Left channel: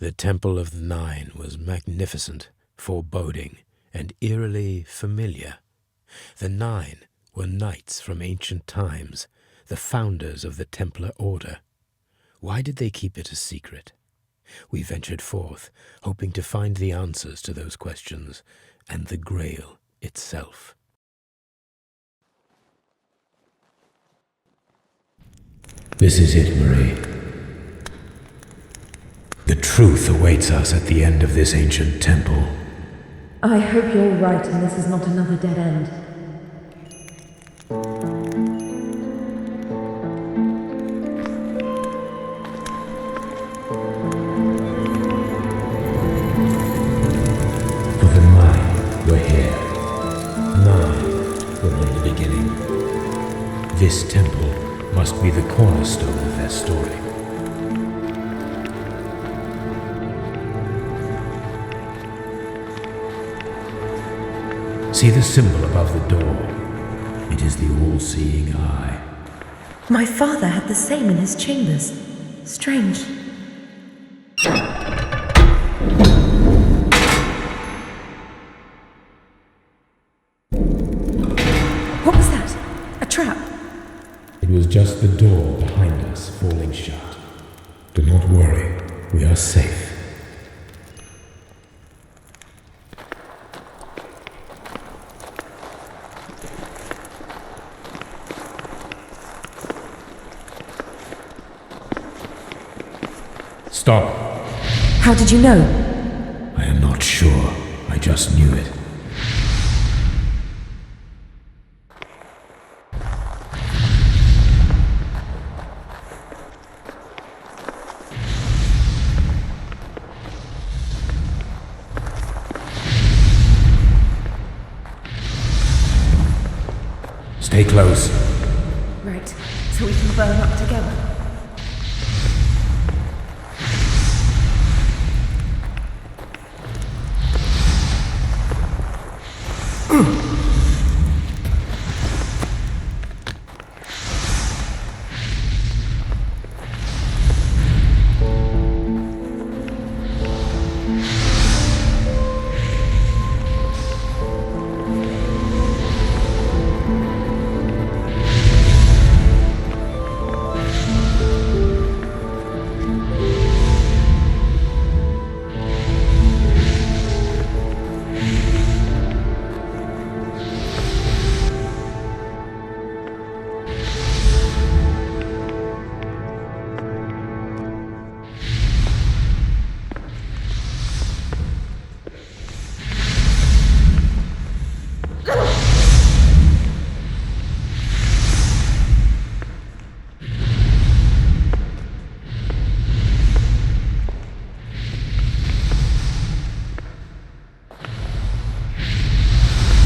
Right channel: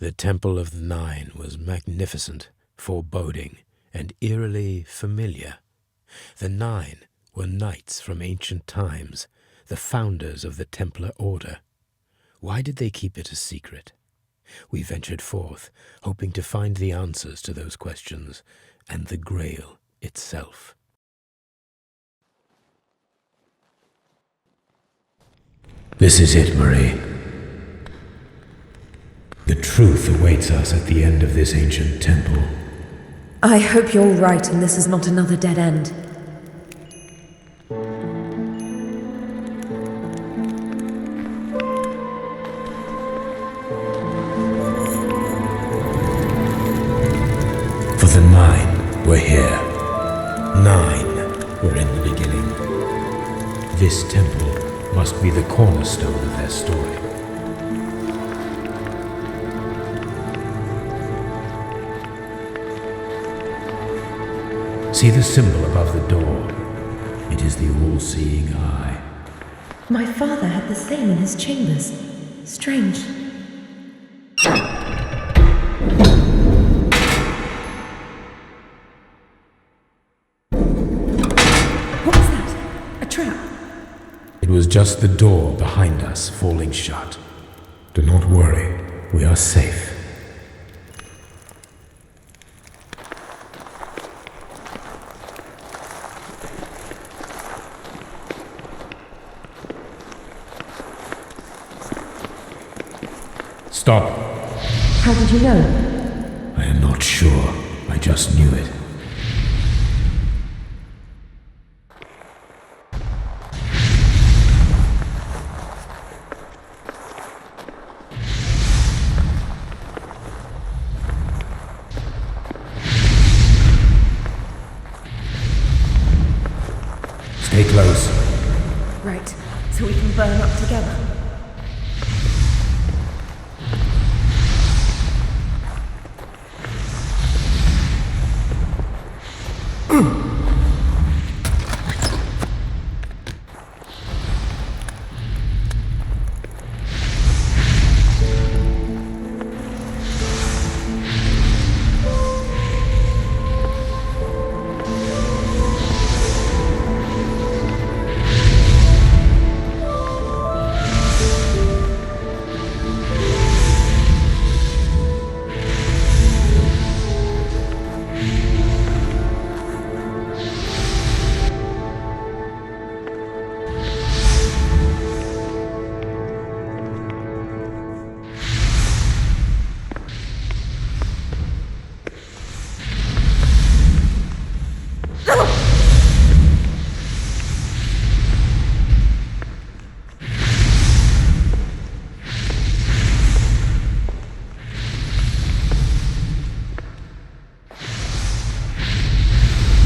The Temple of the Nine was magnificent, foreboding, and eerily familiar. The Nine were knights from ancient times, the founders of the Templar Order. Why did they keep it a secret? We ventured forth, hoping to find the answers to those questions, and the Grail itself. This is it, Marie. The truth awaits us at the end of this ancient temple. I hope you're right and this is not another dead end. For the Nine were here. 9 were in the beginning. This temple must be the cornerstone of their story. See the symbol above the door. It is the all-seeing eye. My father had the same in his chambers. Strange. What was that? A trap? It was just the door behind us falling shut. Do not worry, we are safe. Stop. How did you know? I am not sure. I just knew it. Stay close. Right, so we can burn up together.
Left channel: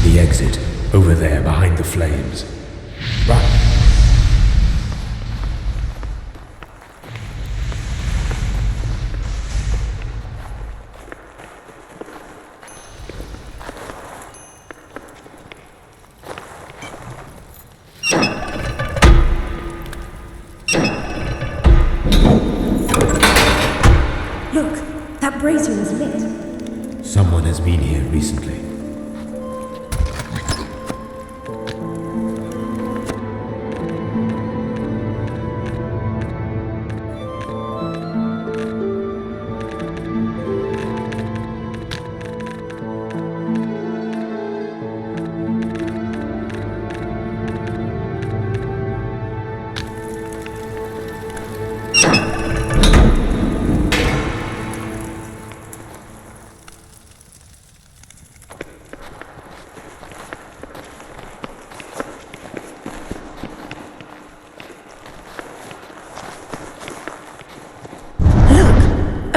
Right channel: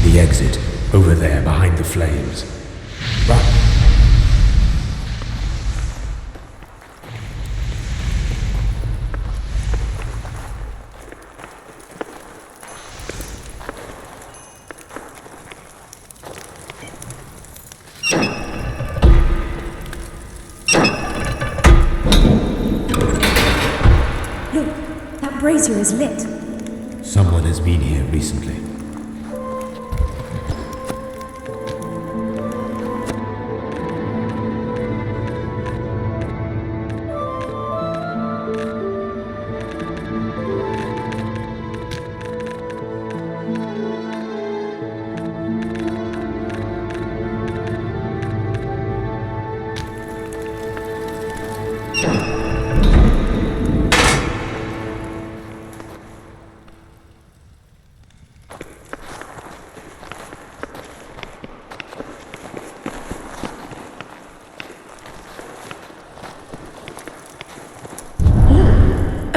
The exit, over there behind the flames. Run! Look, that brazier is lit. Someone has been here recently.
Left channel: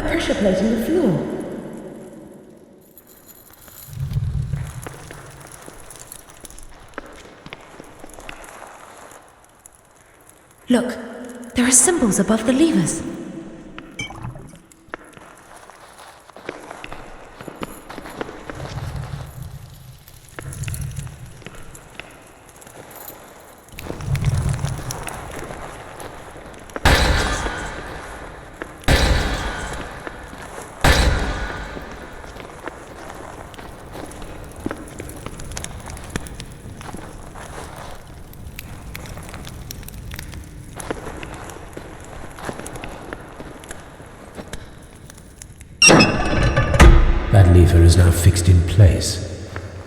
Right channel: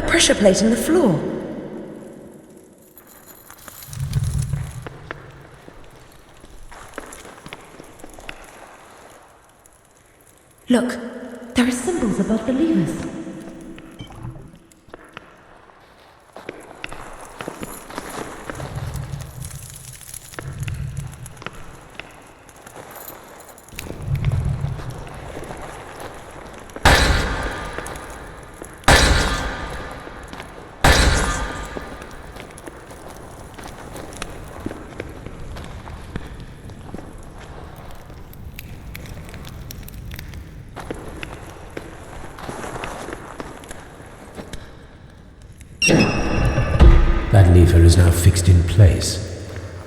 Pressure plate in the floor. Look, there are symbols above the levers. That lever is now fixed in place.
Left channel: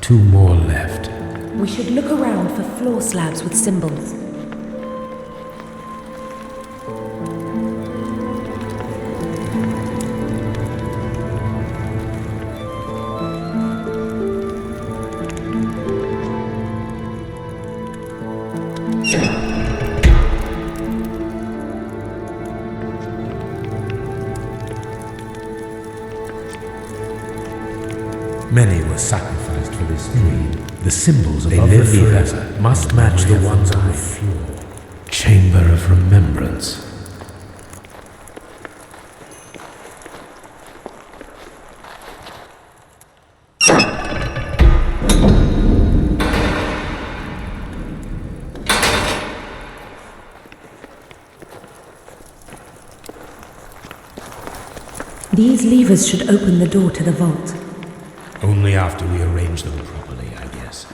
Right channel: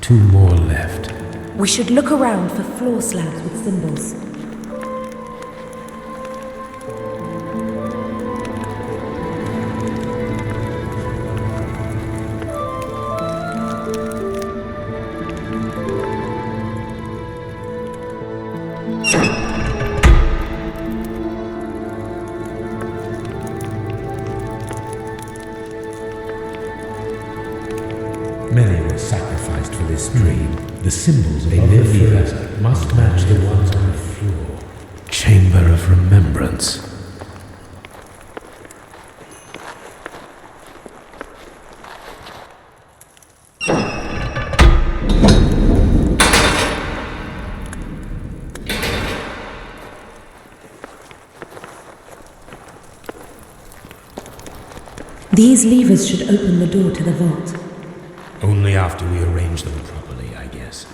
2 more left. We should look around for floor slabs with symbols. Many were sacrificed for this dream. The symbols above the lever must match the ones on the floor. Chamber of Remembrance. These levers should open the door to the vault. Only after we arrange them properly, I guess.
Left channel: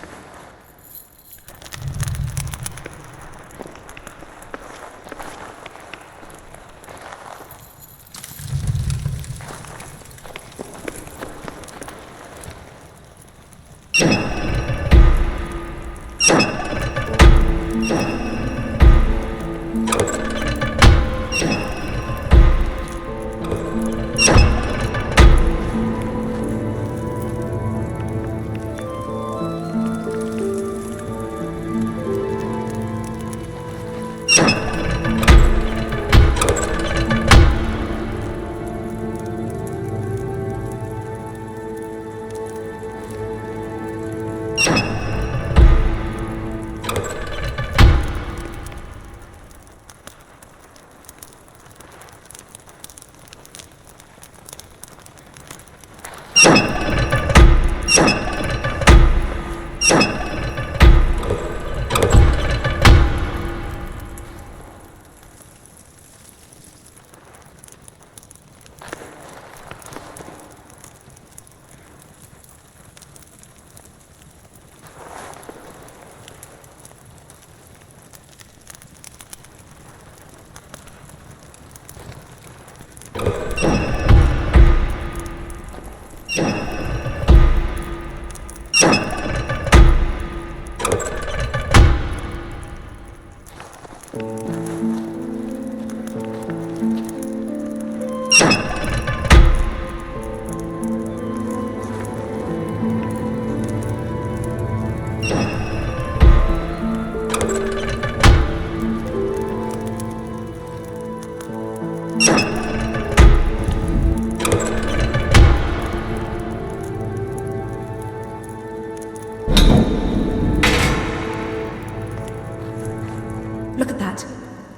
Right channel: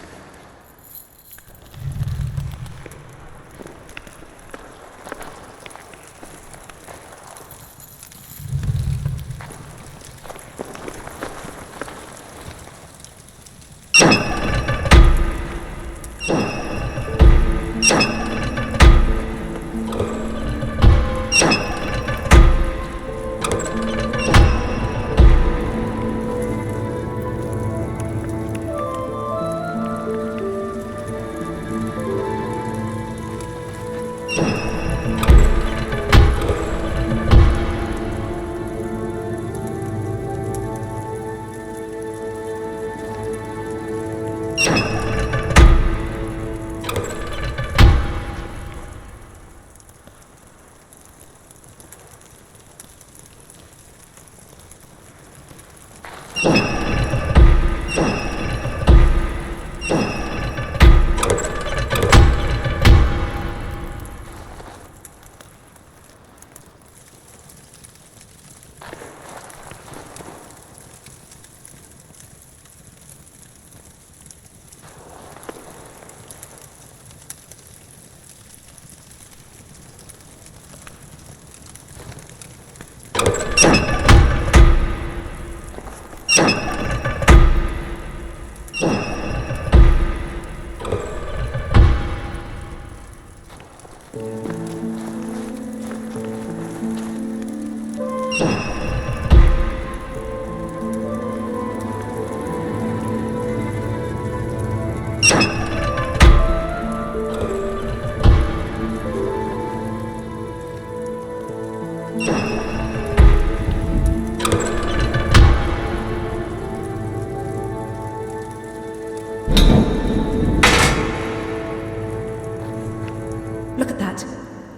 Look at that.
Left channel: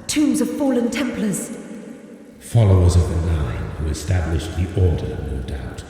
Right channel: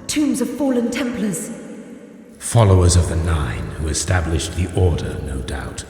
Tombs of fallen Templars. Followers of the Nine who established the Order, no doubt.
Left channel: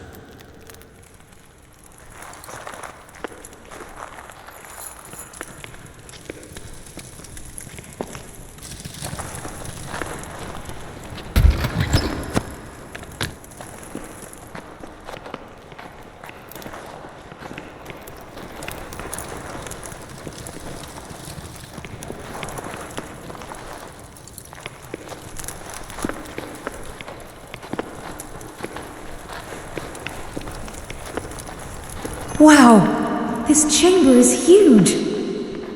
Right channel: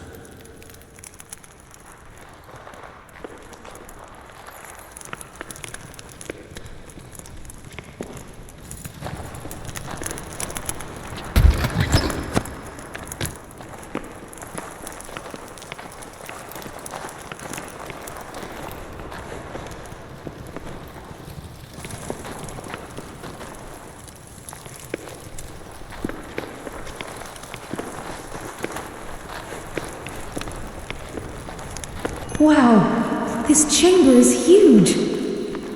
Wow, this chamber is huge.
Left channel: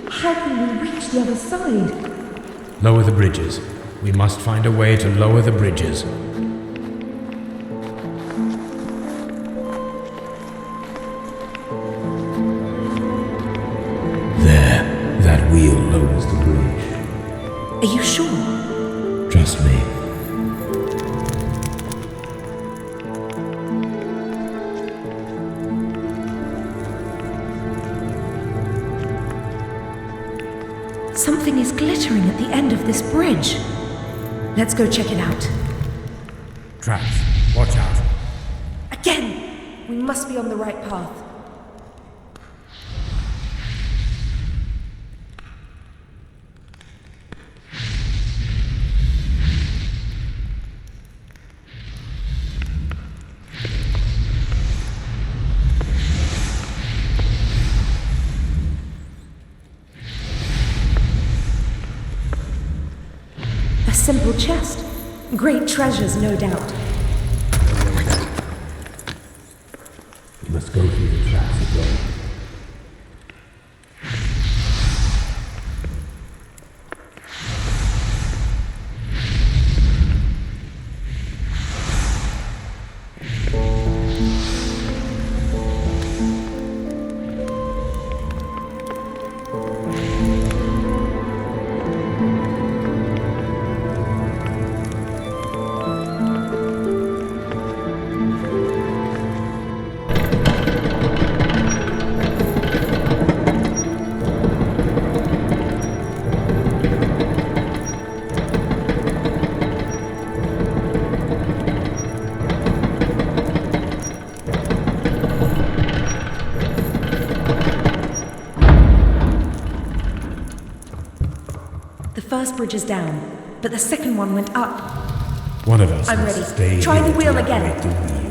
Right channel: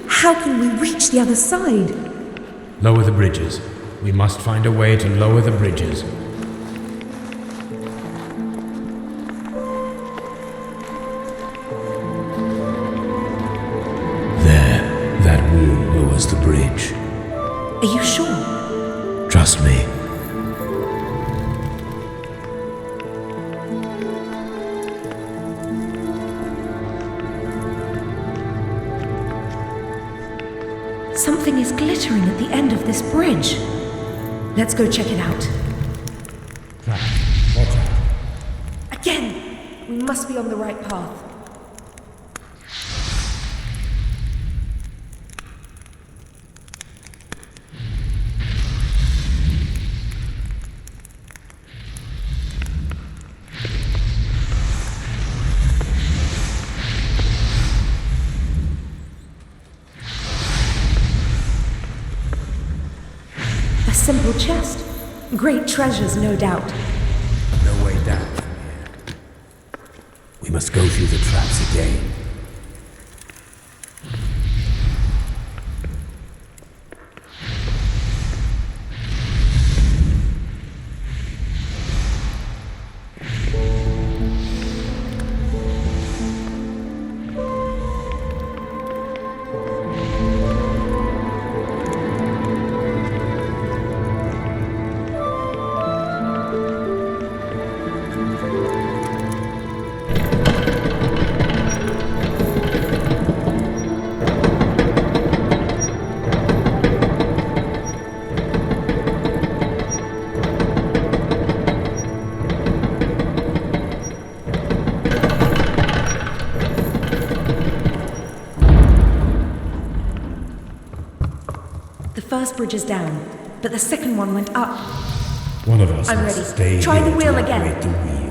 How can we reach the other side? Lower the bridges. We must find a way to lower the bridges. There, that wheel lowers the bridge. Are you sure? Trust me. Something is glittering at the end of this bridge. Let's go check it out. Traps. Watch out. Again! We must be on the right path. Simple chest. Great treasures, no doubt. No way down. must go through the traps again. The first bridge is down, but the second one went up. One of us I'm must ready. stay Try the here wheel to again. operate the wheel.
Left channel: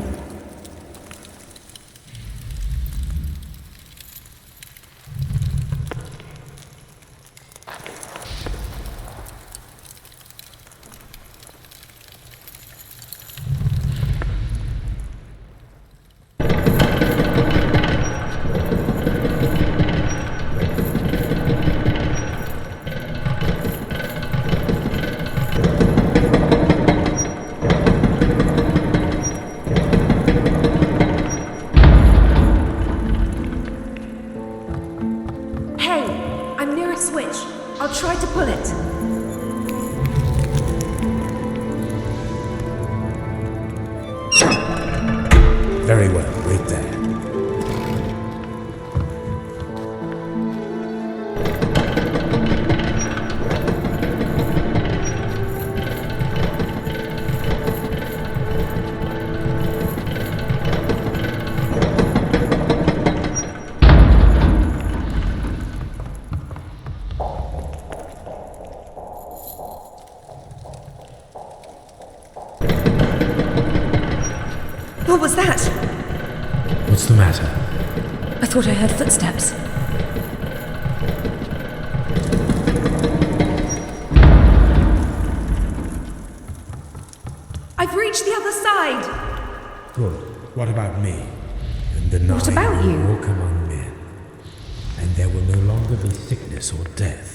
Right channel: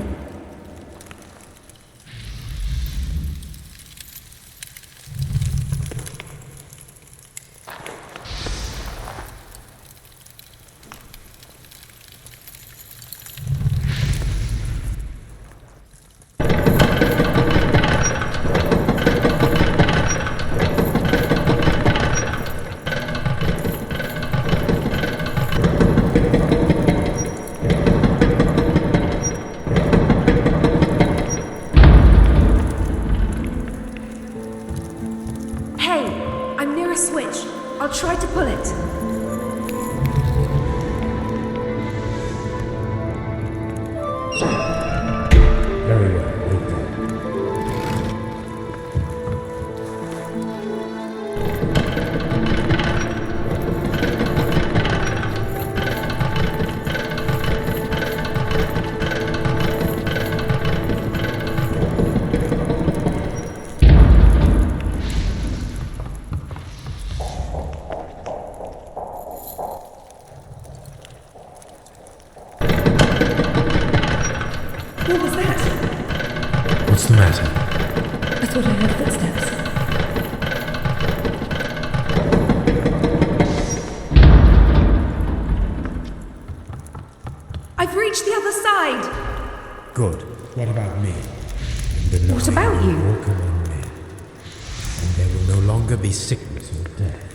Switch. I'll try to pull it. Very well, wait there. What was that? What's the matter? I thought I heard footsteps. I've reached the other side! Good. What about me? And the What nine about will you? walk among men, and there will no longer be sickness or death.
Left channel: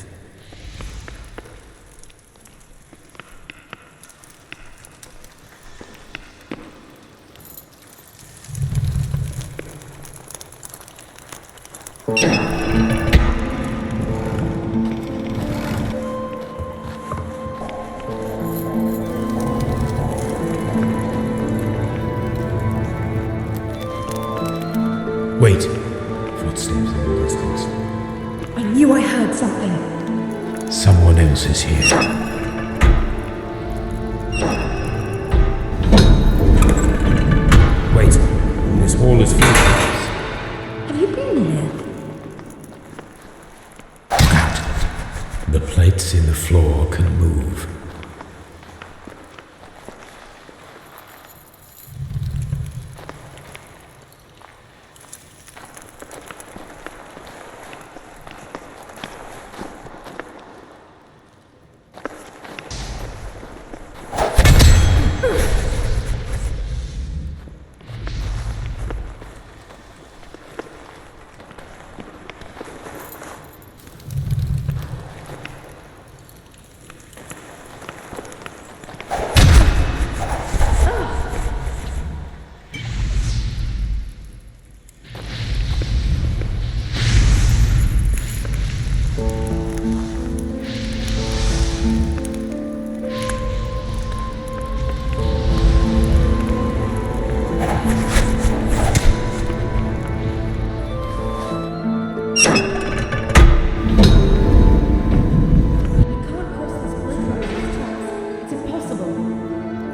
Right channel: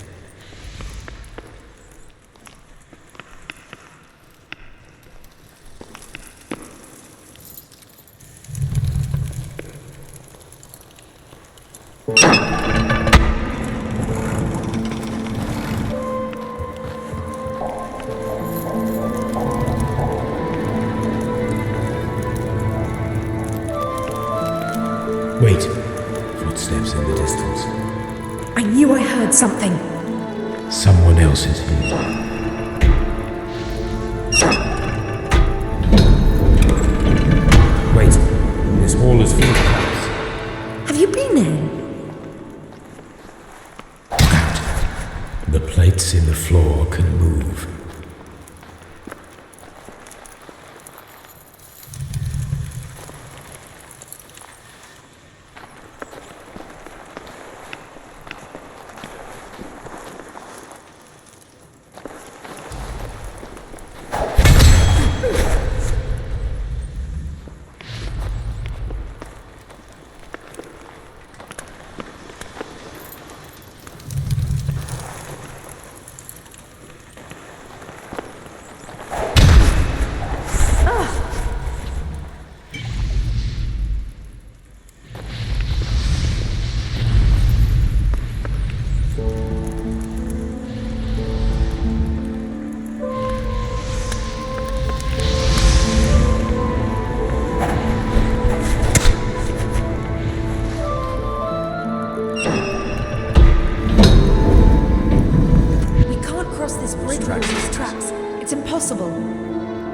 Wait. Footsteps in the distance. I knew I heard something. Someone else is here. Wait. This hall is full of traps. Have you been here? Look out. The plates in the floor can move.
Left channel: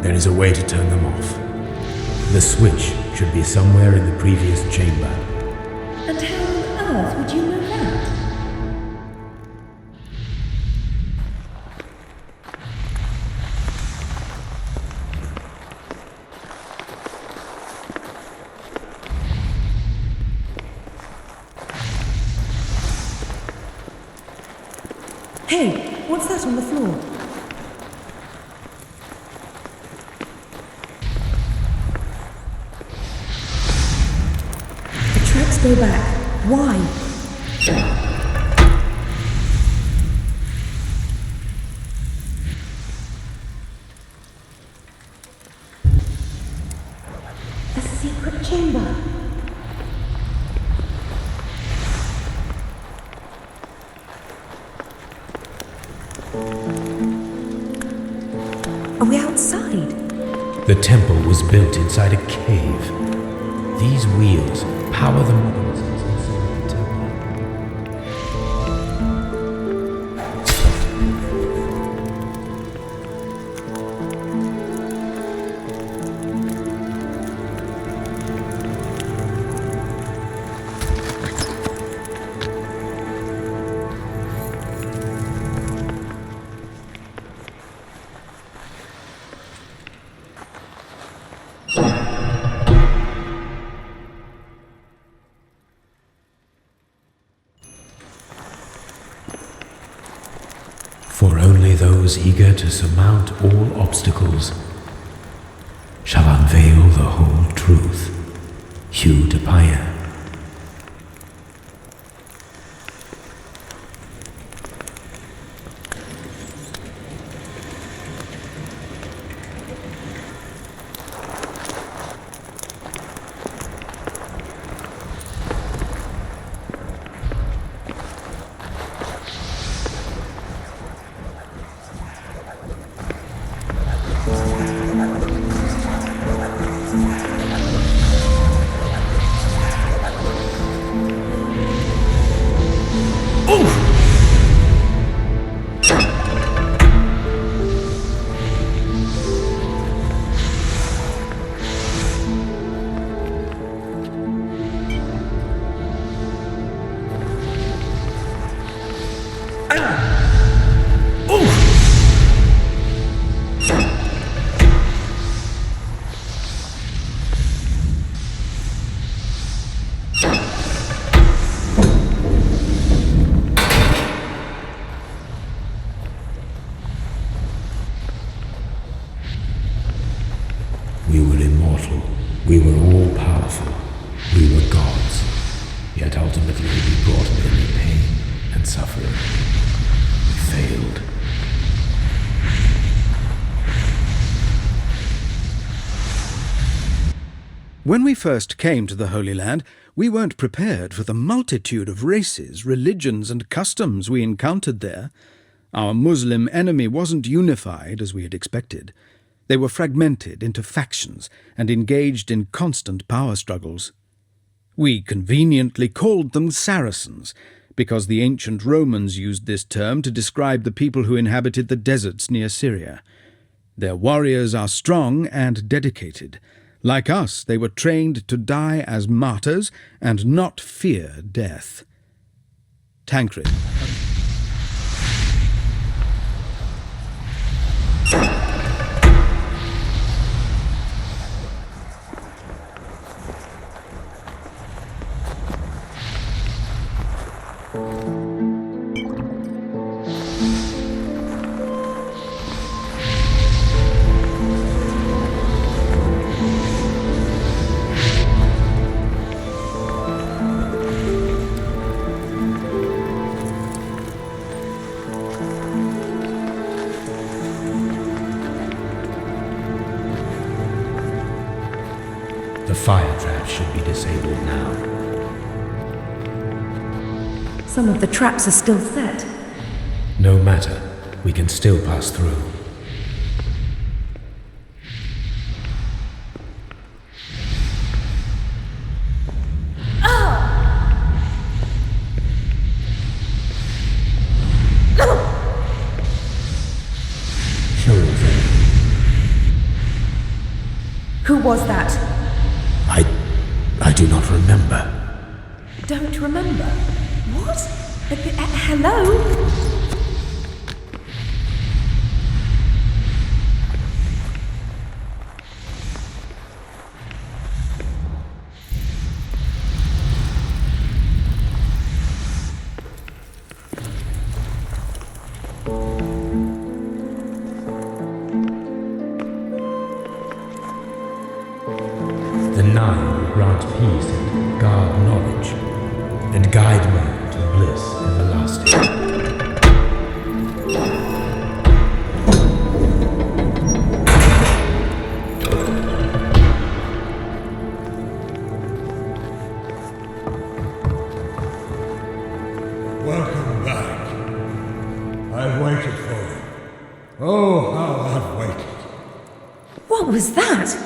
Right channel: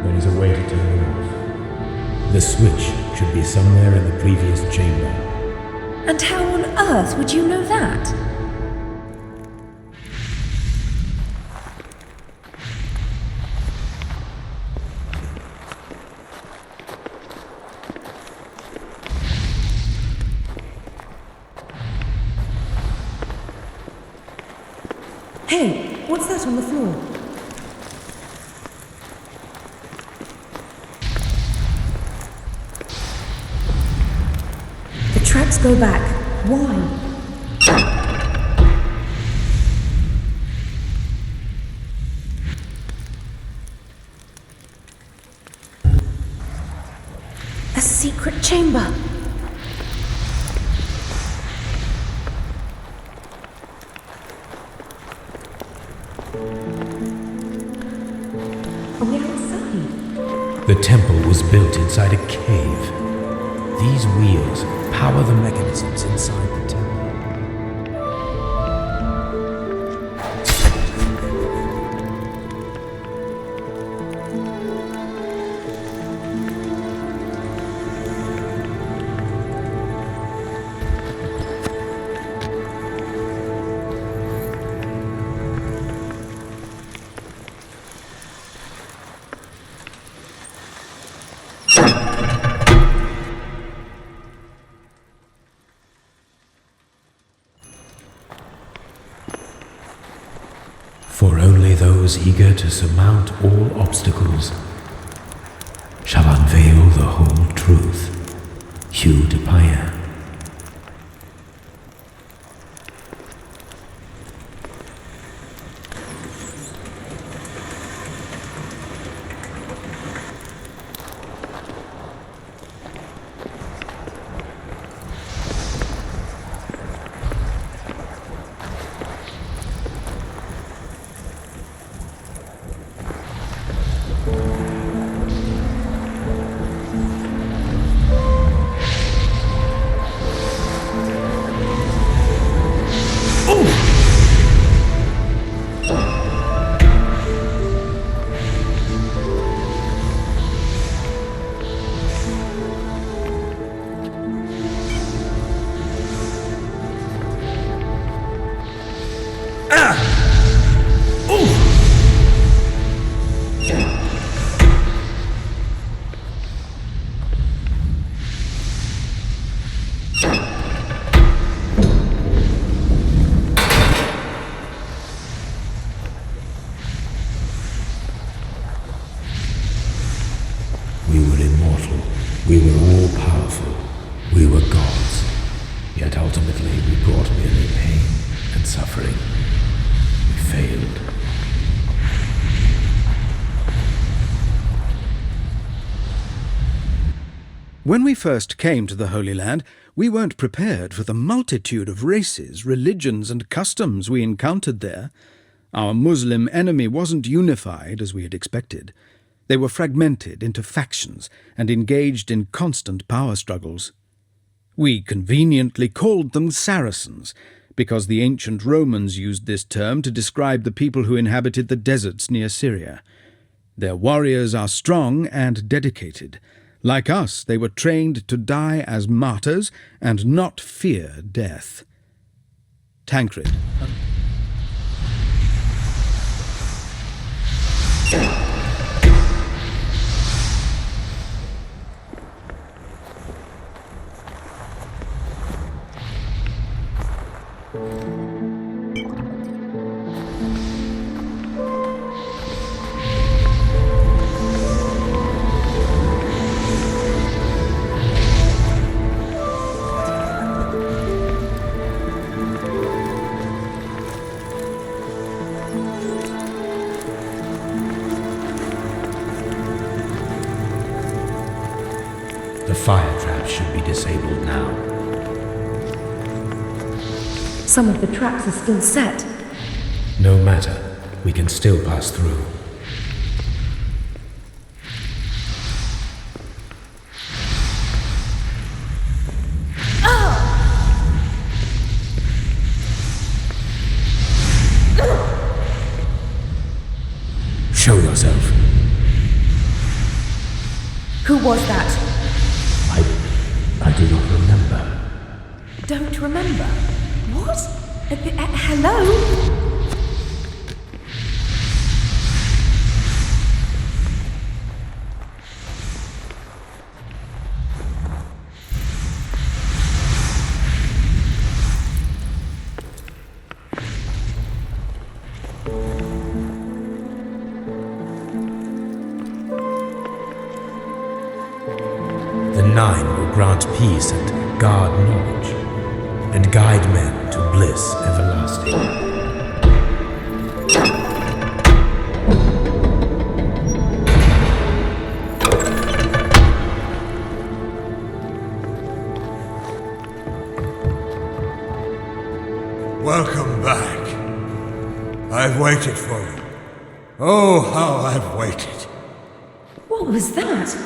There is a way to turn them off. The switch should be somewhere in the previous chamber. And how on earth would you know that? Hey, what's that on the floor? tracks go back. Why? A secret chamber. Are we outside? The temple was built inside a cave. These wheels power the mechanisms inside the temple. For only those eager to surmount all obstacles shall unveil the whole truth. Hugh de Payens. We were immortal. We were all powerful. We were gods. Yet ultimately we brought merely pain and suffering. We failed. When we first came to the Holy Land, we weren't prepared for the multitude of races, religions, and customs we encountered there. Our Muslim enemy wasn't unified as we had expected. They were fragmented into factions and engaged in constant power struggles. We conveniently called them Saracens, because the ancient Romans used this term to describe the people who inhabited the deserts near Syria. Their warriors are strong and dedicated. Like us, they were trained to die as martyrs and not fear death. Tancred. The fire traps should be disabled now. Some of the traps are still set. No matter, we can still pass through. Show yourself. Who was that? I do not remember. Don't remember? What? Hello? The Nine will grant peace and guard knowledge, and guide men to bliss everlasting. Welcome back. I've waited for you. Oh, how I've waited. What was that?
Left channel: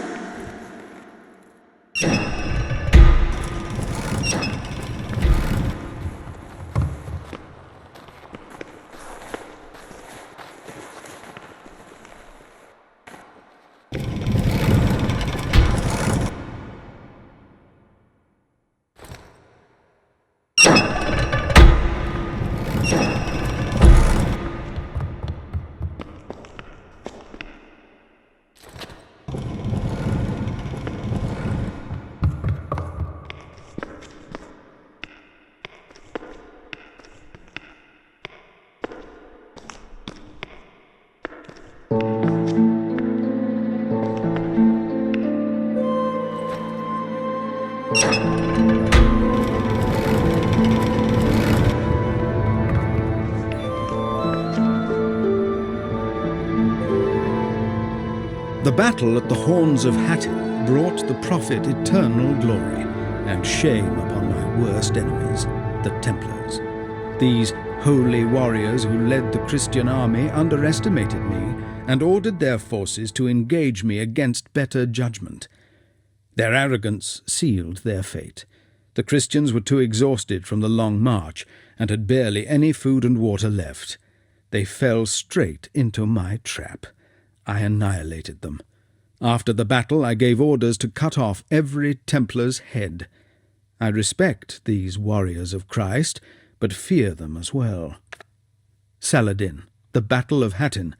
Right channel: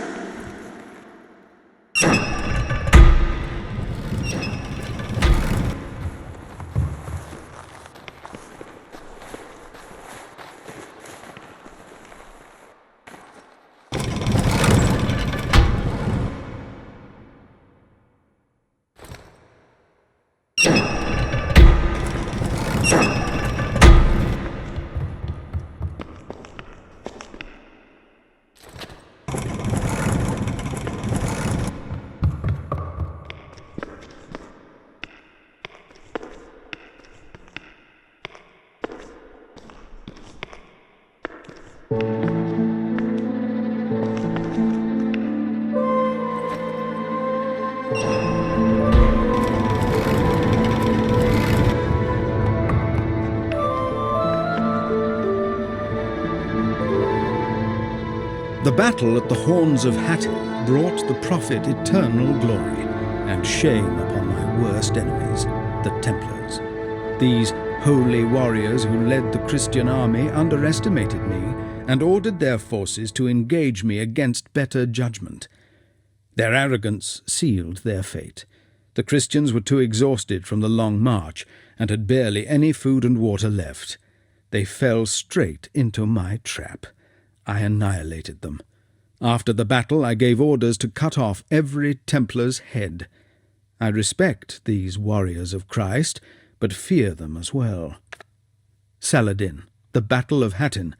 The battle at the Horns of Hattin brought the Prophet eternal glory and shame upon my worst enemies, the Templars. These holy warriors who led the Christian army underestimated me and ordered their forces to engage me against better judgment. Their arrogance sealed their fate. The Christians were too exhausted from the long march and had barely any food and water left. They fell straight into my trap. I annihilated them. After the battle, I gave orders to cut off every Templar's head. I respect these warriors of Christ, but fear them as well. Saladin, the Battle of Hattin,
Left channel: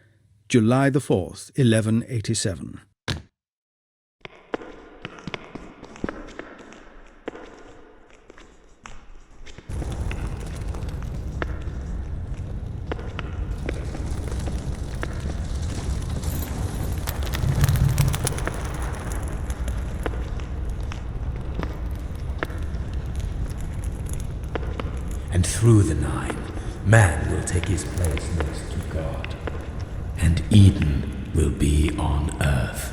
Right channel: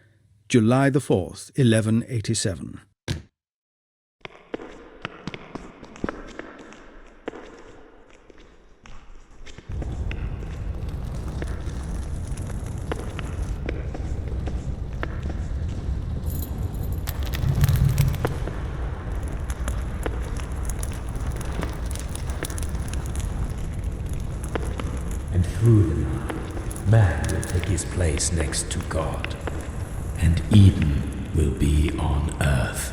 July the 4th, 1187. And through the Nine, man will take his place next to God, and Eden will be on earth.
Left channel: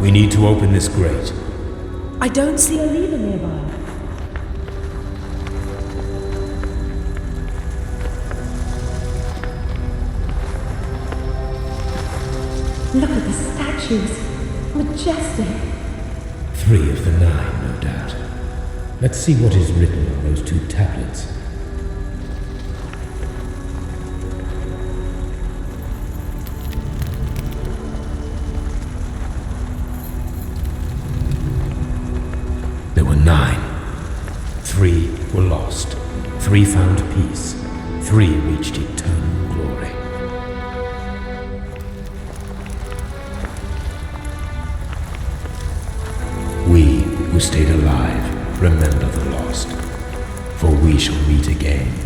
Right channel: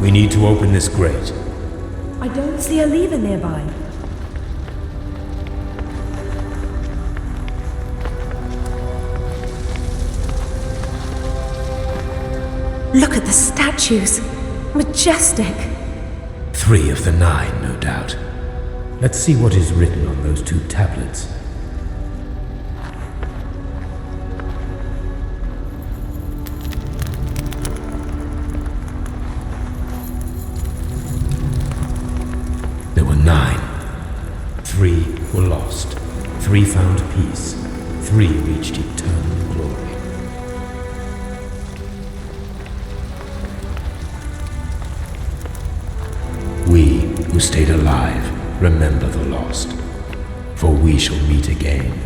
We need to open this grate. I don't see a lever nearby. Look at the statues. Majestic. 3 of the 9, no doubt. Let's see what is written on those 2 tablets. There were 9. 3 were lost. 3 found peace. 3 reached eternal glory. We who stayed alive remember the lost, for we shall meet again.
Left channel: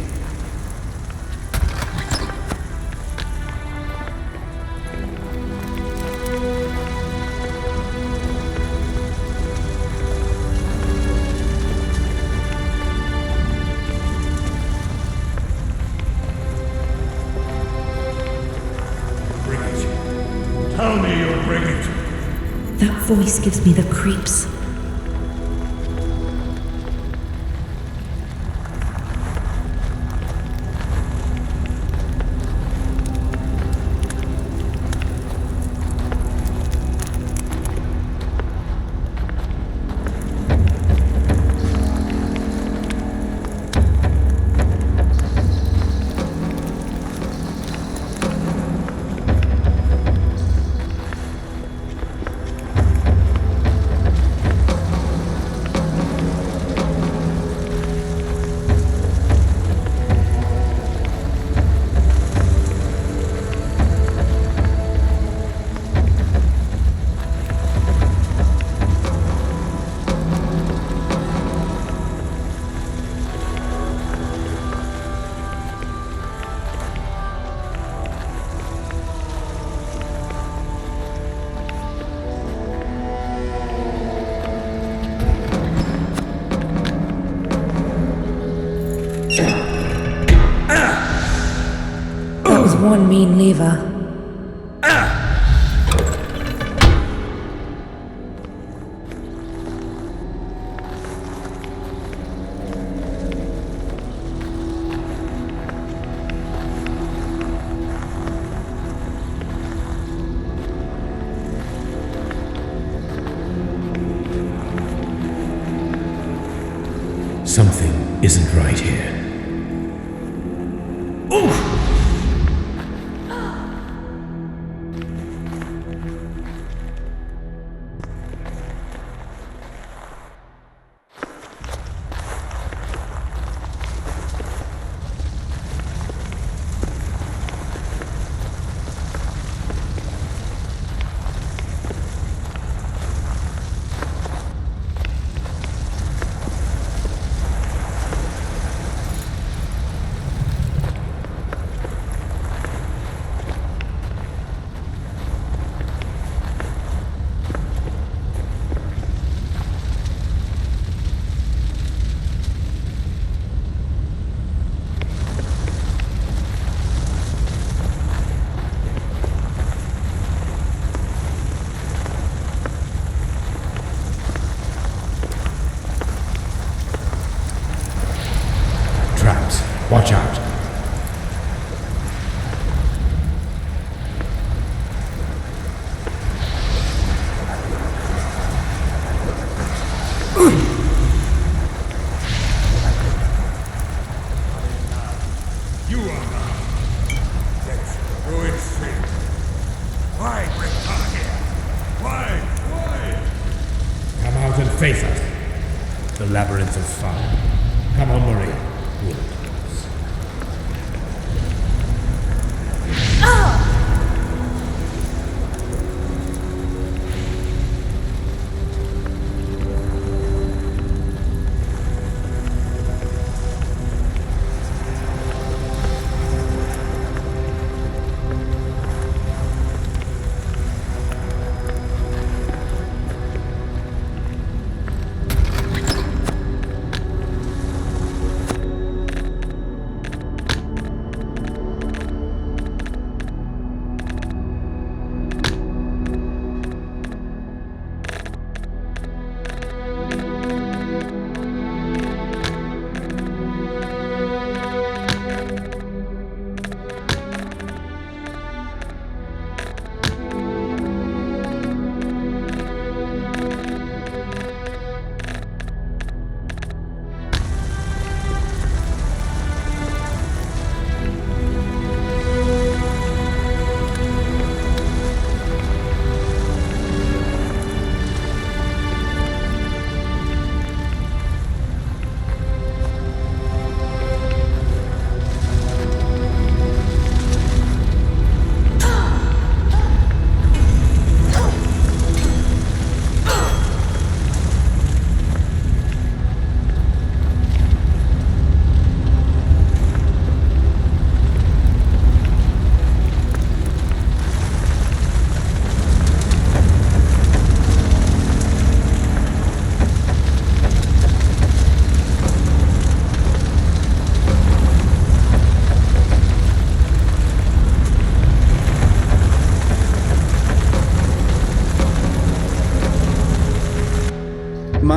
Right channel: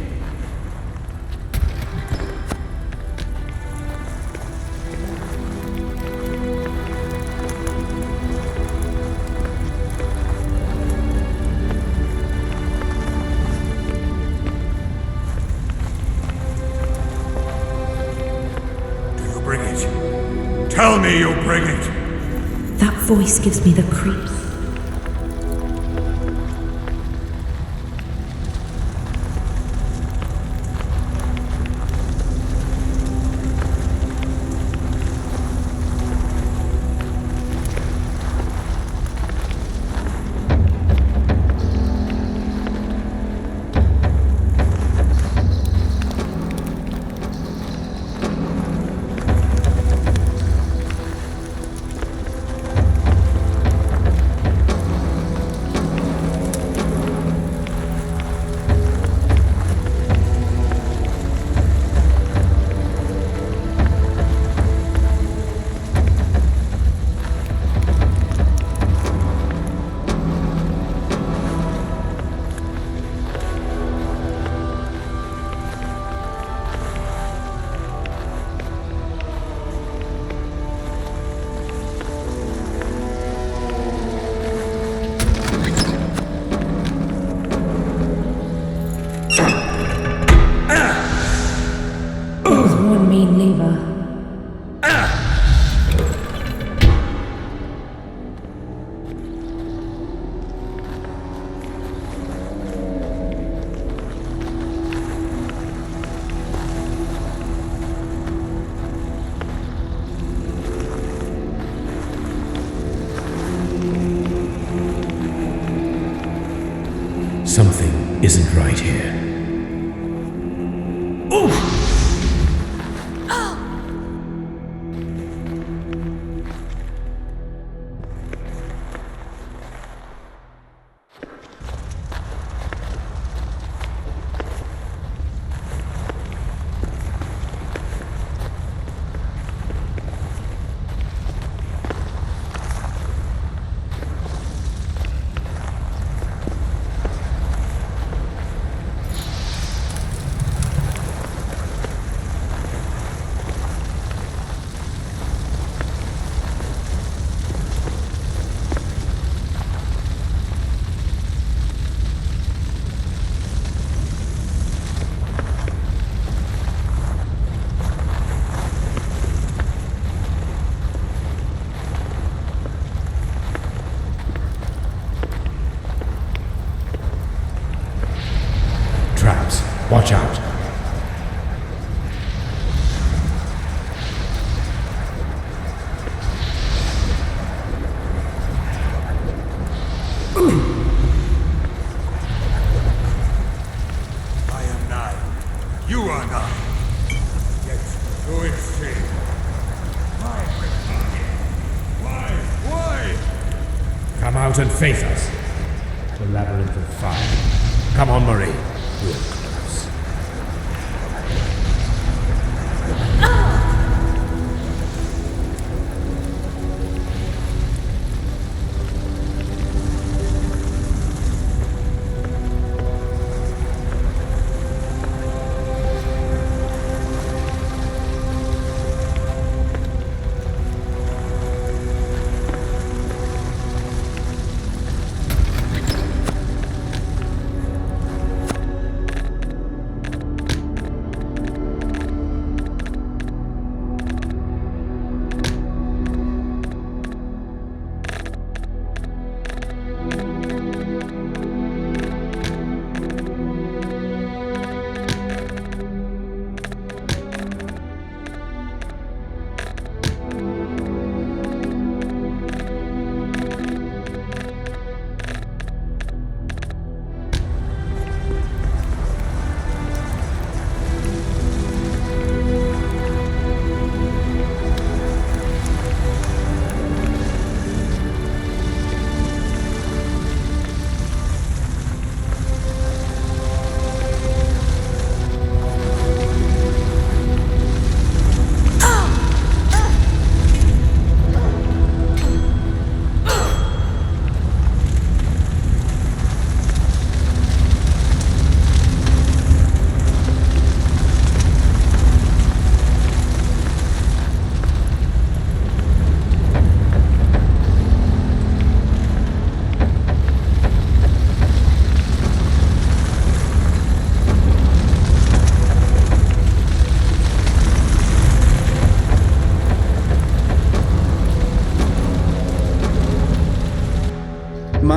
voice gives me the creeps. One mean lever. Something isn't right here. Oof! Traps. Watch out. You are not. Let's go insane. Why come here? Why? Come out and face us. The labyrinth of fire. Come on, Marie. We're close.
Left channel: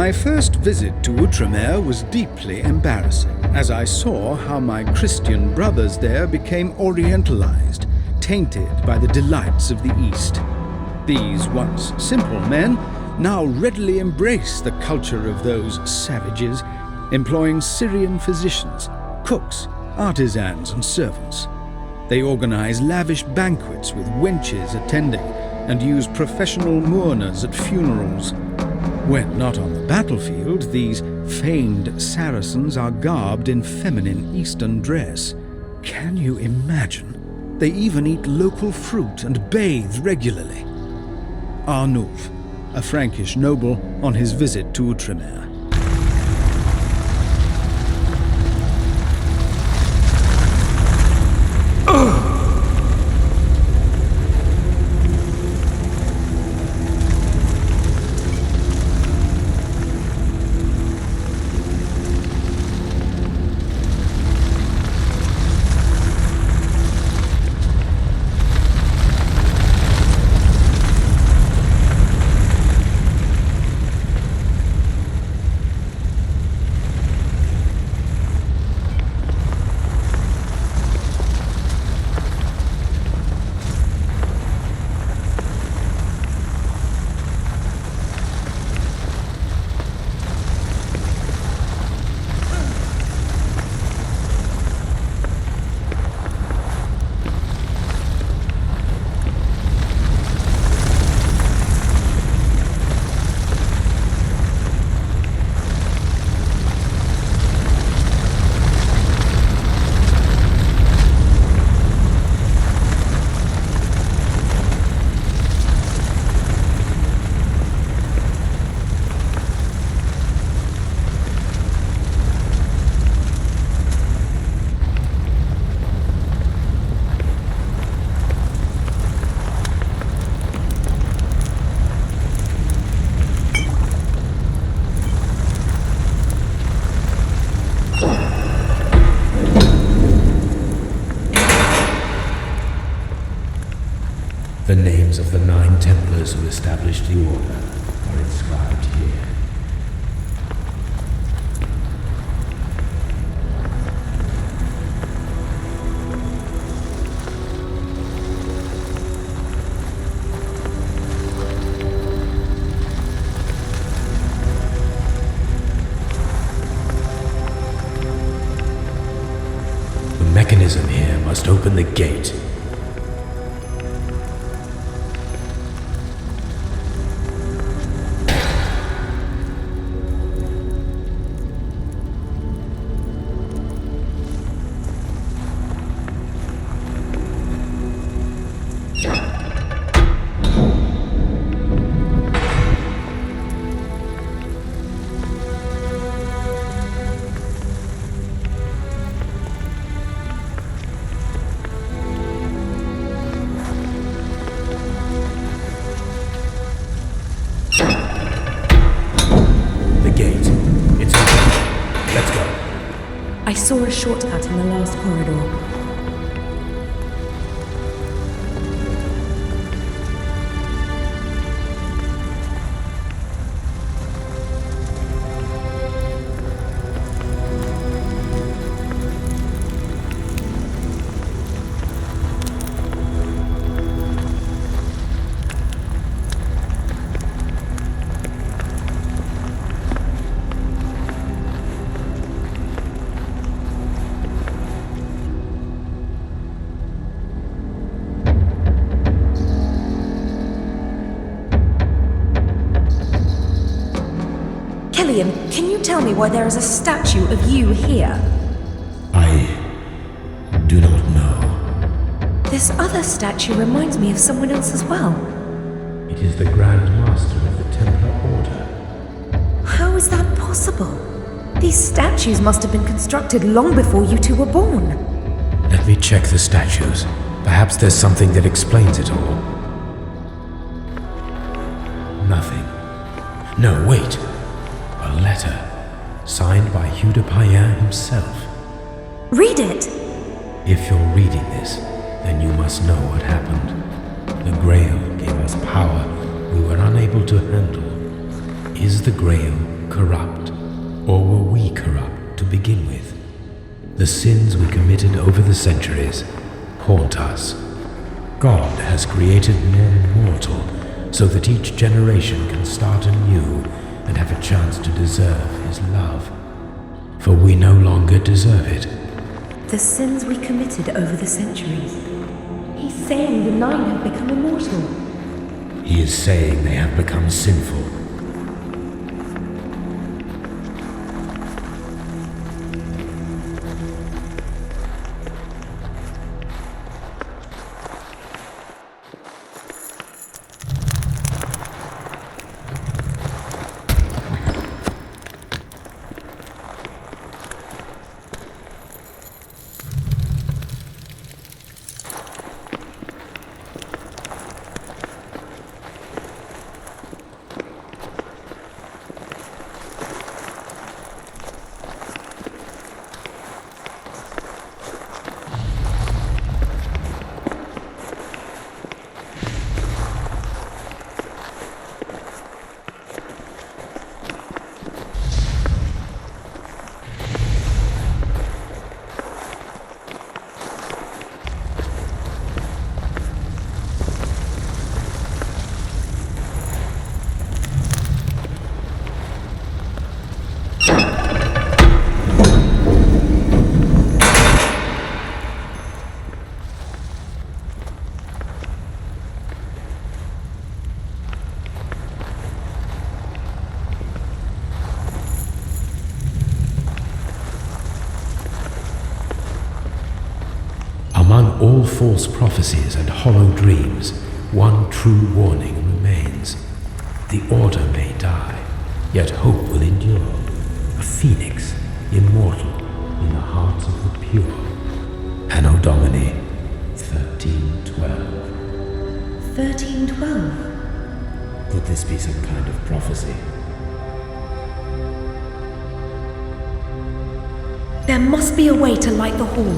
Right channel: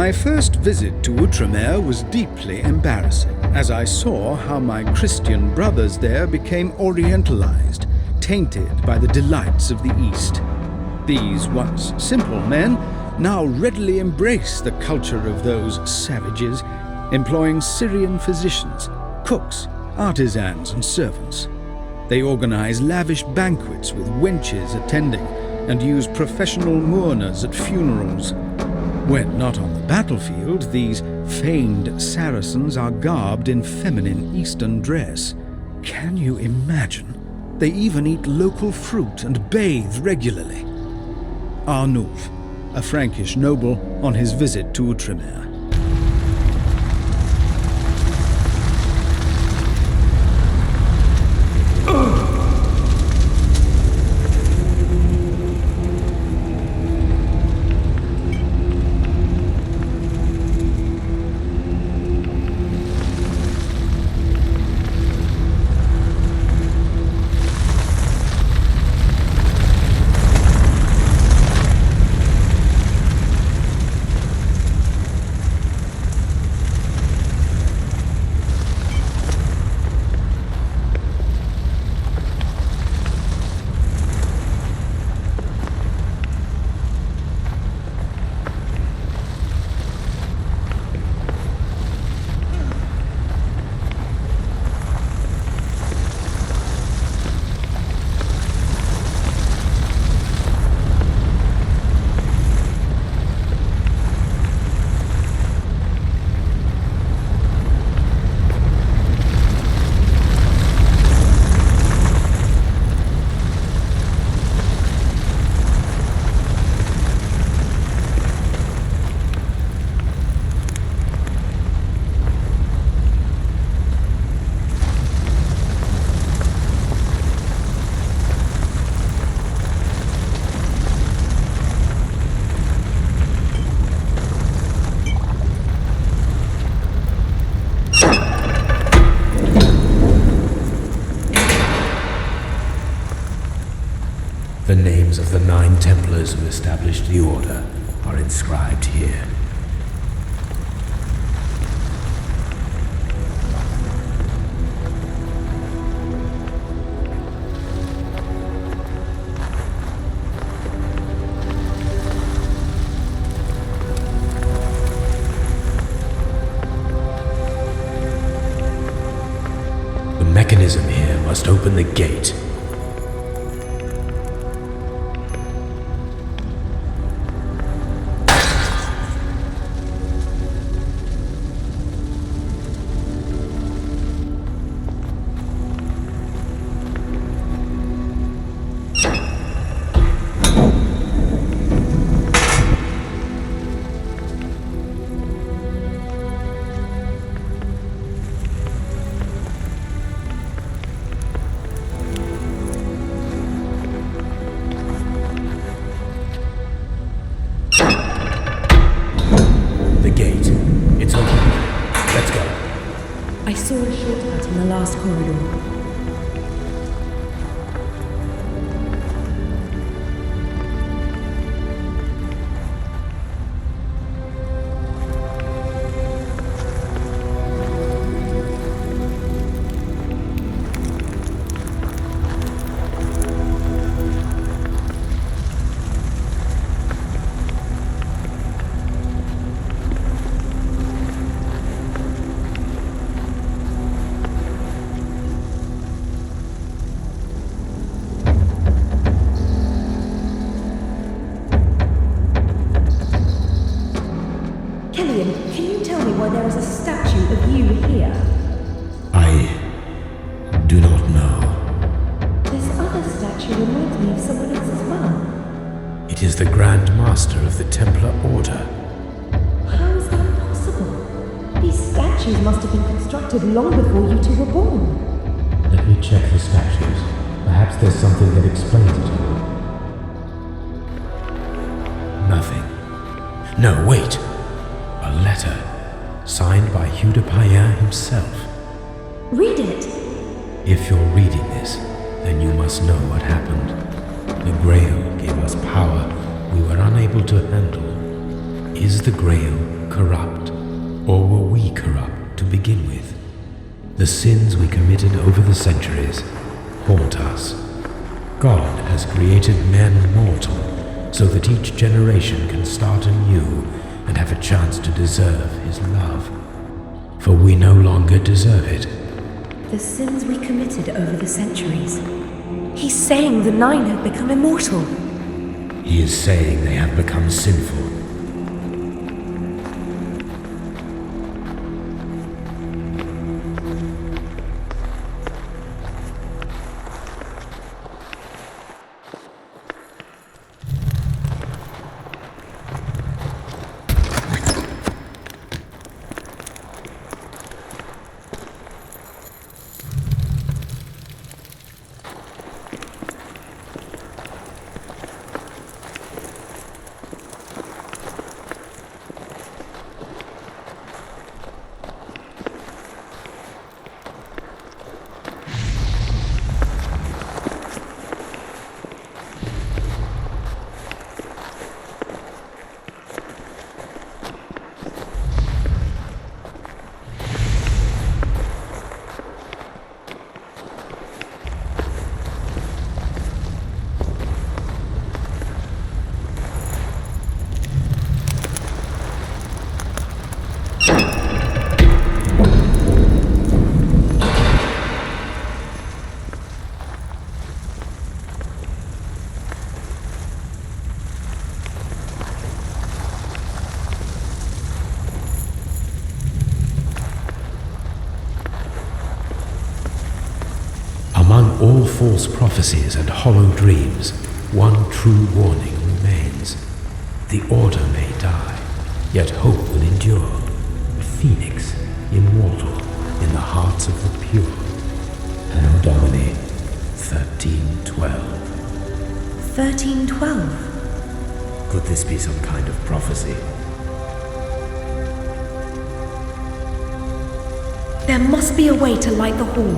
My first visit to Outremer was deeply embarrassing, as I saw how my Christian brothers there became orientalized, tainted by the delights of the East. These once simple men now readily embrace the culture of those savages, employing Syrian physicians, cooks, artisans, and servants. They organize lavish banquets with wenches attending and use professional mourners at funerals. When not on the battlefield, these famed Saracens are garbed in feminine Eastern dress. Can you imagine? They even eat local fruit and bathe regularly. Arnulf, a Frankish noble on his visit to Outremer. The names of the 9 Templars who established the Order are inscribed here. The mechanism here must open the gate. I saw a shortcut in the last corridor. Can you tell me why there is a statue of you here? I do not know. This other statue reminds me of someone else as well. It is the Grand Master of the Templar Order. How is that possible? These statues must have been constructed long before you two were born. Let me check the statues. Perhaps there's something that explains it all. Nothing. No, wait. A letter, signed by Hugh de Payen himself. Read it! If you're reading this, then you must know what happened. The Grail gave us power we were unable to handle. Is the Grail corrupt? Or were we corrupt to begin with? The sins we committed over the centuries haunt us. God has created men mortal so that each generation can start anew and have a chance to deserve his love. For we no longer deserve it. The sins we committed over the centuries. He's saying the Nine have become immortal. He is saying they have become sinful. Among all false prophecies and hollow dreams, one true warning remains. The Order may die, yet hope will endure. A phoenix, immortal in the hearts of the pure. Anno Domini, 1312. 1312? Could this be some kind of prophecy? There must be a way to light the hall.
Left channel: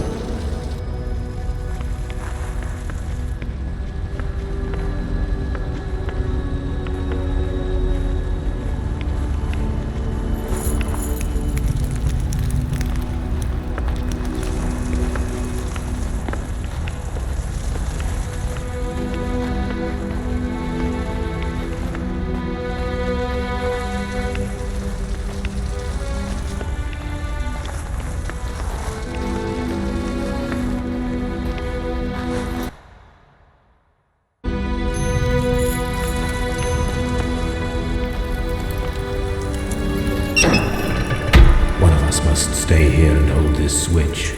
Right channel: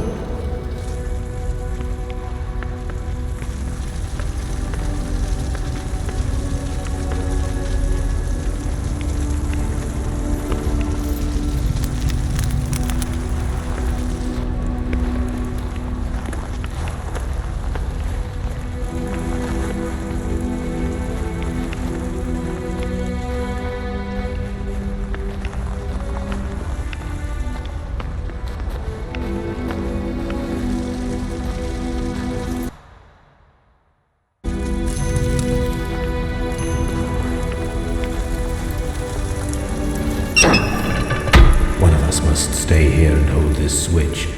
Must stay here and hold this switch.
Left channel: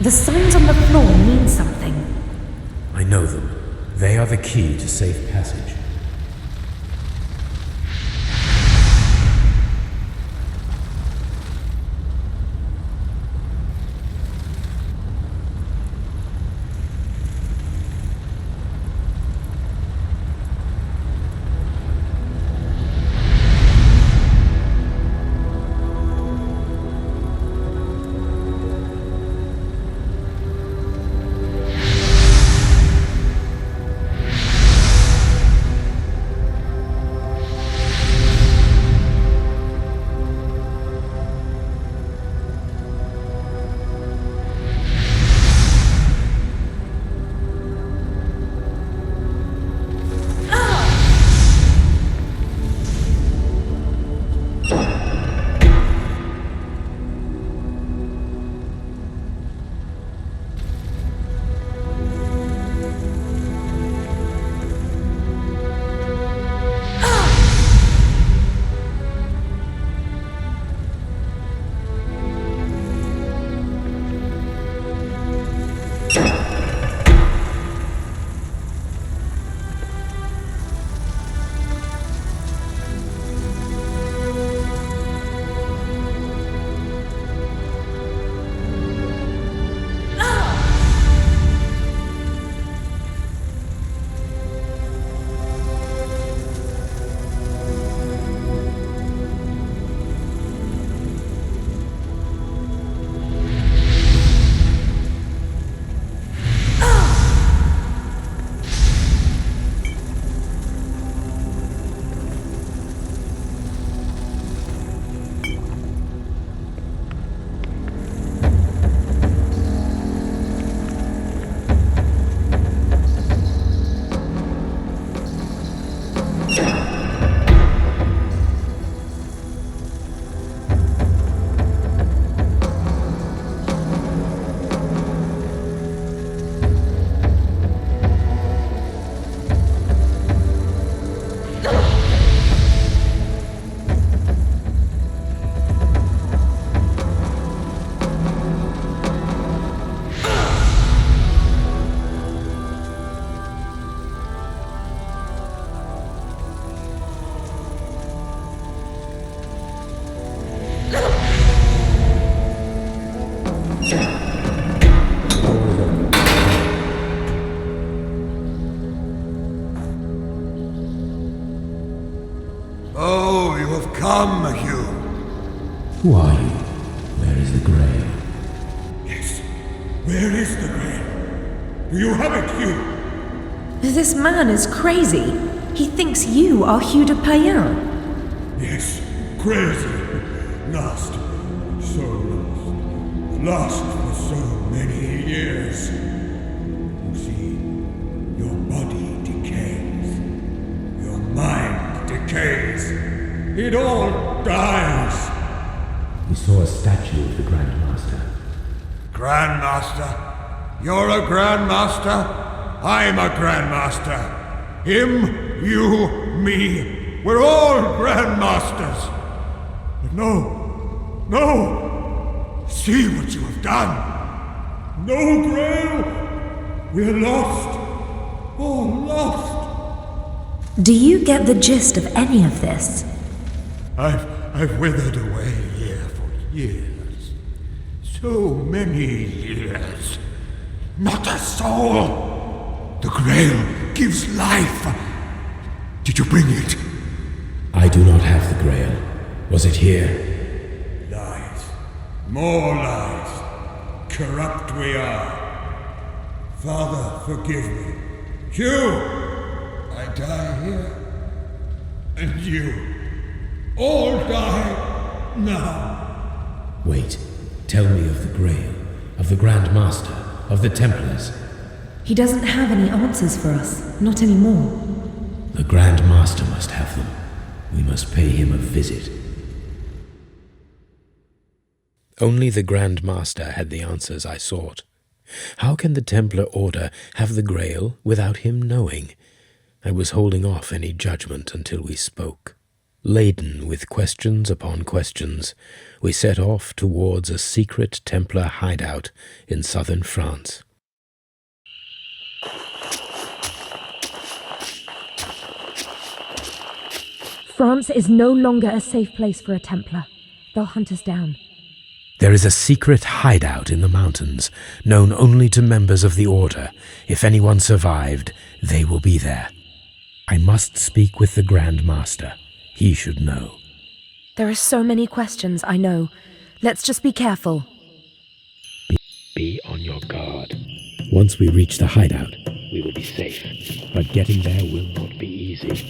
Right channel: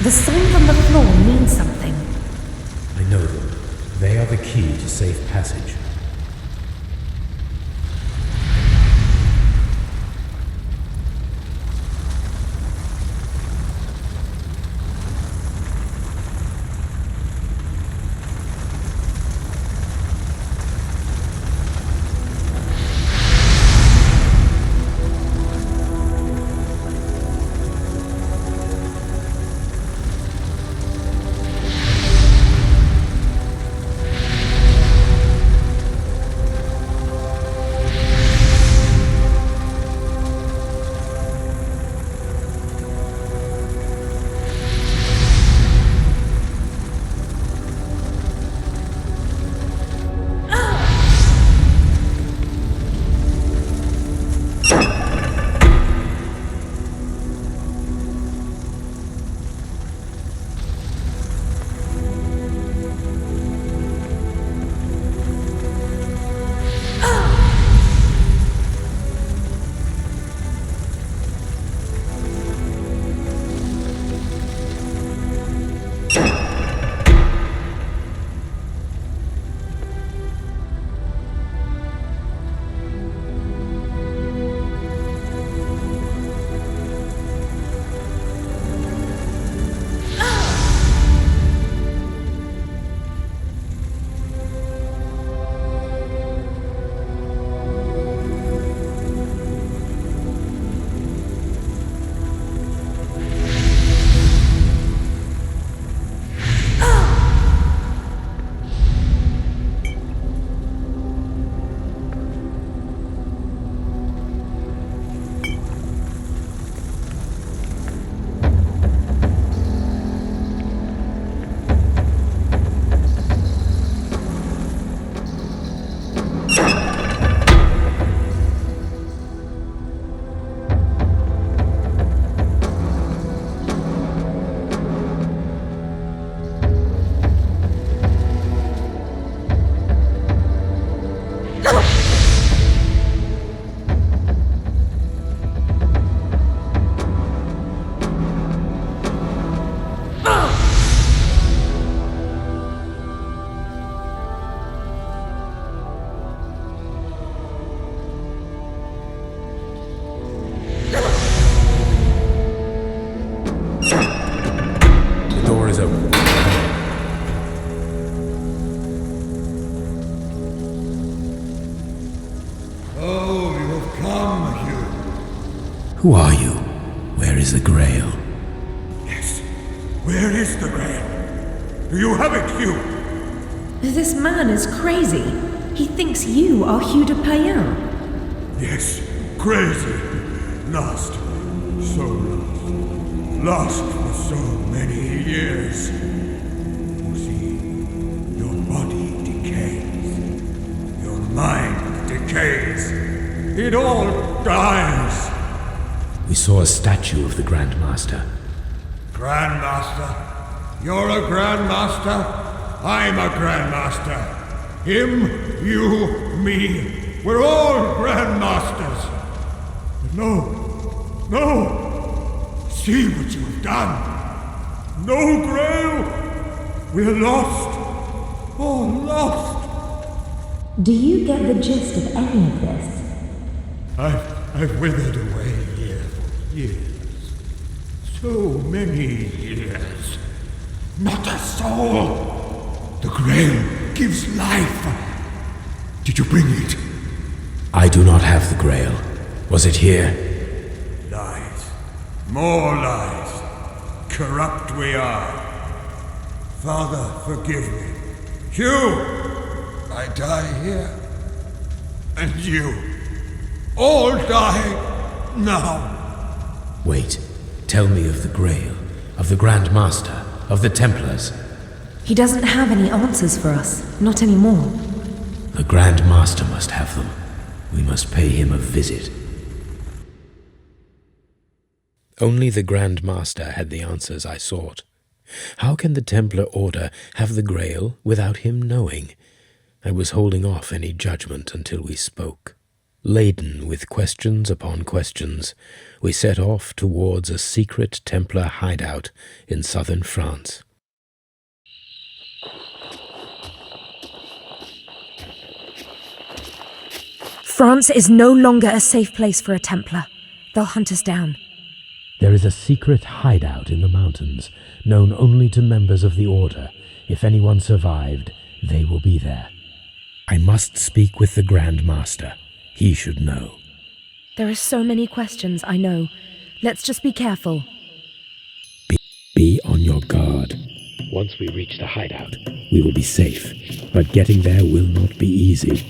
The signs on the floor mean something. I know them. They are the key to safe passage. Come, Hugh. Who are you? Where is the Grail? Yes. Where is the Grail? Do you have it, Hugh? This man is crazy. He thinks you are Hugh de Payen. Yes, crazy. Lost. So lost. Lost for so many years. You see, your body decays. Your mind decays. It all dies. We saw a statue of the Grand Master. Grandmaster? You're a Grandmaster? I'm a Grandmaster. Him, you, me. We're all Grandmasters. But no. See what you have done. No Grail. We're lost. All lost. Do you get the gist of any of this? I've withered away here for years. So many years. Not a soul. The Grail gives life. Did you bring it? I do not have the Grail. Was it here? Lies. More lies. Corrupt we are. Father, forgive me. Hugh! I die here. And you. All die now. Wait. Tell me of the Grail, of the Grand Master, of the Templars. He doesn't have any answers for us. Not anymore. The Grand Master must have them. We must pay him a visit. Only the Grand Master had the answers I sought. How can the Templar Order have the Grail without him knowing? I was holding off any judgment until we spoke. Laden with questions upon questions, we set off towards a secret Templar hideout in southern France. France is no longer a safe place for a Templar. They'll hunt us down. There is a secret hideout in the mountains, known only to members of the Order. If anyone survived, they will be there. I must speak with the Grand Master. He should know. There are so many questions, I know. Let's just be careful. Be on your guard. Once we reach the hideout, we will be safe. But getting there will not be easy.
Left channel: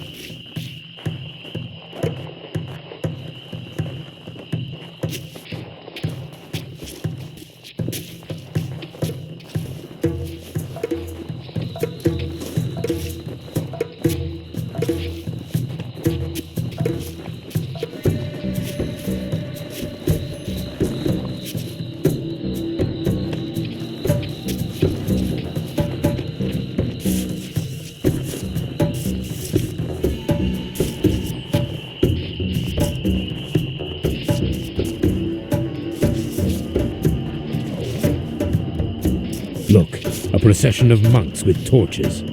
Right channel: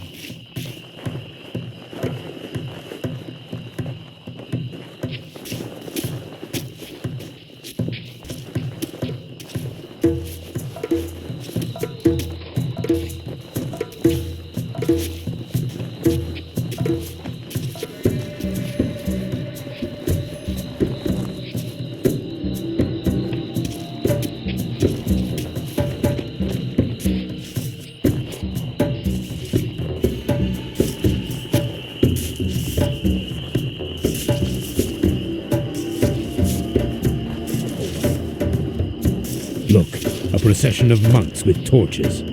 Look, a procession of monks with torches.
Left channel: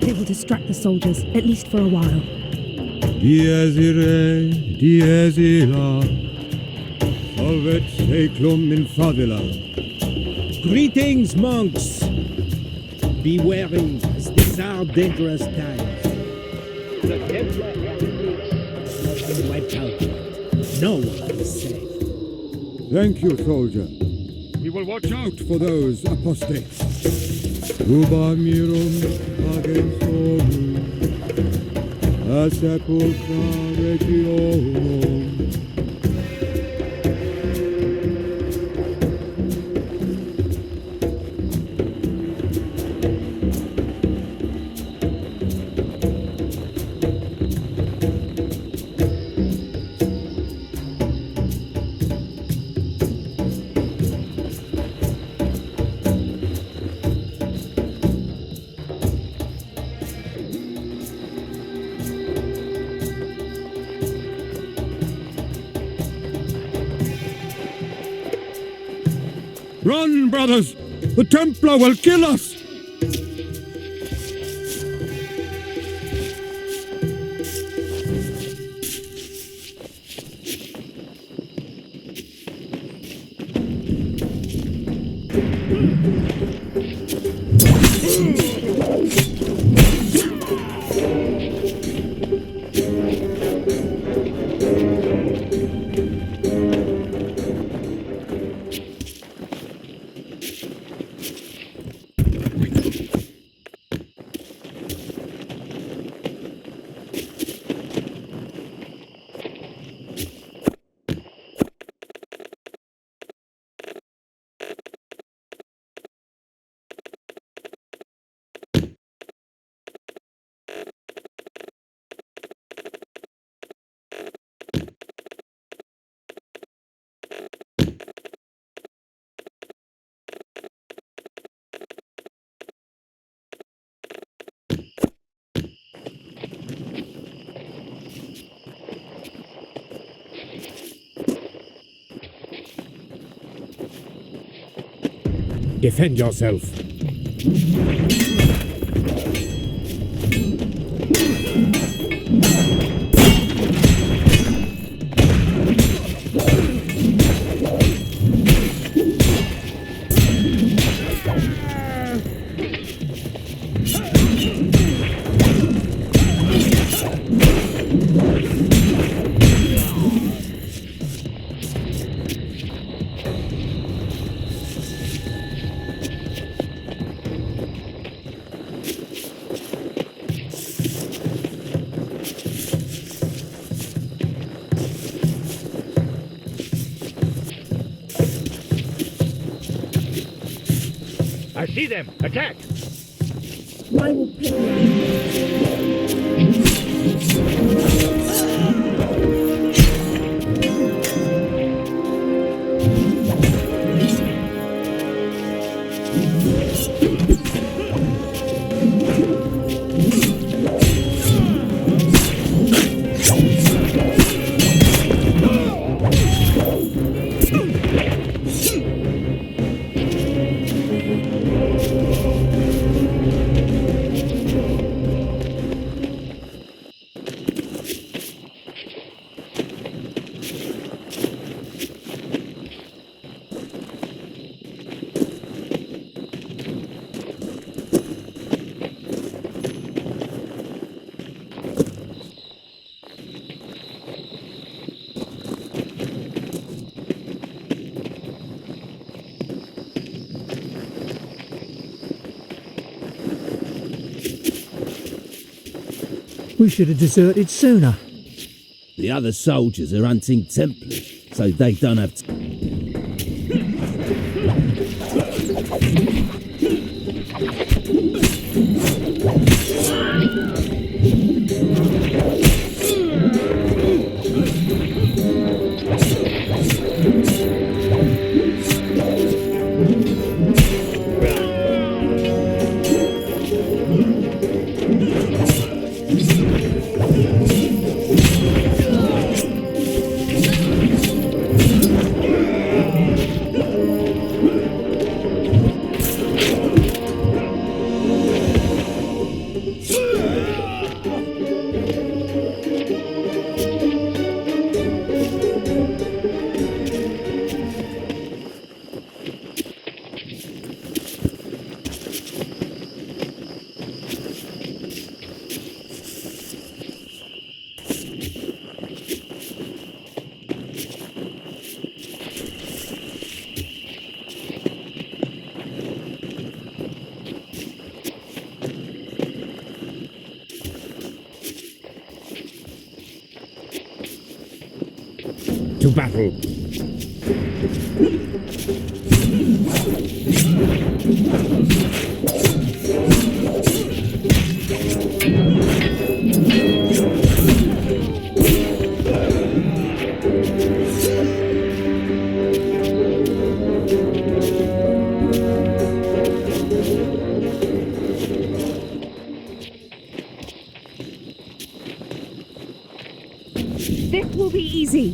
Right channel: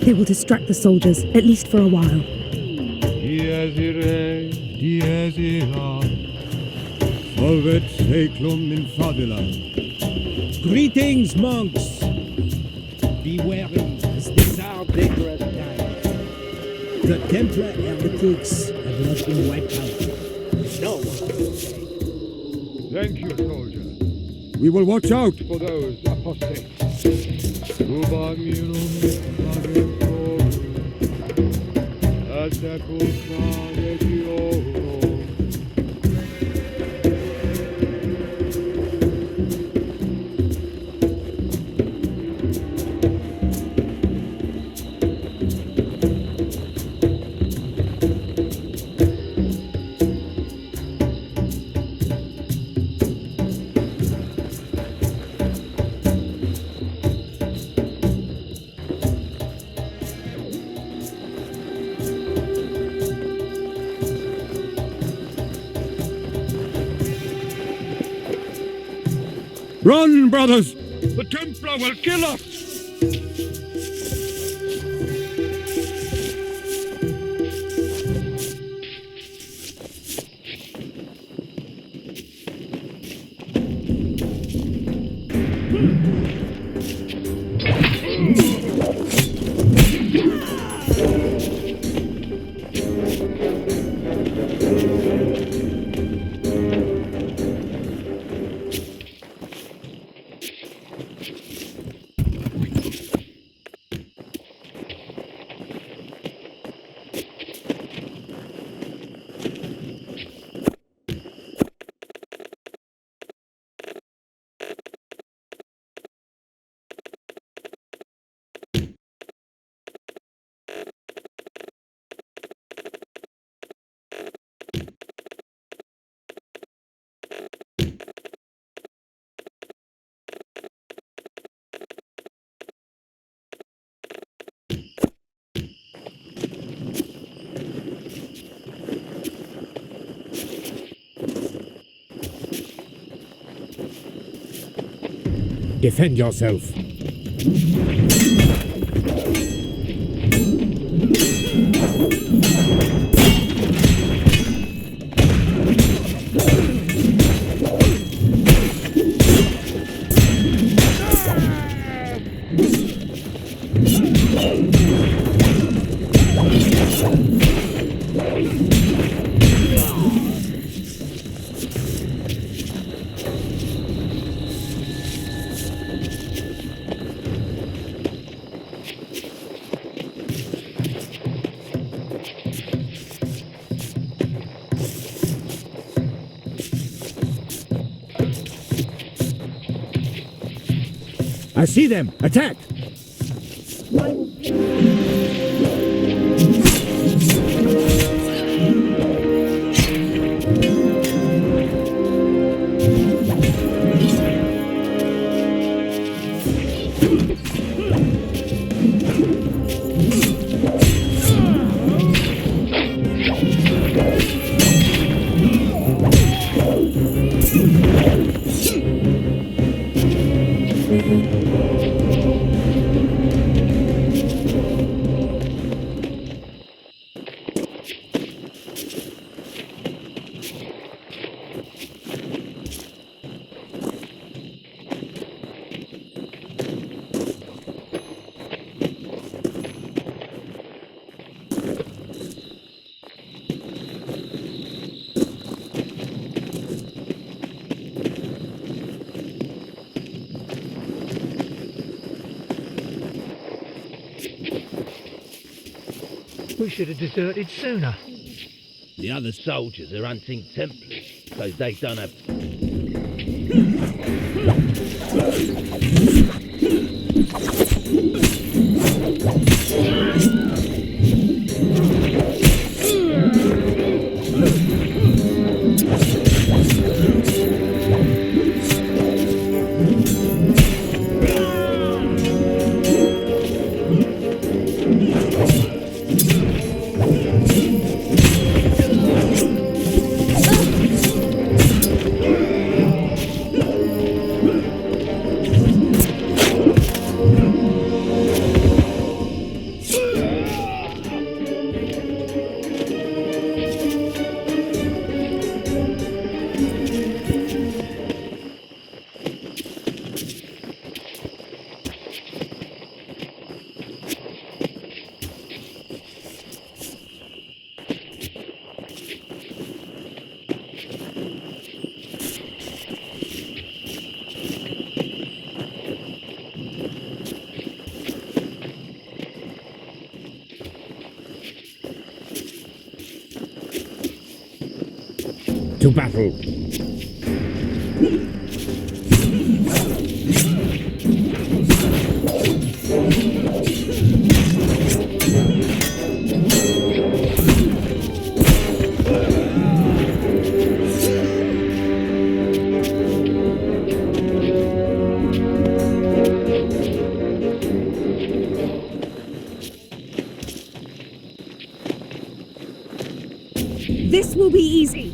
They will distract the soldiers, at least for a while. Dies irae, dies illa, solvet seclum in favilla. Greetings, monks! Be wary, as these are dangerous times. The Templar heretics have not been wiped out yet. No one is safe. Thank you, soldier. We will watch out for those apostates. Uba mirum agem solum, a sepulchra legio. Run, brothers! The Templar will kill us! Defend yourself. I see them! Attack! I will pick you We should have deserted sooner. The other soldiers are hunting Templars, so they don't have to battle. This will be easy.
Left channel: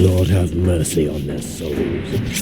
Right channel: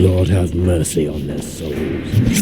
Lord have mercy on their souls.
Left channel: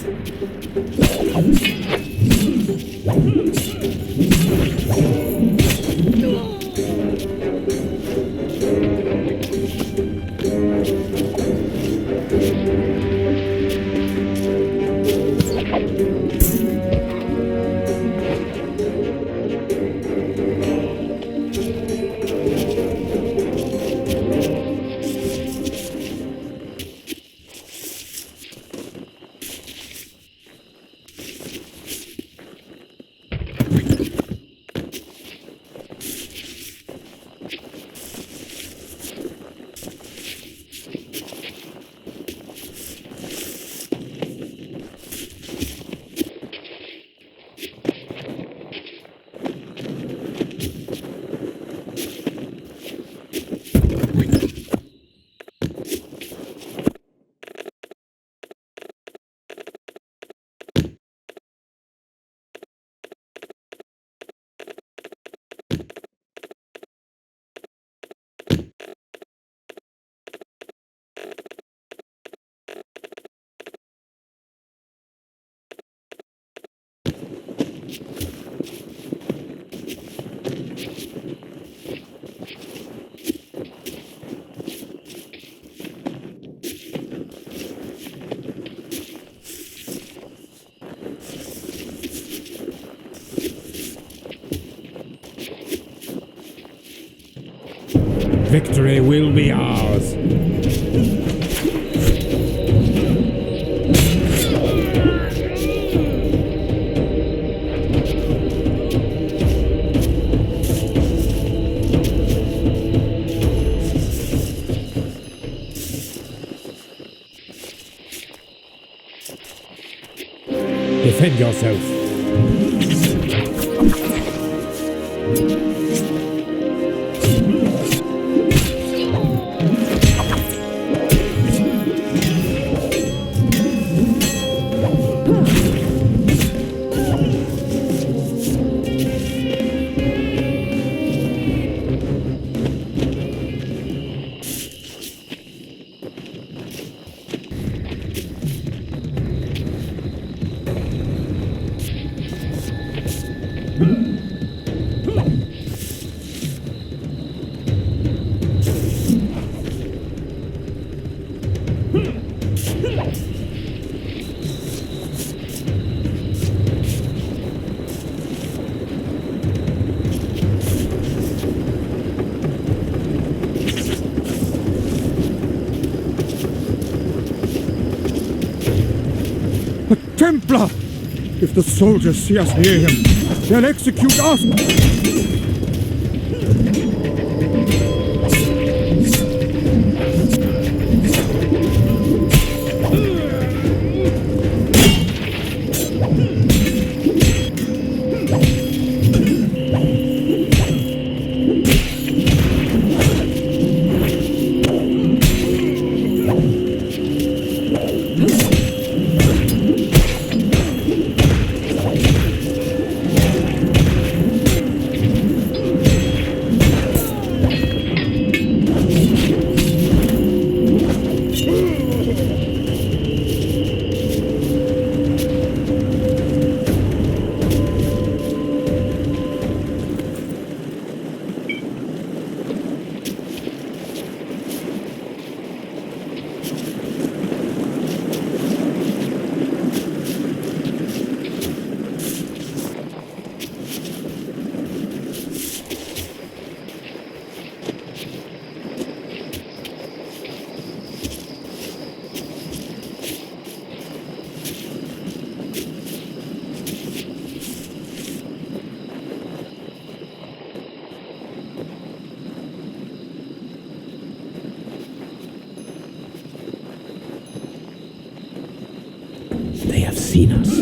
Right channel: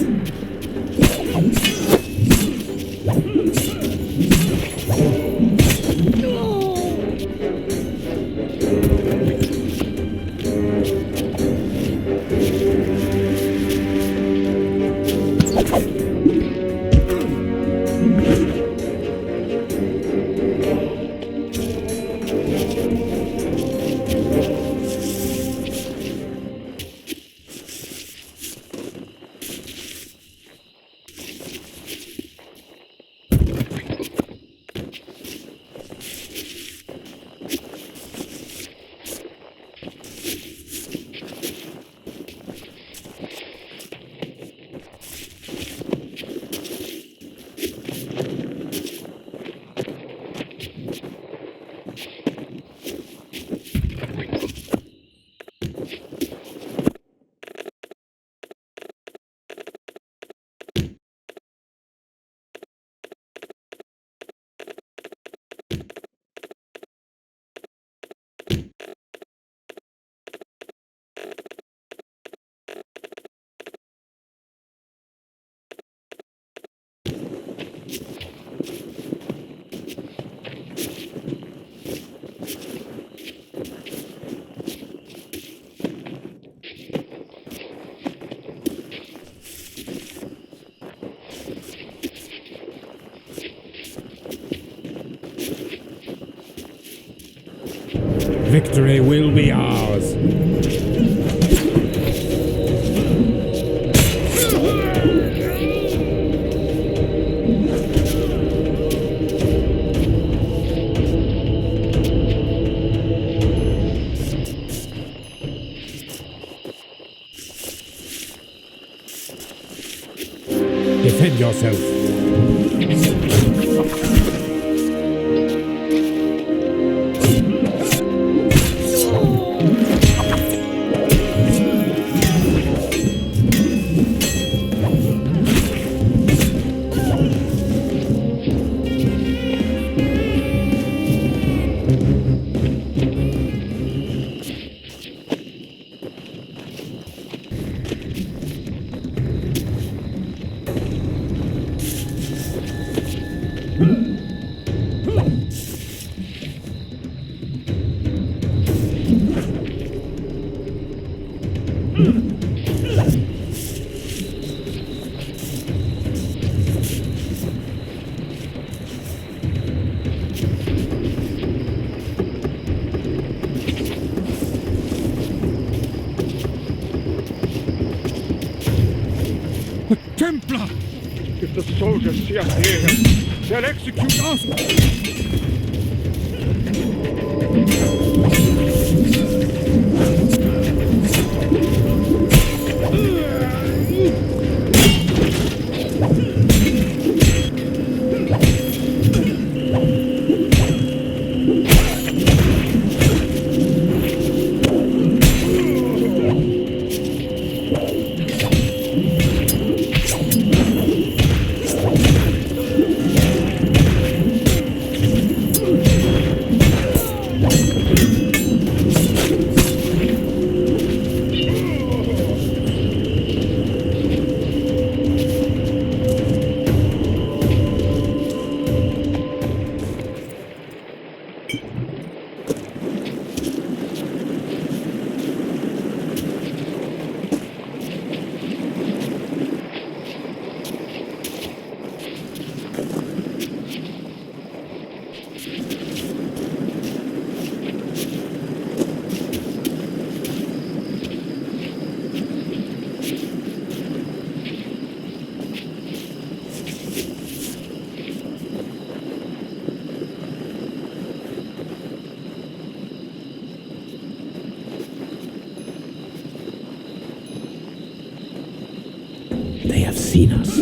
Victory will be ours. Defend yourself. A Templar! If the soldiers see us near them, they'll execute us! They have seen us.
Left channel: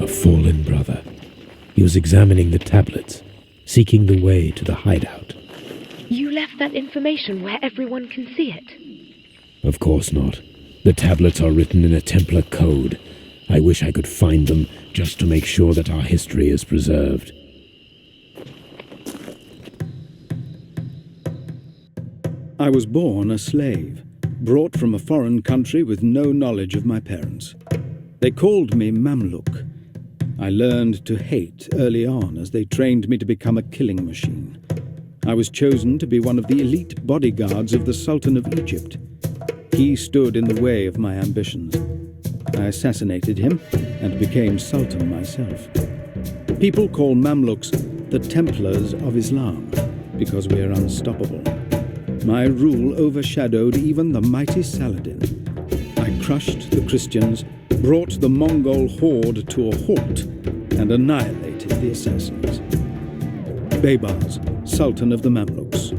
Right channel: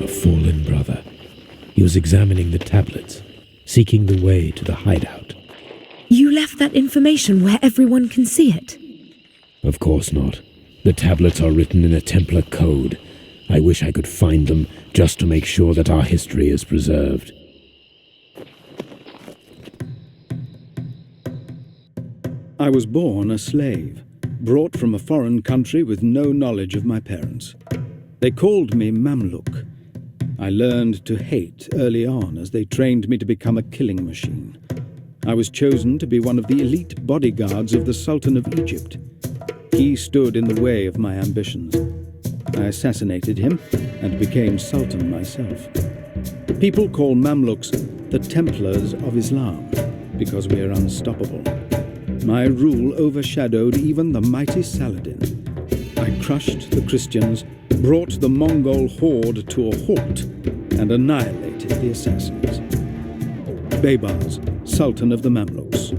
A fallen brother. He was examining the tablets, seeking the way to the hideout. You left that information where everyone can see it? Of course not. The tablets are written in a Templar code. I wish I could find them just to make sure that our history is preserved. I was born a slave, brought from a foreign country with no knowledge of my parents. They called me Mamluk. I learned to hate early on as they trained me to become a killing machine. I was chosen to be one of the elite bodyguards of the Sultan of Egypt. He stood in the way of my ambitions. I assassinated him and became Sultan myself. People call Mamluks the Templars of Islam because we are unstoppable. My rule overshadowed even the mighty Saladin. I crushed the Christians, brought the Mongol horde to a halt, and annihilated the assassins. Baybars, Sultan of the Mamluks.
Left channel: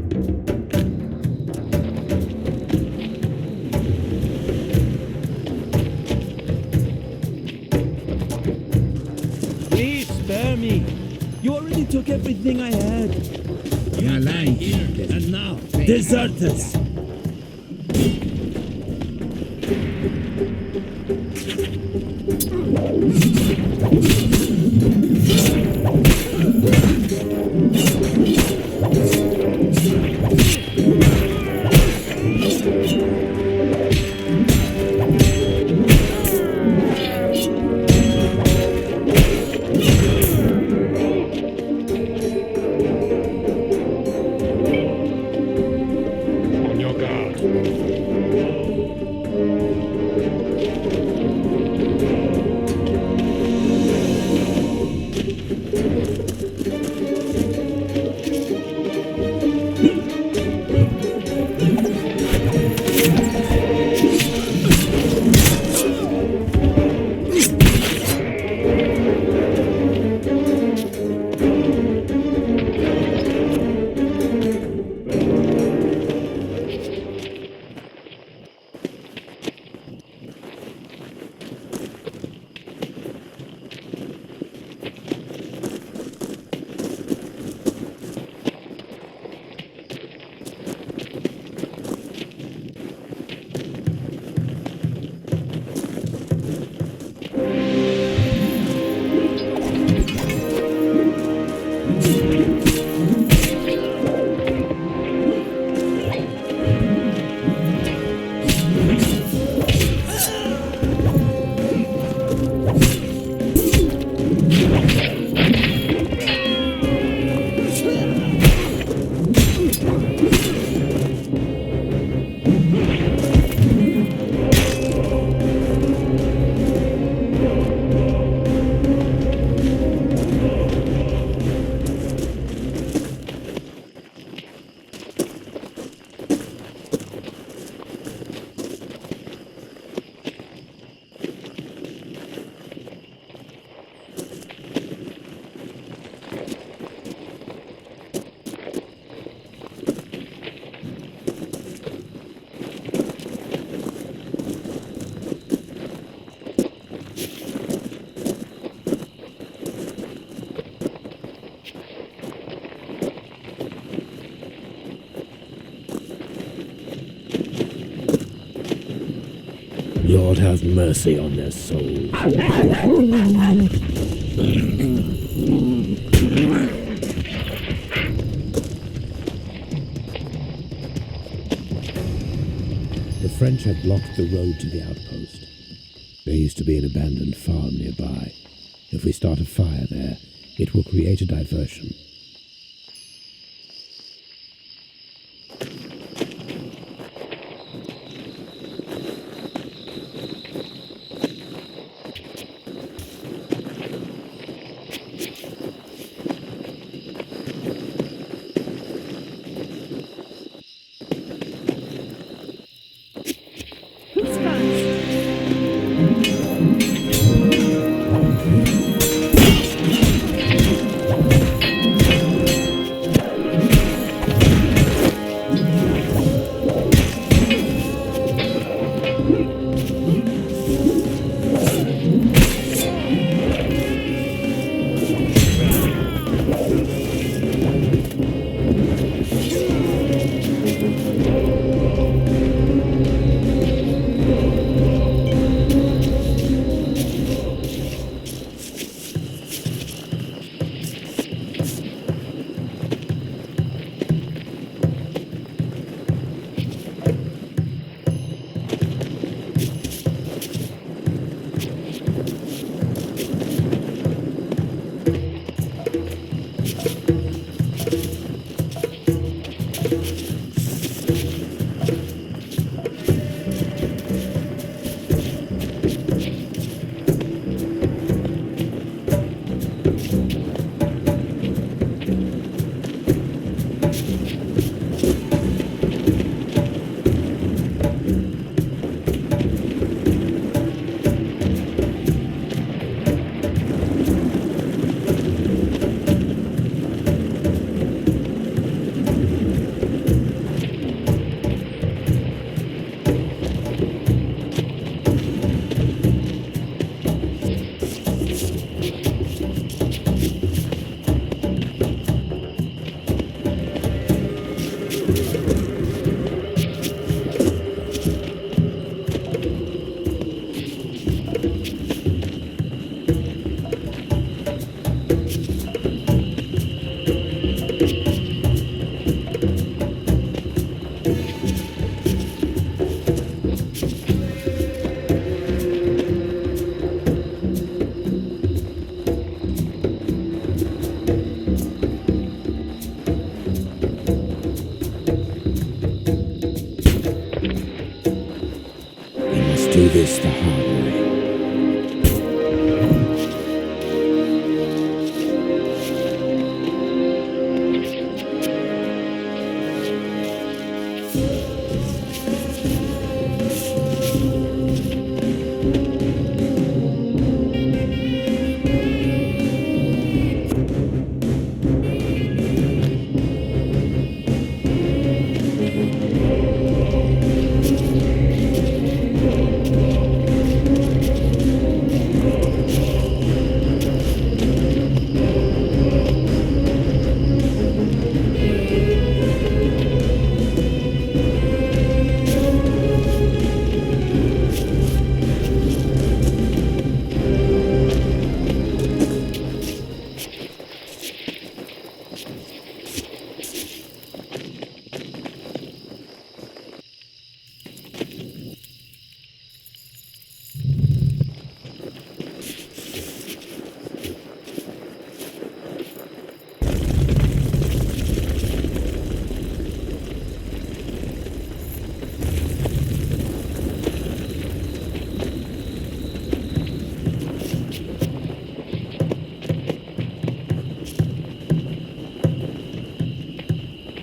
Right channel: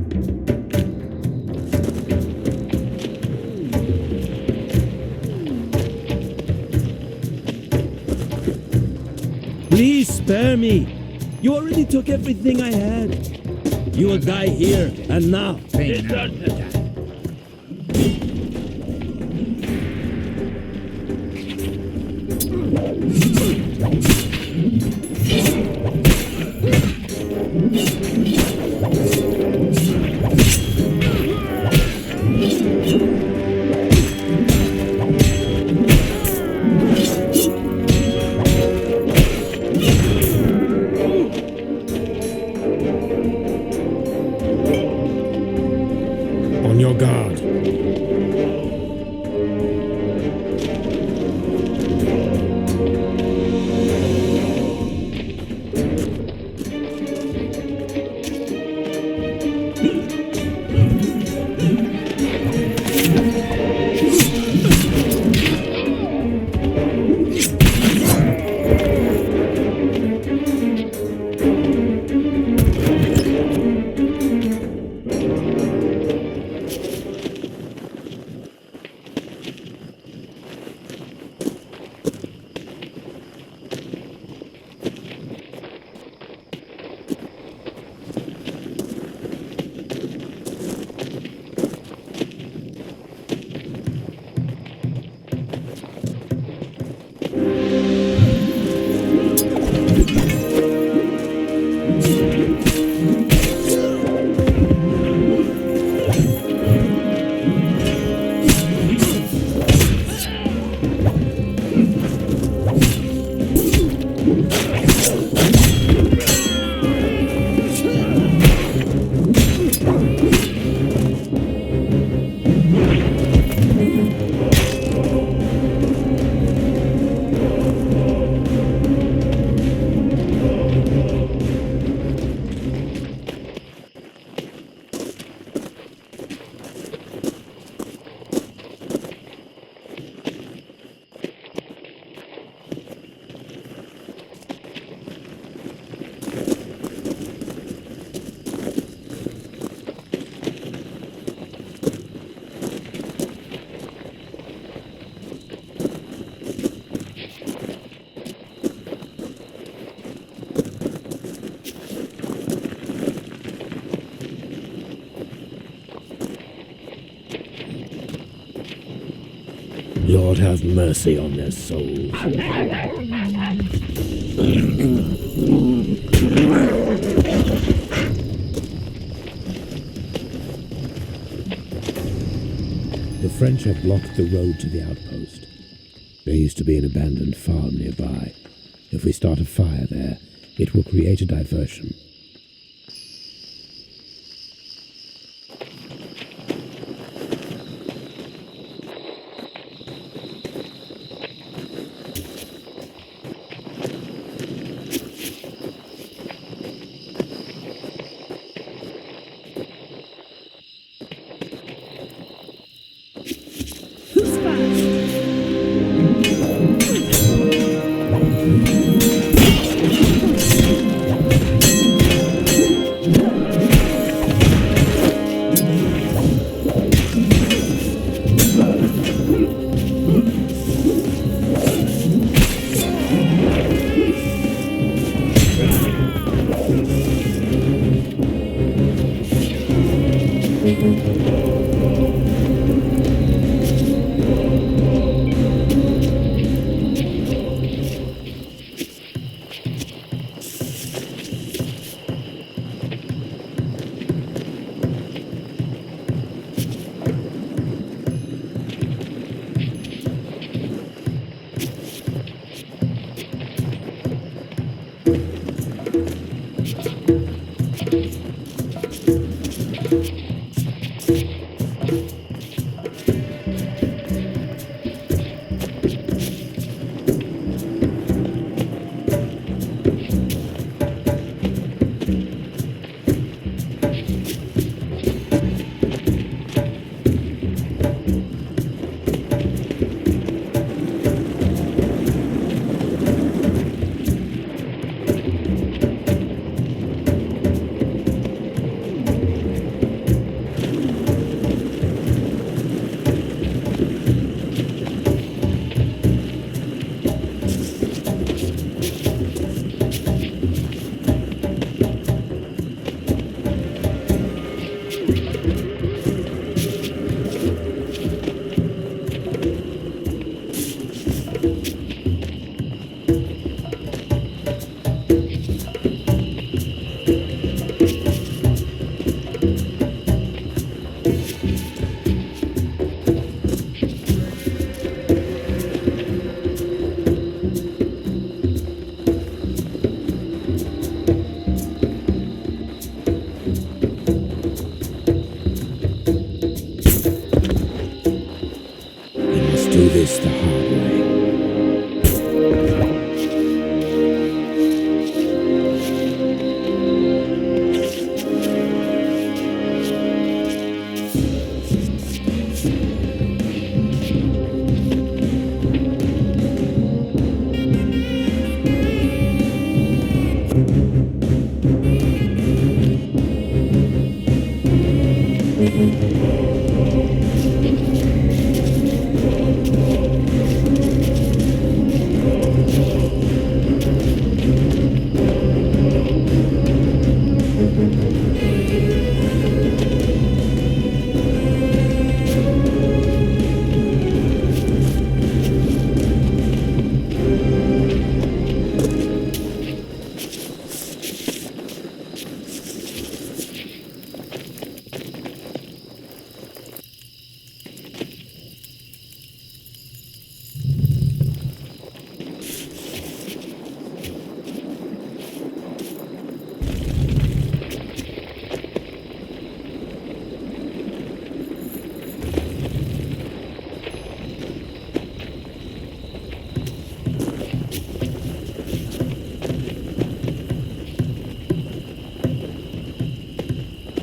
spare me. You already took everything I had. You will die here and now. Desert us. On your guard. Lord have mercy on their souls. The French have blocked the road to the outpost. There used to be an abandoned farm nearby. If we start a fire there, it will create a diversion. Who's first? do this the hard way.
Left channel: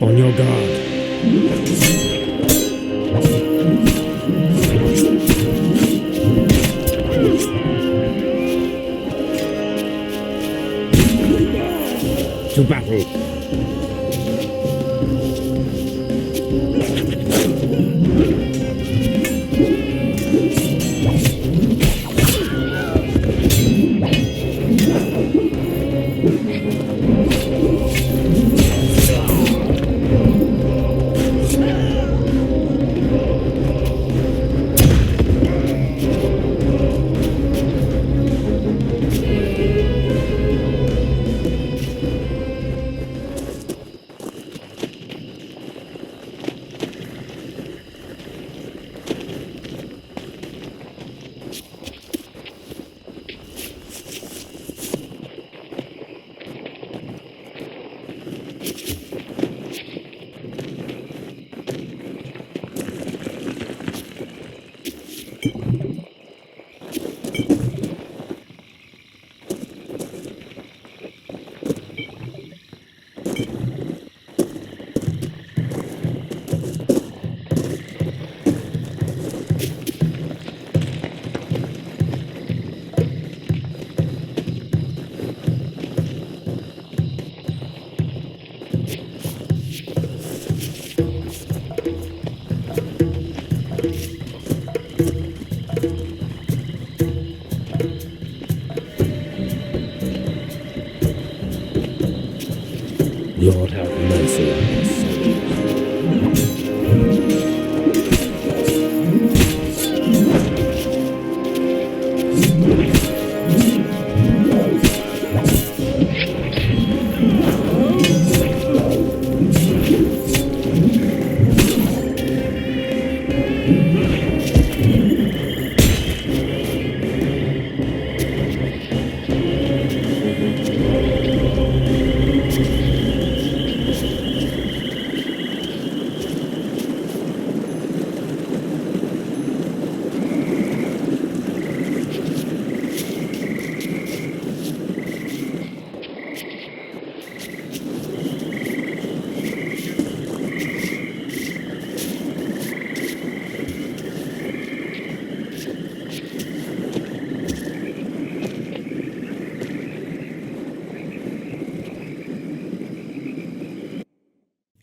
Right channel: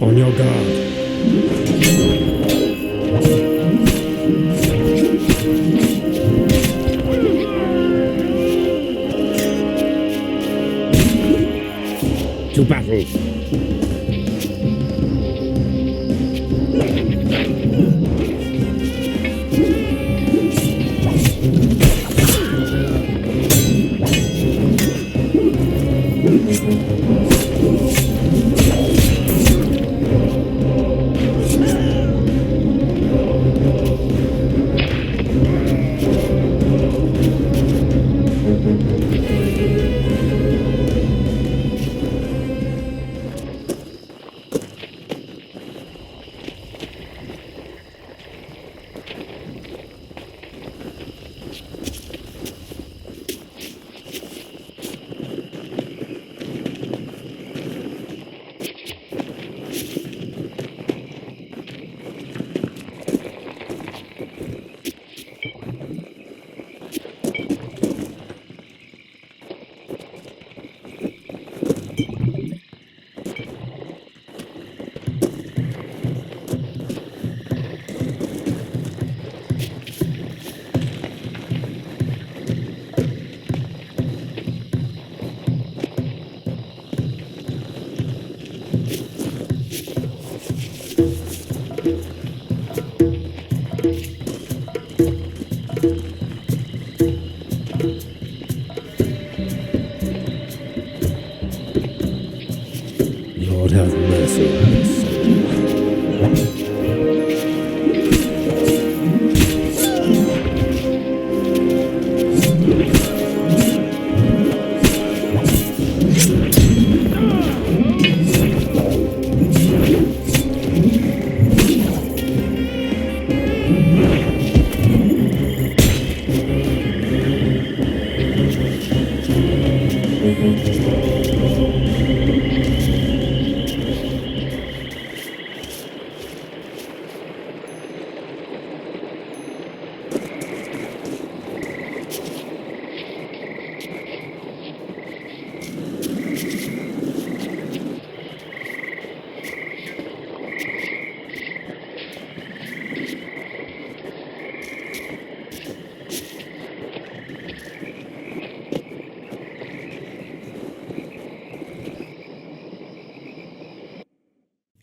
On your guard. To battle. Lord have mercy on his soul.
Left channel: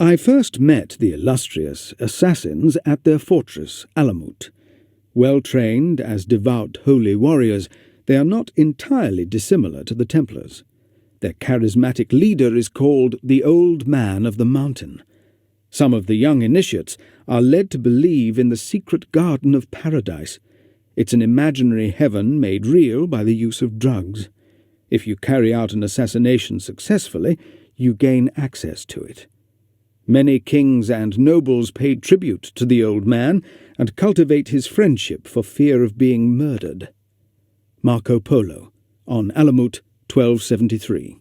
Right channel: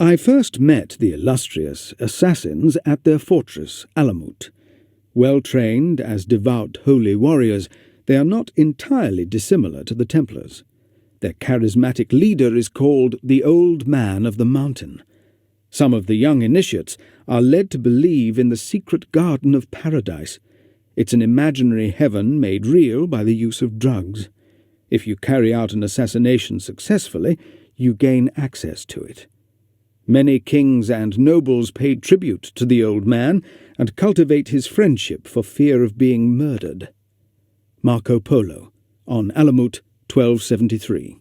I first met the illustrious assassins at their fortress, Haemimont. Well trained as devout holy warriors, they are not entirely dissimilar to the Templars. Their charismatic leader is called the Old Man of the Mountain. Some of the young initiates are led to believe in the secret Garden of Paradise. It's an imaginary heaven made real by the use of drugs. If you carry out an assassination successfully, you gain access to it. Many kings and nobles pay tribute to the old man and cultivate his friendship for fear of being murdered. Marco Polo, on Haemimont, 1273.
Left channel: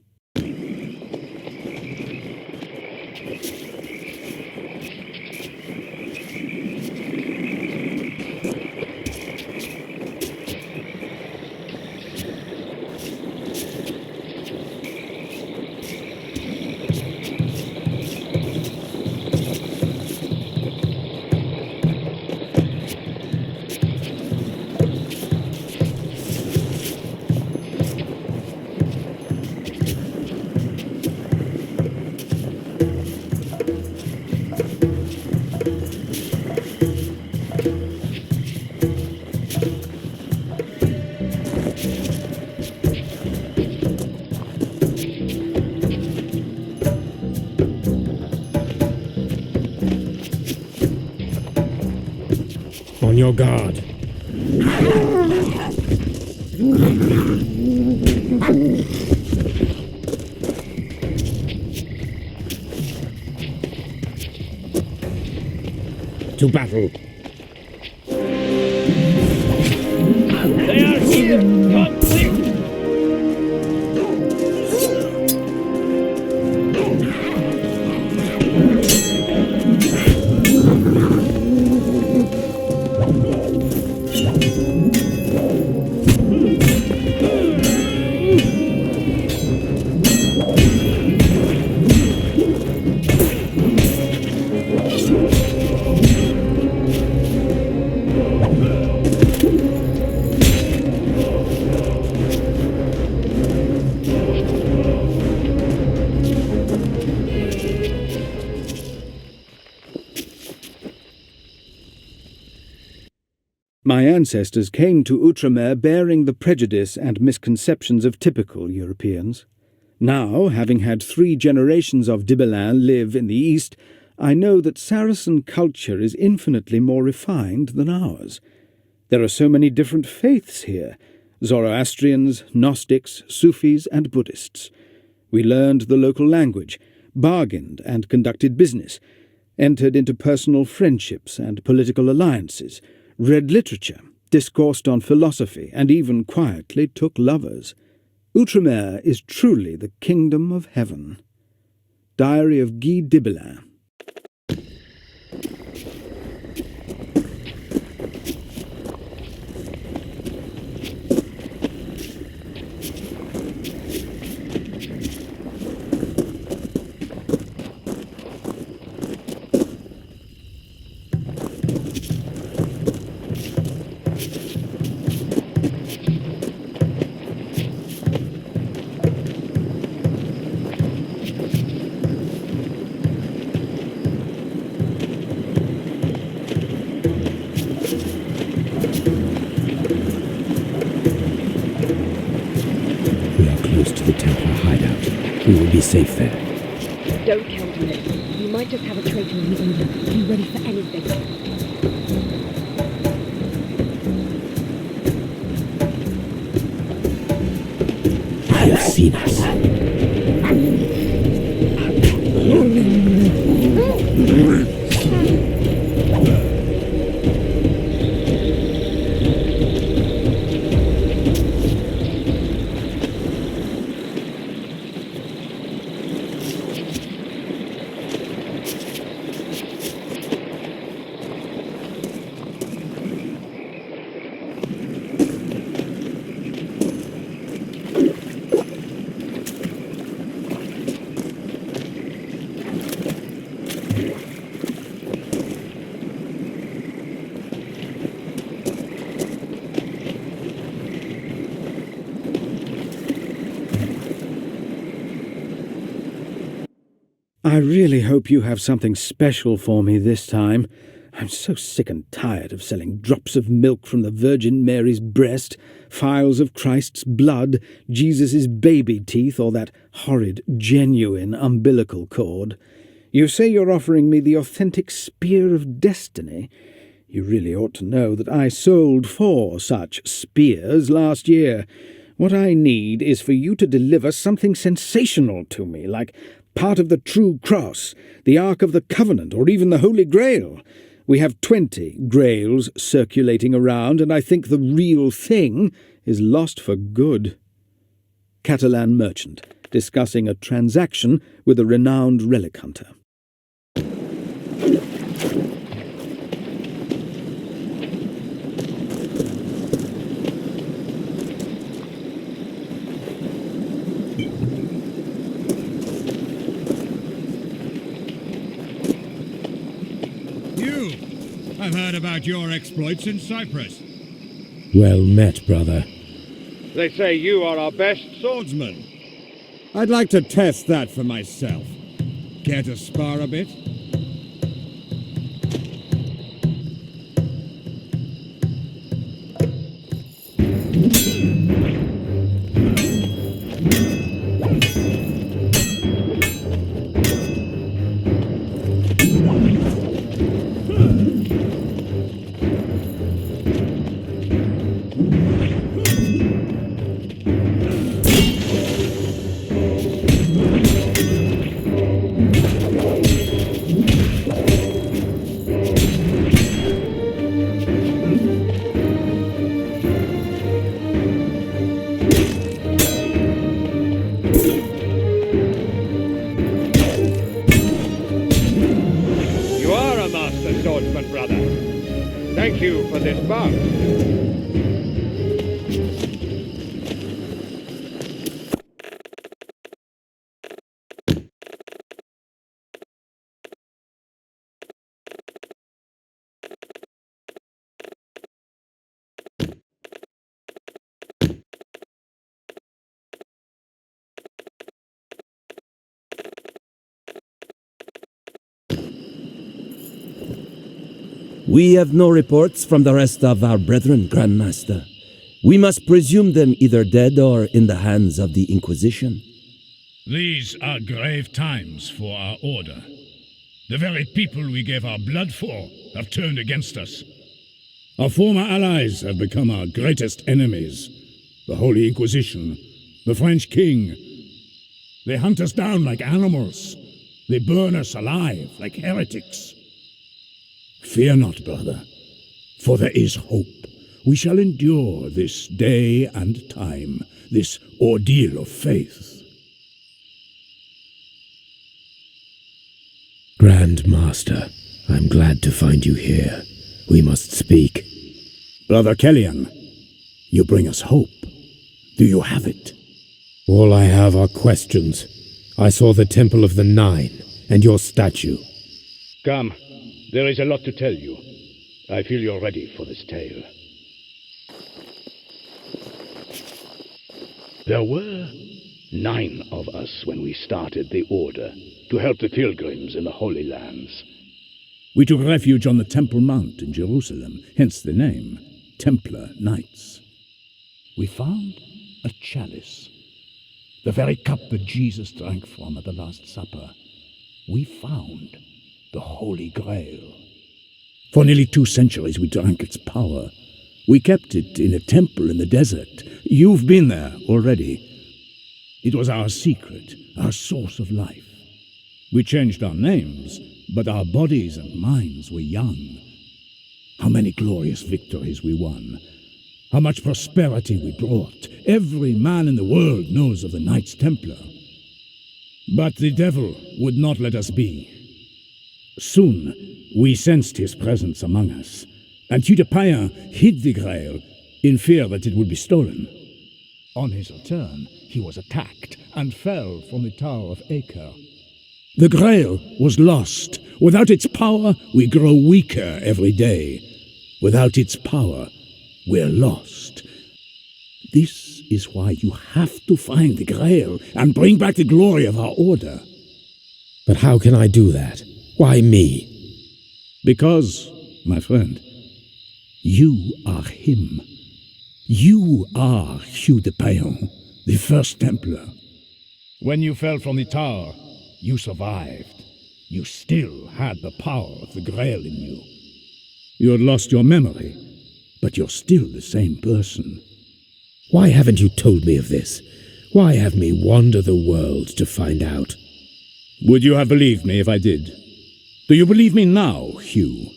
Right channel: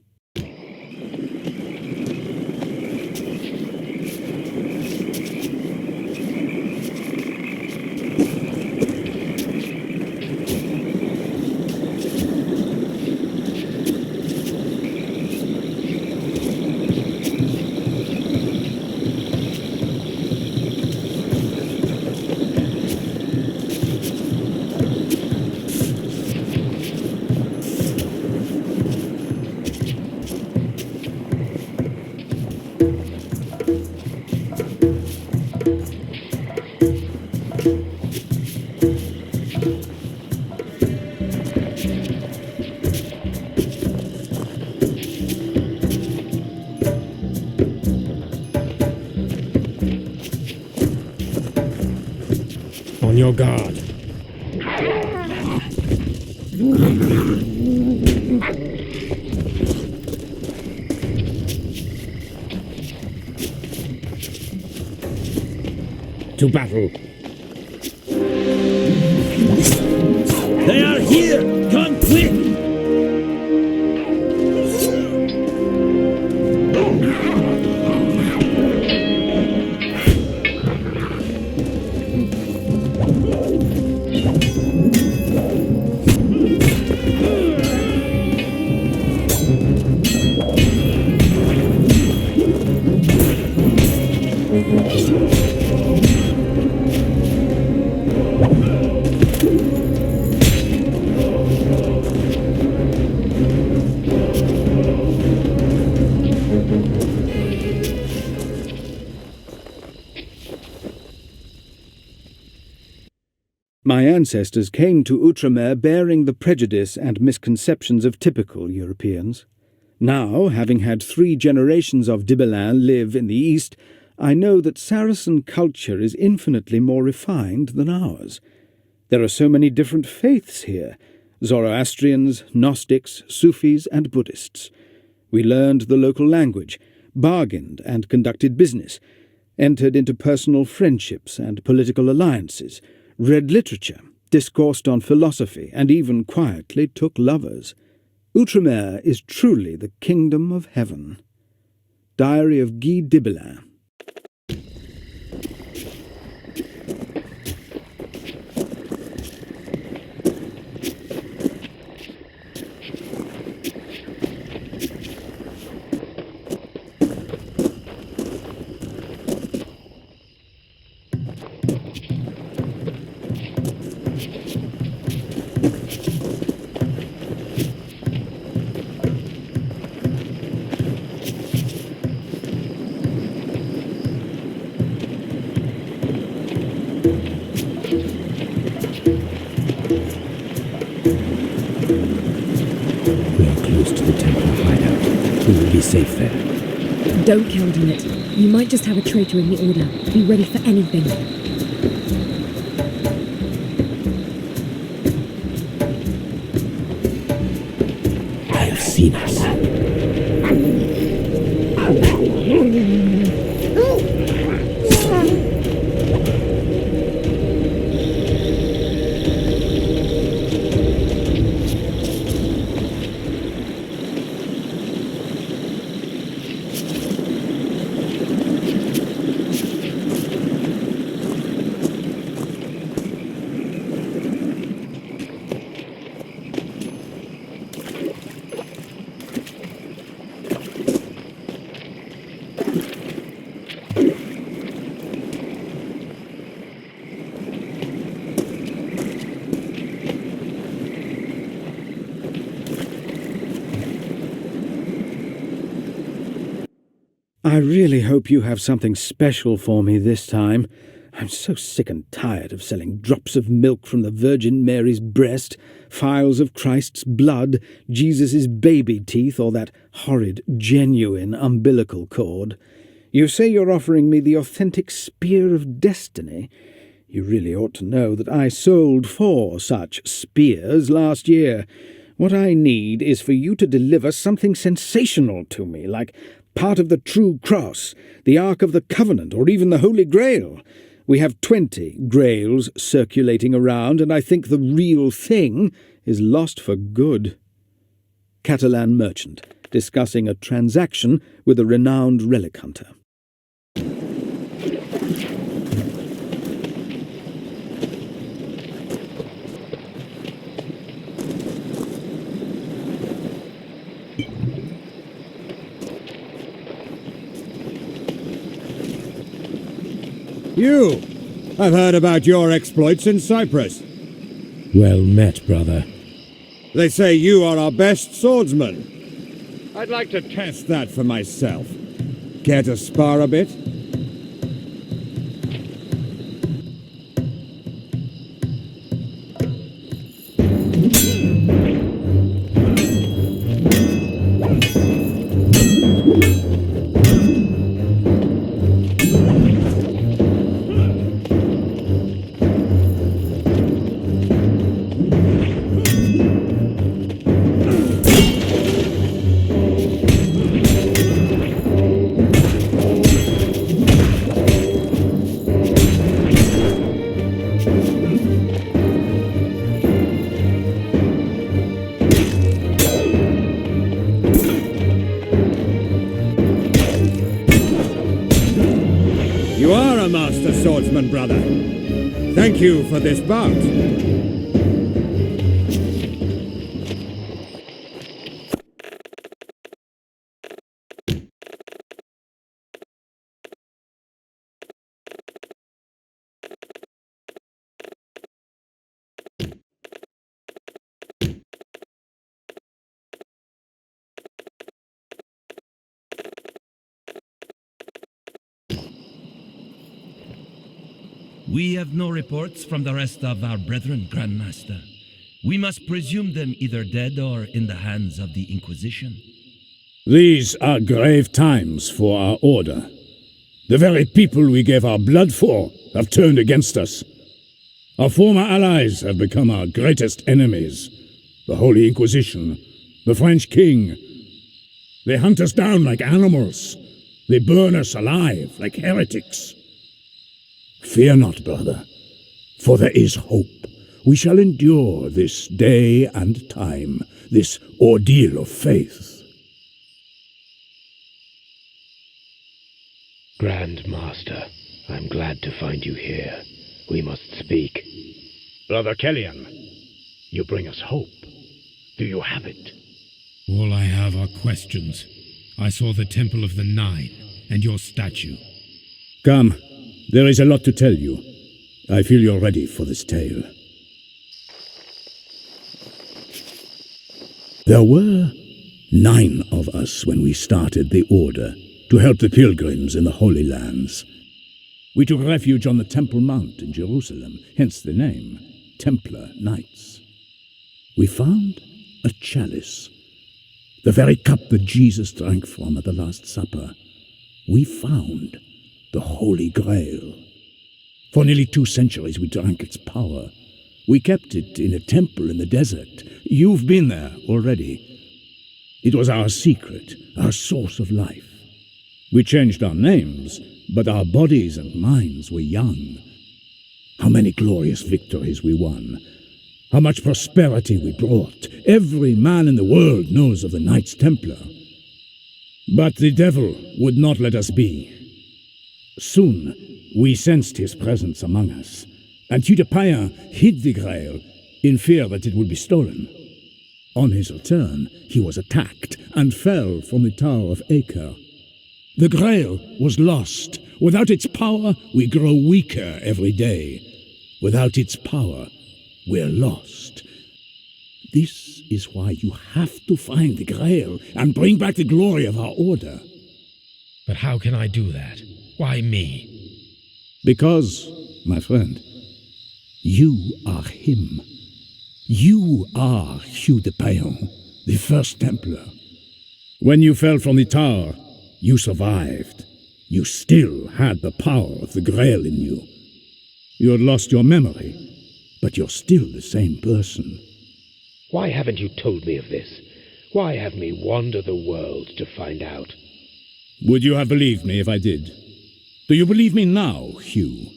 On your guard. To battle. They are here! Come quick! My ancestors came to Outremer bearing the prejudice and misconceptions of typical Europeans. Now, having had 3 generations of Dibelin live in the East, I know that Saracen culture is infinitely more refined than ours. There are so many different faiths here: Zoroastrians, Gnostics, Sufis, and Buddhists. We learned the local language, bargained and conducted business, entered into personal friendships and political alliances, read literature, discoursed on philosophy, and even quietly took lovers. Outremer is truly the kingdom of heaven. Diary of Guy Dibelin. Close to the Templar hideout. We will be safe there. Don't count on it. You might just have a traitor in the Order. Be ready for anything. They have seen us. I really hope you have something special for me this time. I'm so sick and tired of selling drops of milk from the Virgin Mary's breast, phials of Christ's blood, Jesus' baby teeth, or that horrid, genuine umbilical cord. You say you're offering me the authentic Spear of Destiny. You really ought to know that I sold 4 such spears last year. What I need is for you to deliver something sensational to me, like part of the True Cross, the Ark of the Covenant, or even the Holy Grail. We have 20 grails circulating around, and I think the real thing is lost for good. Catalan merchant, discussing a transaction with a renowned relic hunter. You! I've heard about your exploits in Cyprus. Well met, brother. They say you are our best swordsman. I'd like to test that for myself. Care to spar a bit? We have no reports from the rest of our brethren, Grandmaster. We must presume them either dead or in the hands of the Inquisition. These are grave times for our order. The very people we gave our blood for have turned against us. Our former allies have become our greatest enemies. The Holy Inquisition, the French king. They hunt us down like animals. They burn us alive like heretics. Fear not, brother, for there is hope. We shall endure this day and time, this ordeal of faith. Grand Master, I'm glad to find you here. We must speak. Brother Kellyan, you bring us hope. Do you have it? All I have are questions. I saw the Temple of the Nine and your statue. Come, there is a lot to tell you. I feel you're ready for this tale. There were 9 of us when we started the Order to help the pilgrims in the Holy Lands. We took refuge on the Temple Mount in Jerusalem, hence the name, Templar Knights. We found a chalice, the very cup that Jesus drank from at the Last Supper. We found the Holy Grail. For nearly 2 centuries we drank its power. We kept it in a temple in the desert. You've been there already. It was our secret, our source of life. We changed our names, but our bodies and minds were young. How many glorious victories we won. How much prosperity we brought. Every man in the world knows of the Knights Templar. But the devil would not let us be. Soon we sensed his presence among us, and Hugh de Payen hid the Grail in fear that it would be stolen. On his return, he was attacked and fell from the Tower of Acre. The Grail was lost. Without its power, we grow weaker every day. Without its power, we're lost. This is why you have to find the Grail and bring back the glory of our order. But how can I do that? Why me? Because, my friend, you are him. You are Hugh de Payen, the First Templar. When you fell from the tower, you survived. You still had the power of the Grail in you. You had lost your memory, but you're still the same person. Why haven't you told me of this? Why have me wander the world to find out? Would you have believed me if I did? Do you believe me now, Hugh?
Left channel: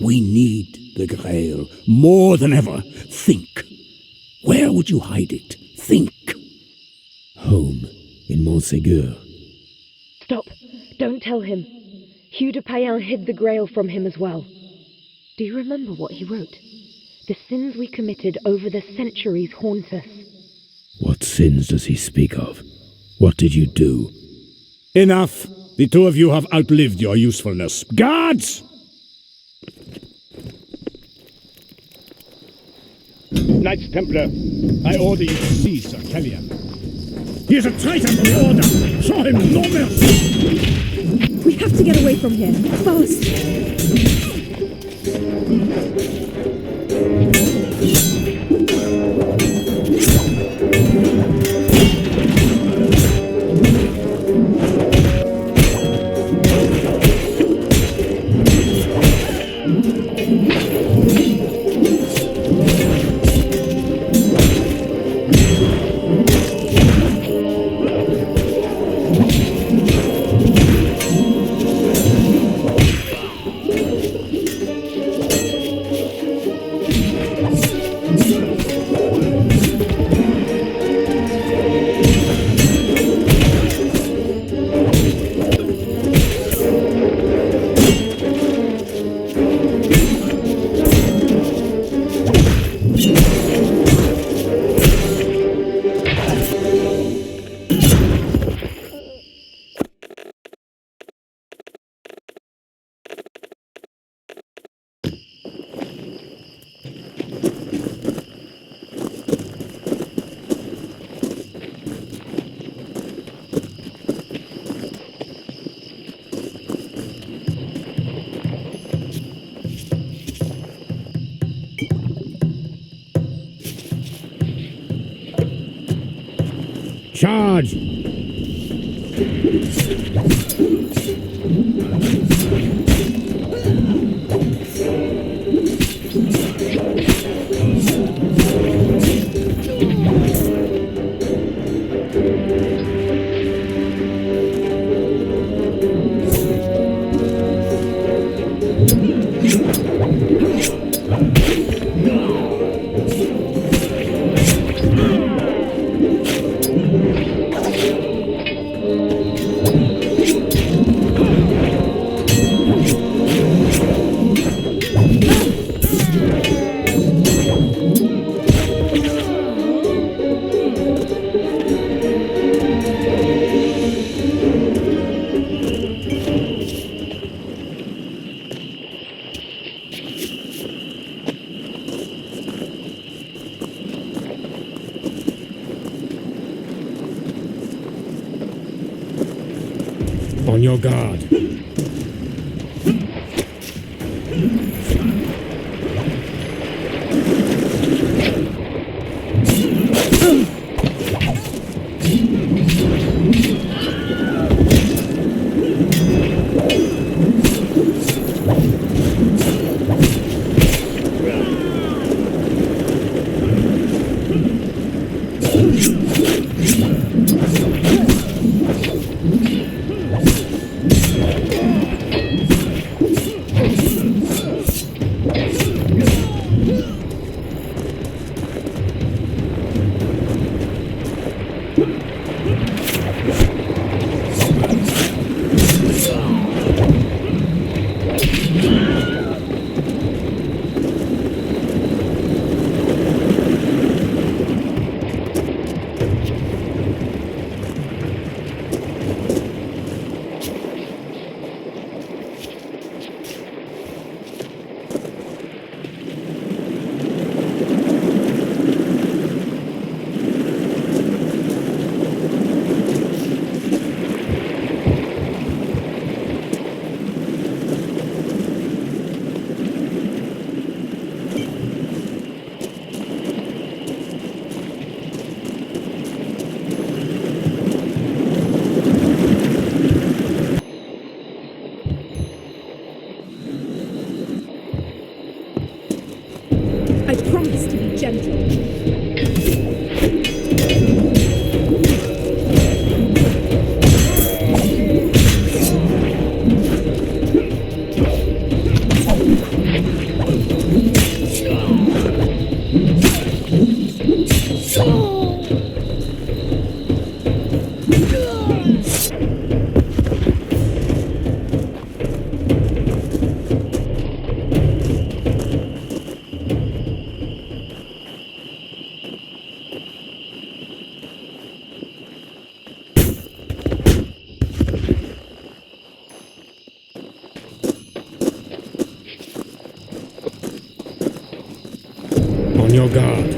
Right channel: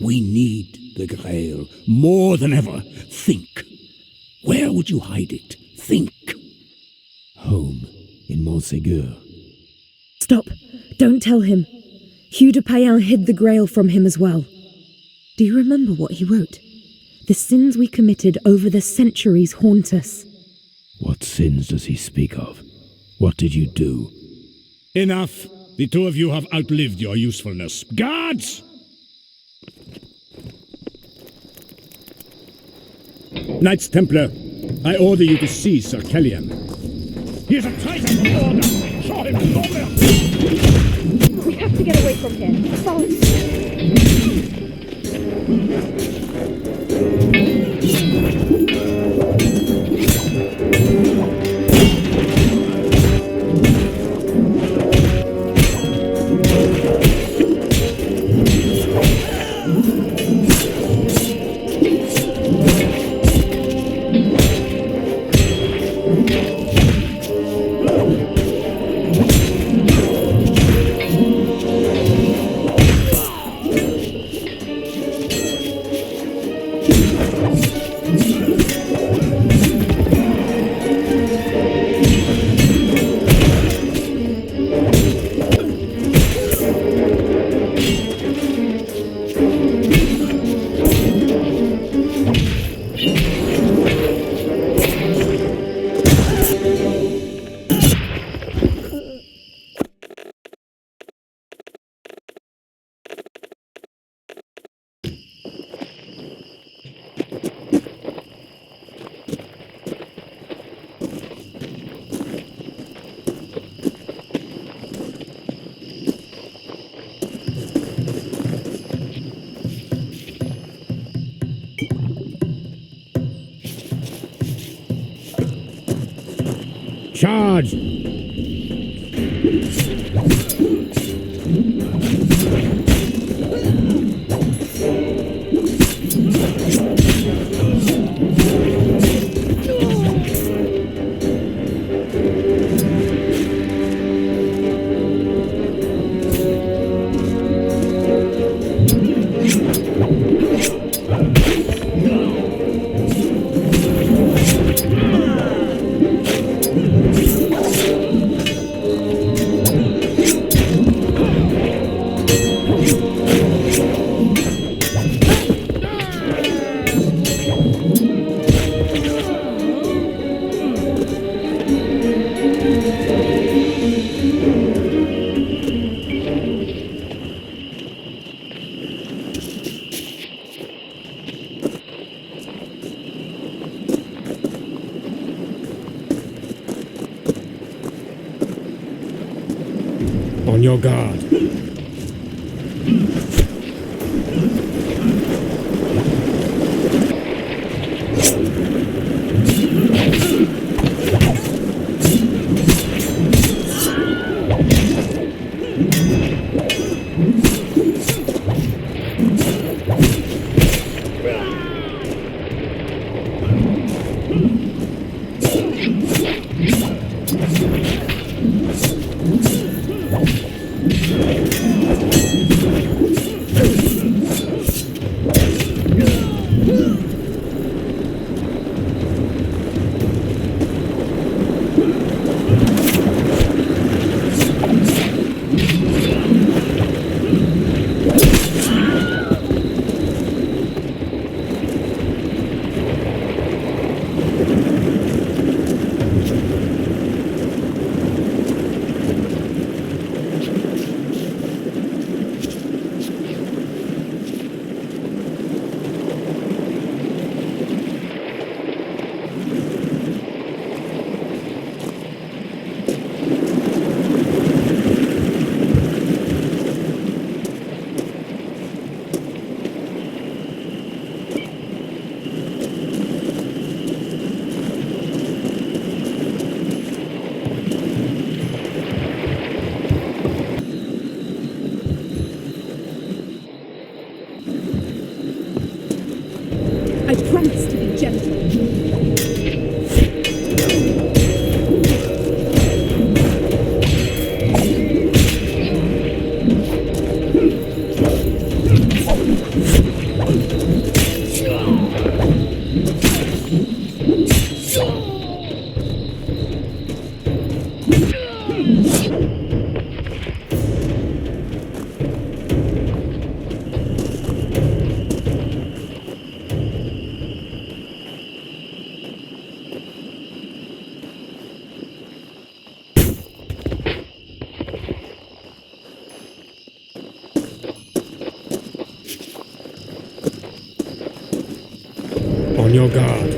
We need the Grail more than ever. Think. Where would you hide it? Think. Home in Montségur. Stop. Don't tell him. Hugh de Payen hid the Grail from him as well. Do you remember what he wrote? The sins we committed over the centuries haunt us. What sins does he speak of? What did you do? Enough! The 2 of you have outlived your usefulness. Guards! Knights Templar, I order you to seize Sir Kellyan. He is a traitor to the Order! Show him no mercy! We have to get away from here. Fast! Charge! On your guard. I promise to be gentle. On your guard.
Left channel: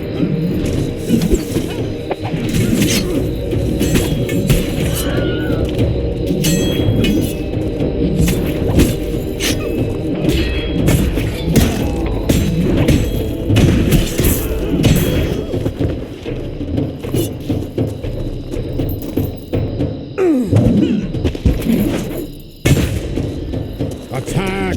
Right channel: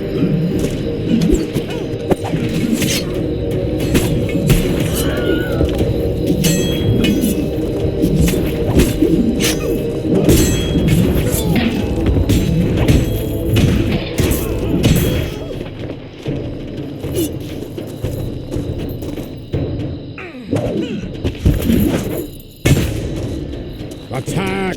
Attack!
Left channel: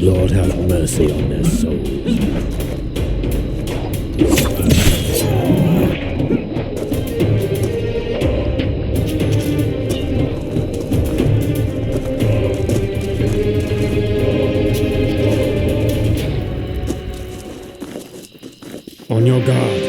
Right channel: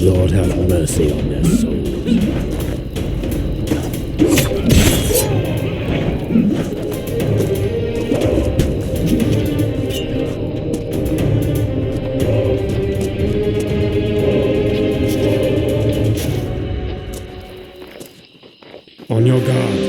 Lord have mercy on their souls. On your guard.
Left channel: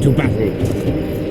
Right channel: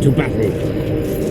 To battle!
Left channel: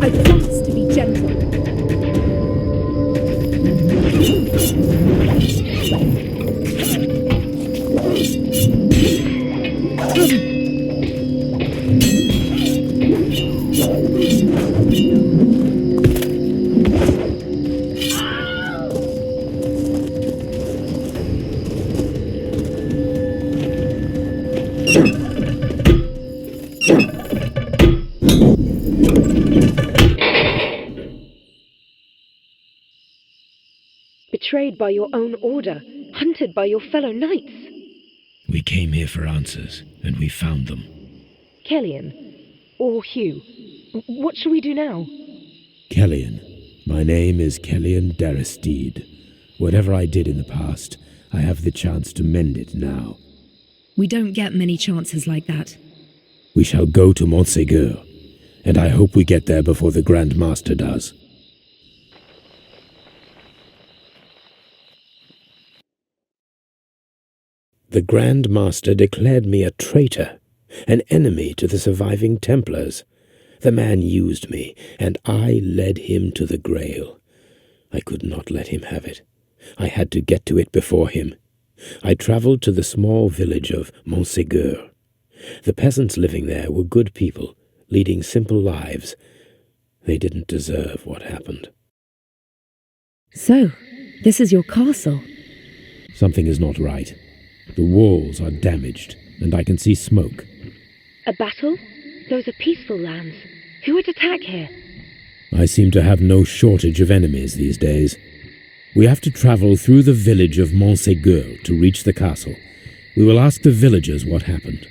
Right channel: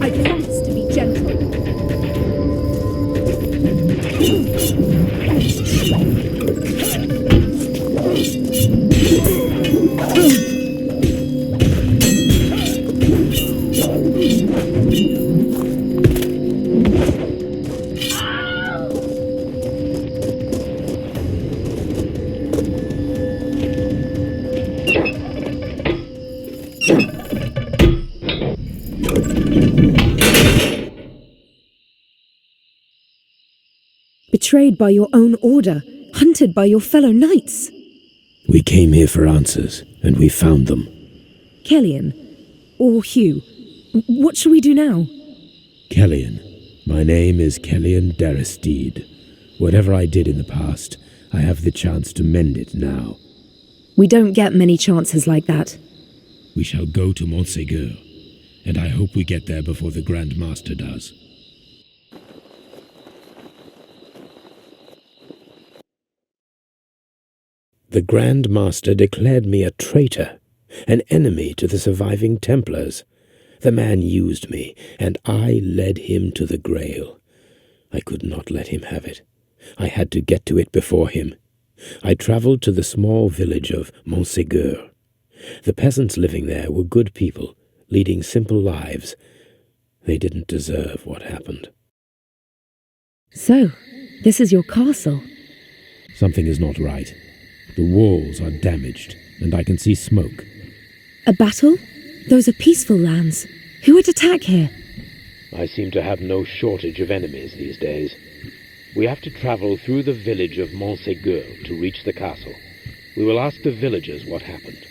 I promise to be gentle. Betrayed by your own order, hunted by your fellow knights. We came here for answers, and we found them. Kellyan, or Hugh, what shall we do now? Kellyan. My name is Kellyan Daristede. Whatever I did in the past, I have the chance to mend it now. We don't get many chances like that. We shall go to Montségur, and I hope we get there before the Grand Master does. The Grand Master declared me a traitor, an enemy to the surviving Templars. The man used me, and I led him to the Grail. I could not let him have it. I had to get to it before him. I travelled to the small village of Montségur. The peasants living there were good people, leading simple lives. They didn't deserve what happened. So, this is your castle? Something is not right. The walls are damaged, and I can see smoke. A battle? Those are peaceful lands. Who would attack here? I seem to have no shortage of enemies these days. We have to travel through the village of Montségur to reach the castle. We will ask the villagers what happened.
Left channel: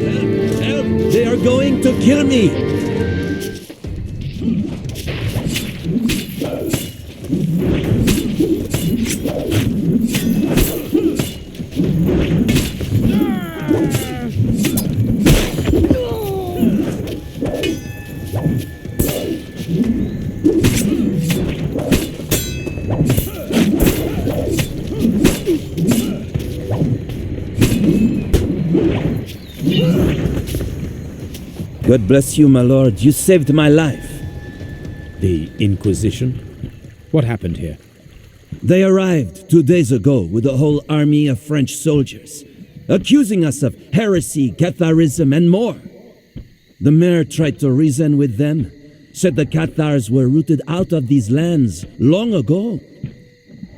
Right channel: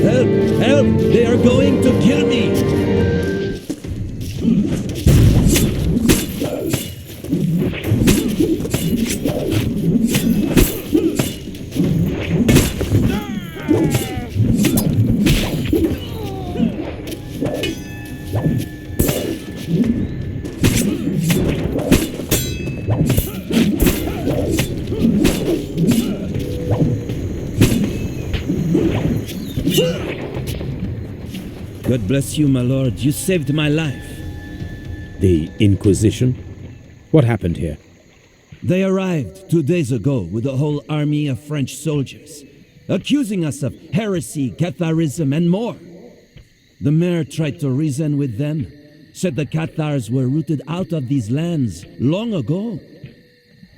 Help! Help! They are going to kill me! God bless you, my lord. You saved my life. The Inquisition? What happened here? They arrived 2 days ago with a whole army of French soldiers, accusing us of heresy, Catharism, and more. The mayor tried to reason with them, said the Cathars were rooted out of these lands long ago.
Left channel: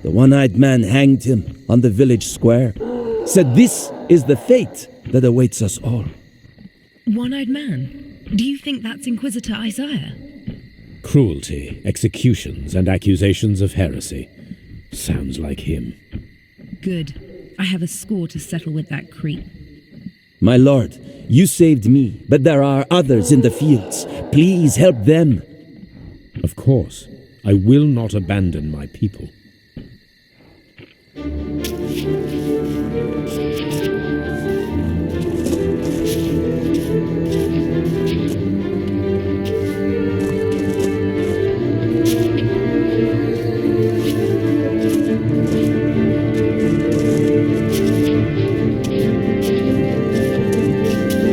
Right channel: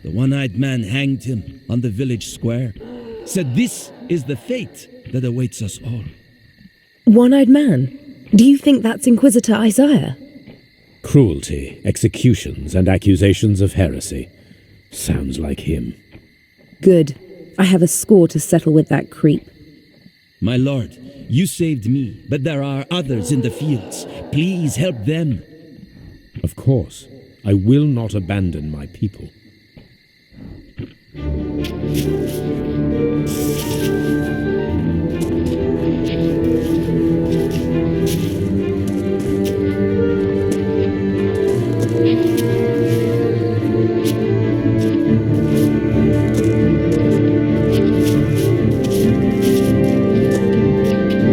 The one-eyed man hanged him on the village square, said this is the fate that awaits us all. One-eyed man? Do you think that's Inquisitor Isaiah? Cruelty, executions, and accusations of heresy. Sounds like him. Good. I have a score to settle with that creep. My lord, you saved me, but there are others in the fields. Please help them. Of course. I will not abandon my people.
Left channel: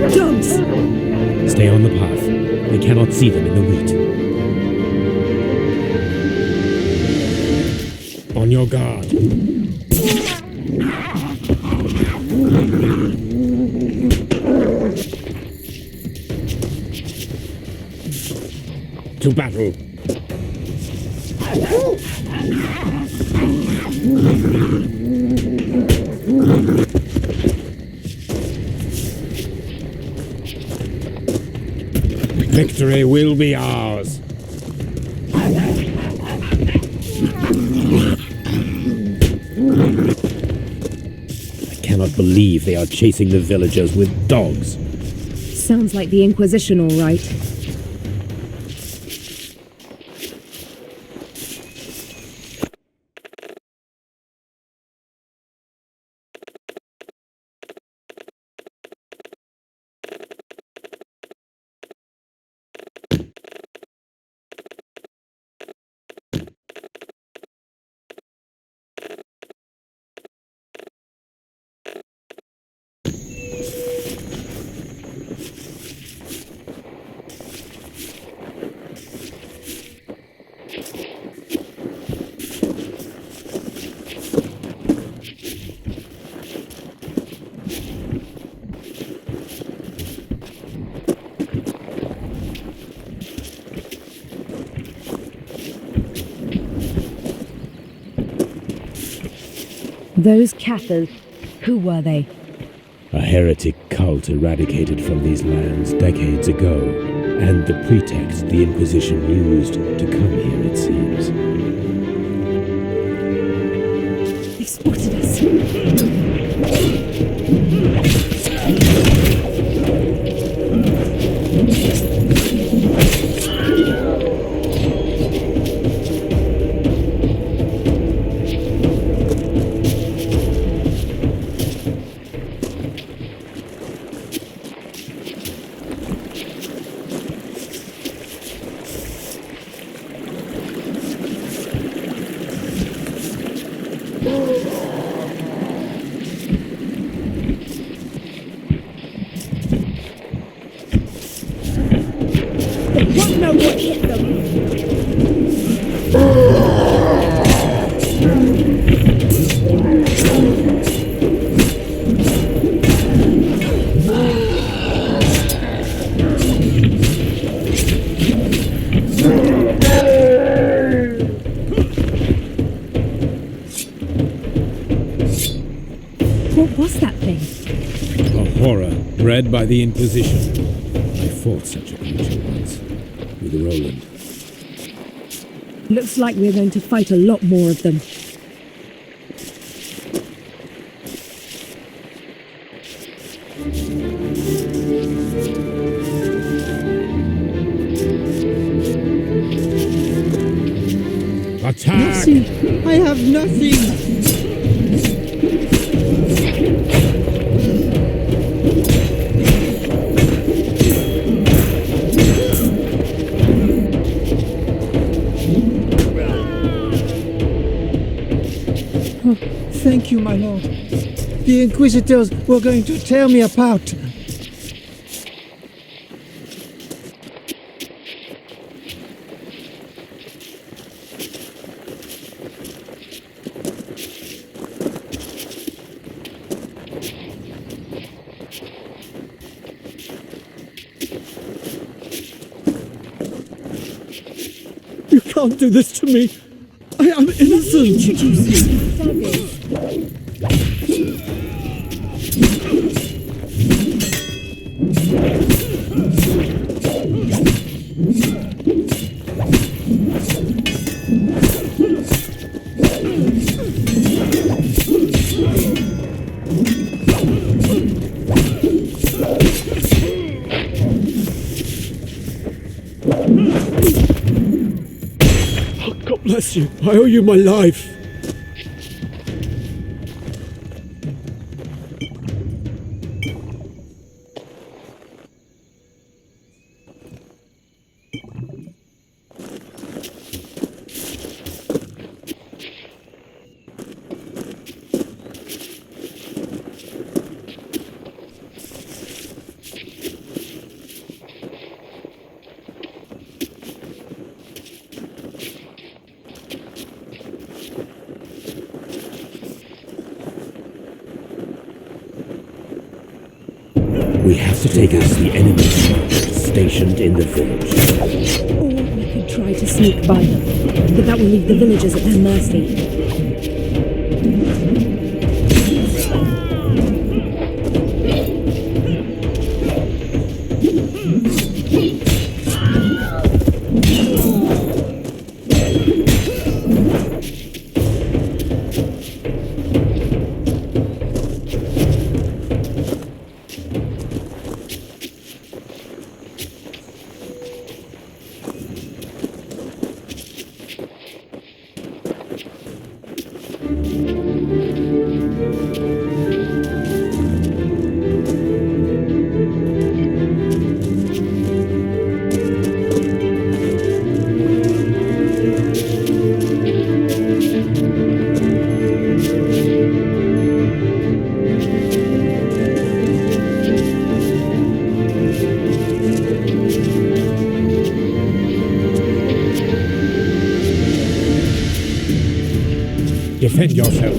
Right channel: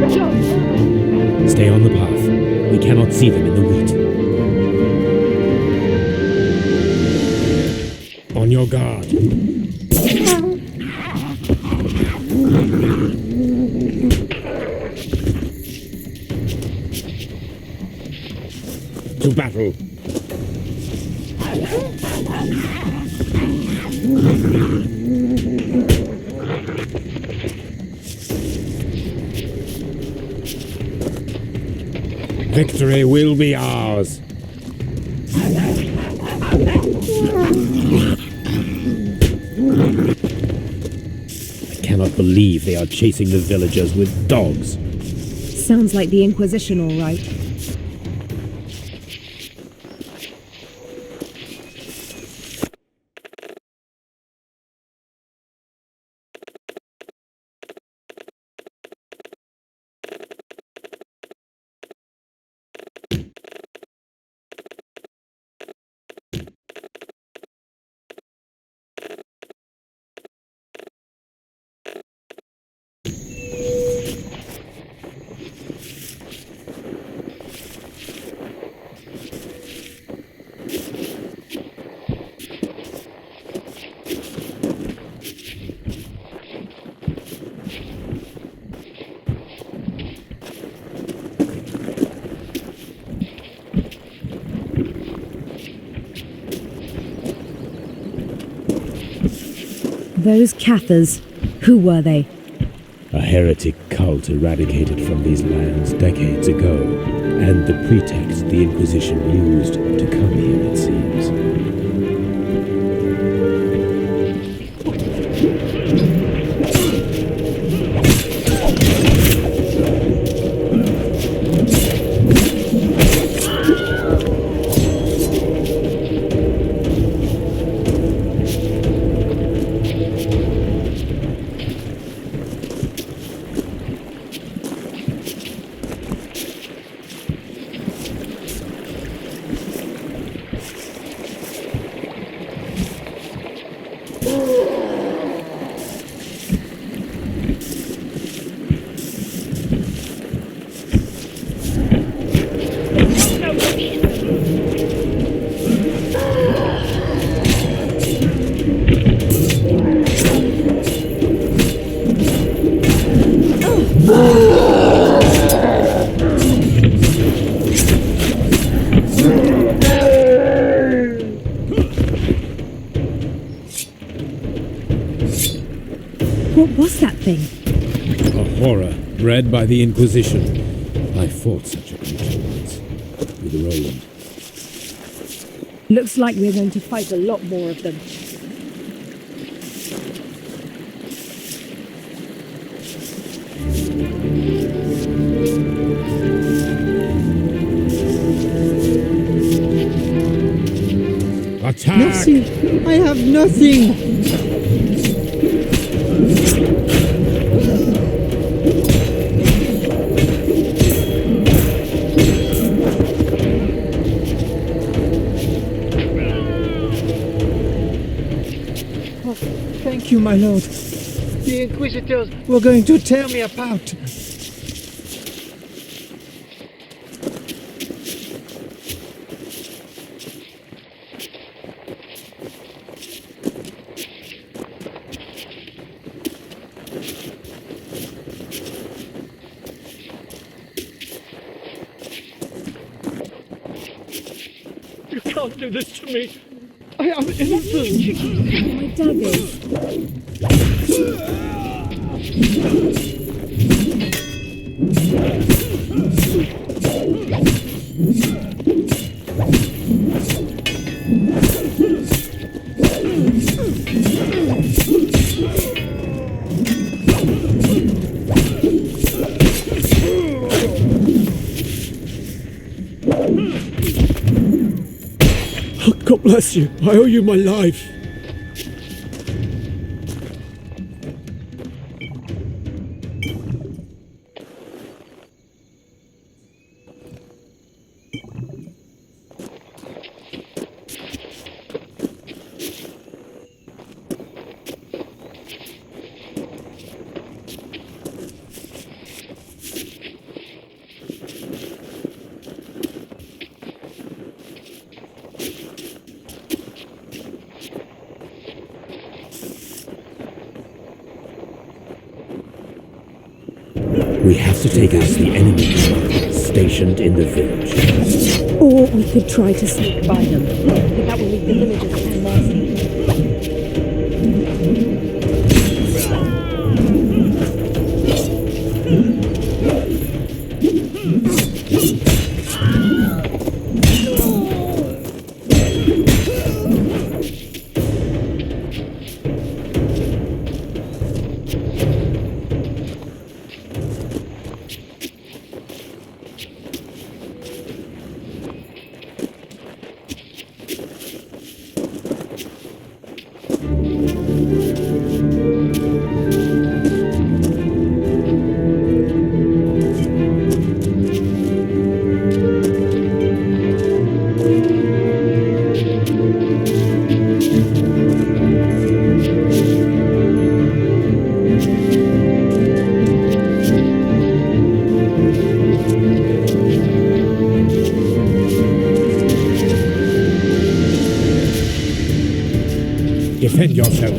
Dogs! Stay on the path. We cannot see them in the wheat. On your guard. To battle. Victory will be ours. I cannot believe they are chasing the villagers with dogs. Sounds like the Inquisition, all right. Those Cathars, who were they? A heretic cult eradicated from these lands decades ago, and the pretext the Inquisition used to come here, it seems. They spotted us. What was that thing? A horror bred by the Inquisition. I fought such a creature once, with Roland. Looks like we're going to fight a lot more of them. Attack! Nothing! I have nothing! Thank you, my lord. The Inquisitors were going to tear me apart. You can't do this to me. I am innocent. My daggers. God bless you. I owe you my life. We have to take out the enemy commanders stationed in the village. Or we could try to sneak by them, but that will leave the villagers at their mercy. Defend yourself.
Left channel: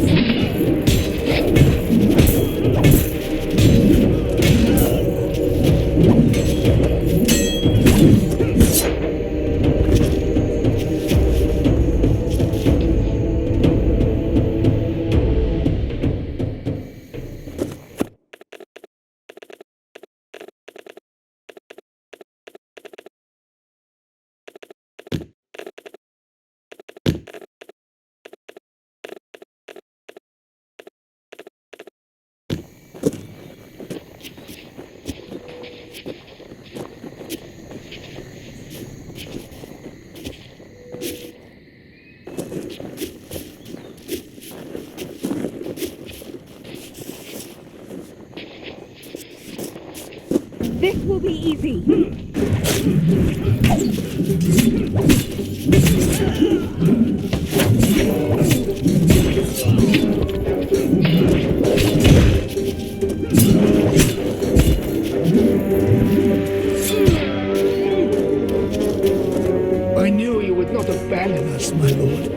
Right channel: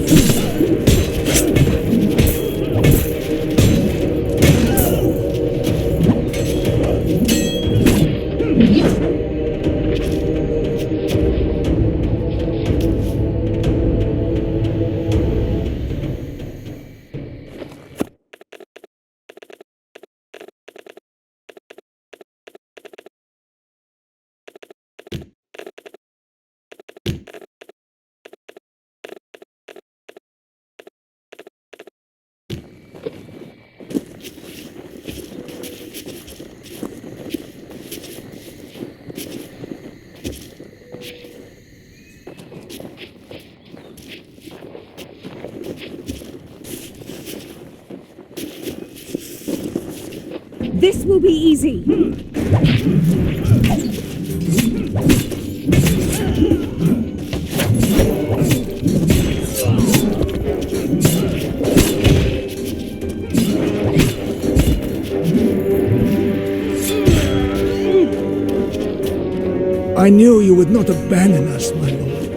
This will be easy. I knew you would not abandon us, my lord.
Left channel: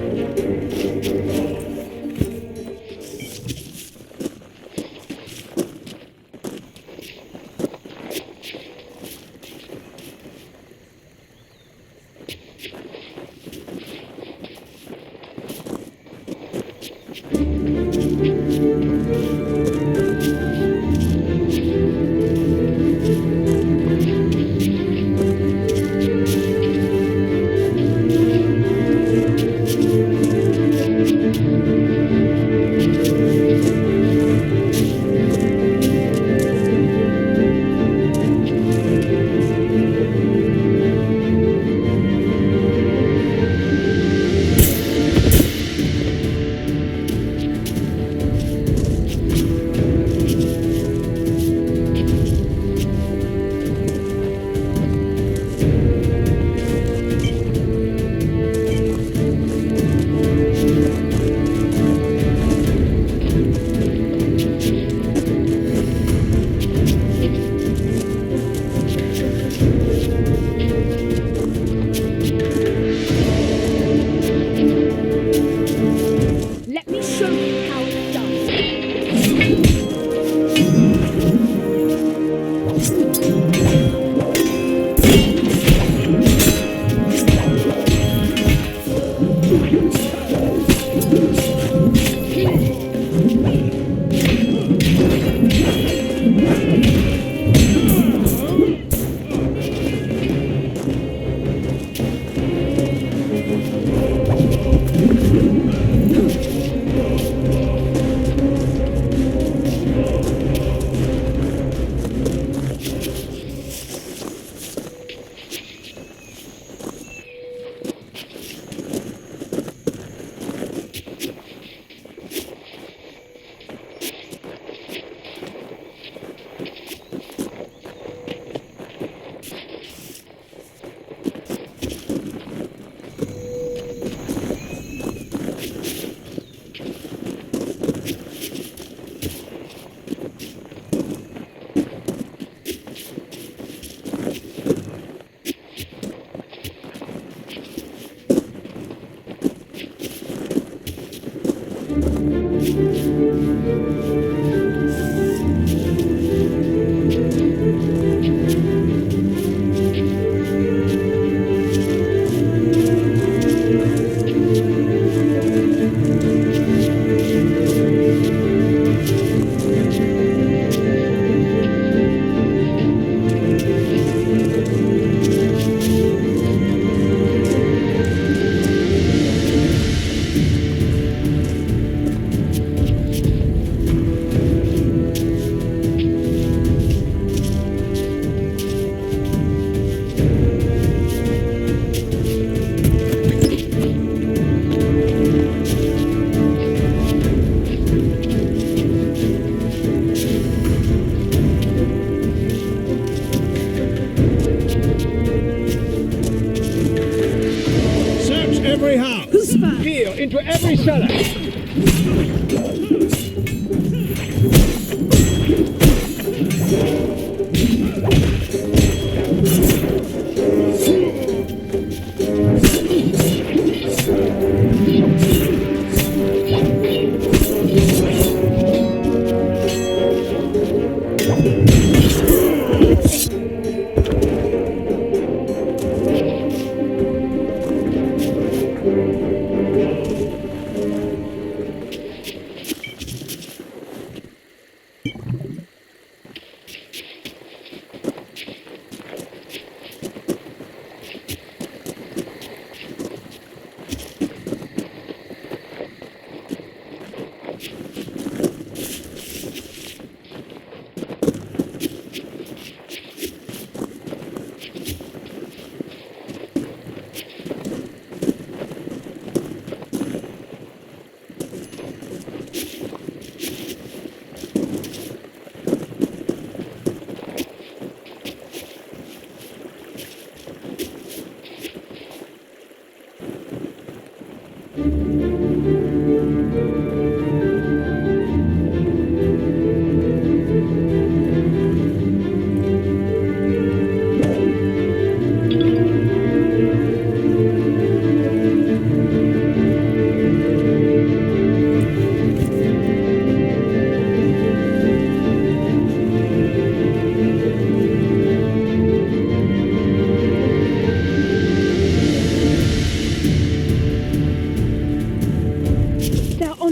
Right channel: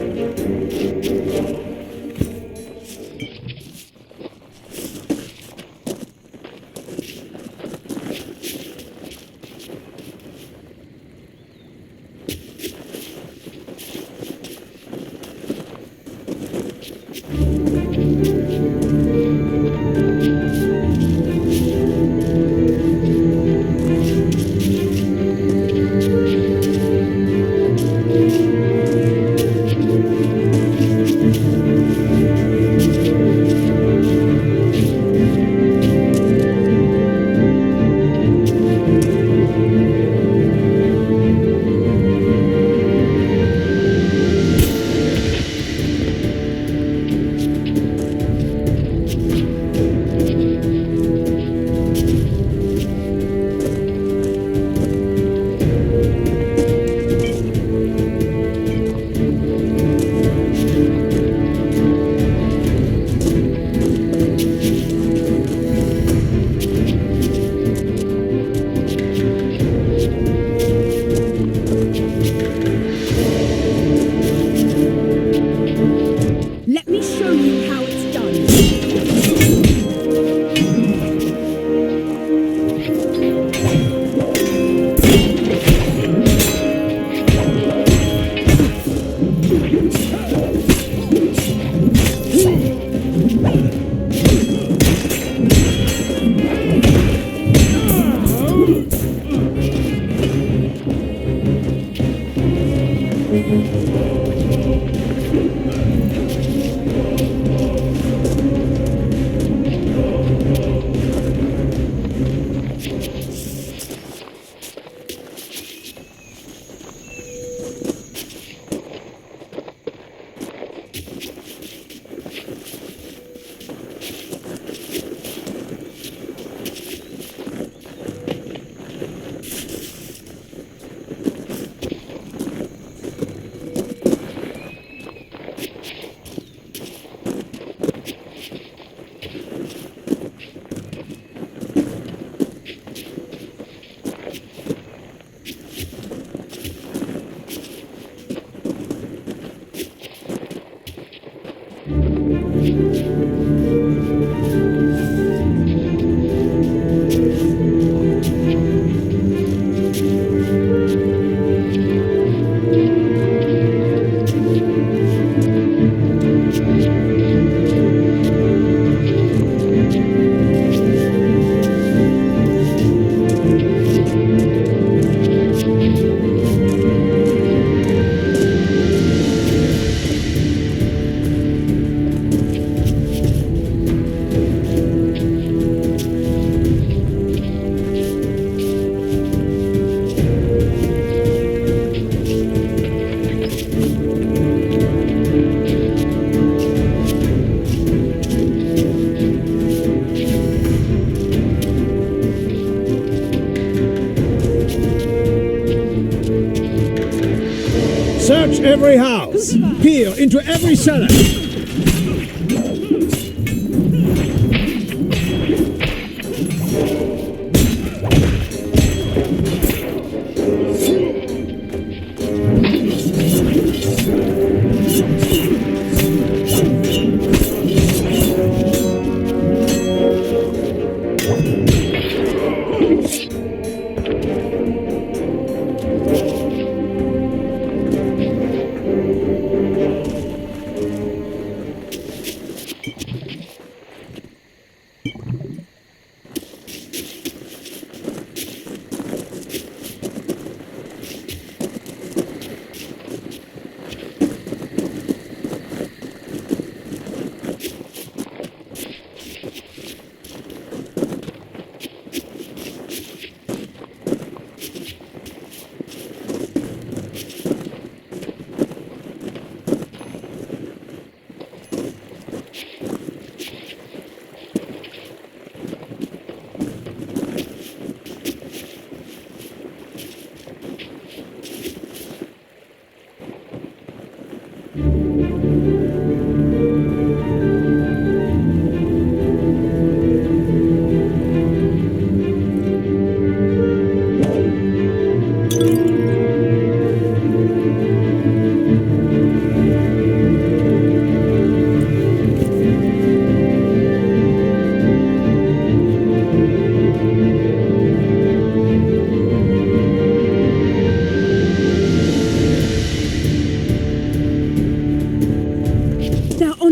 Search every house! Peer into every cellar!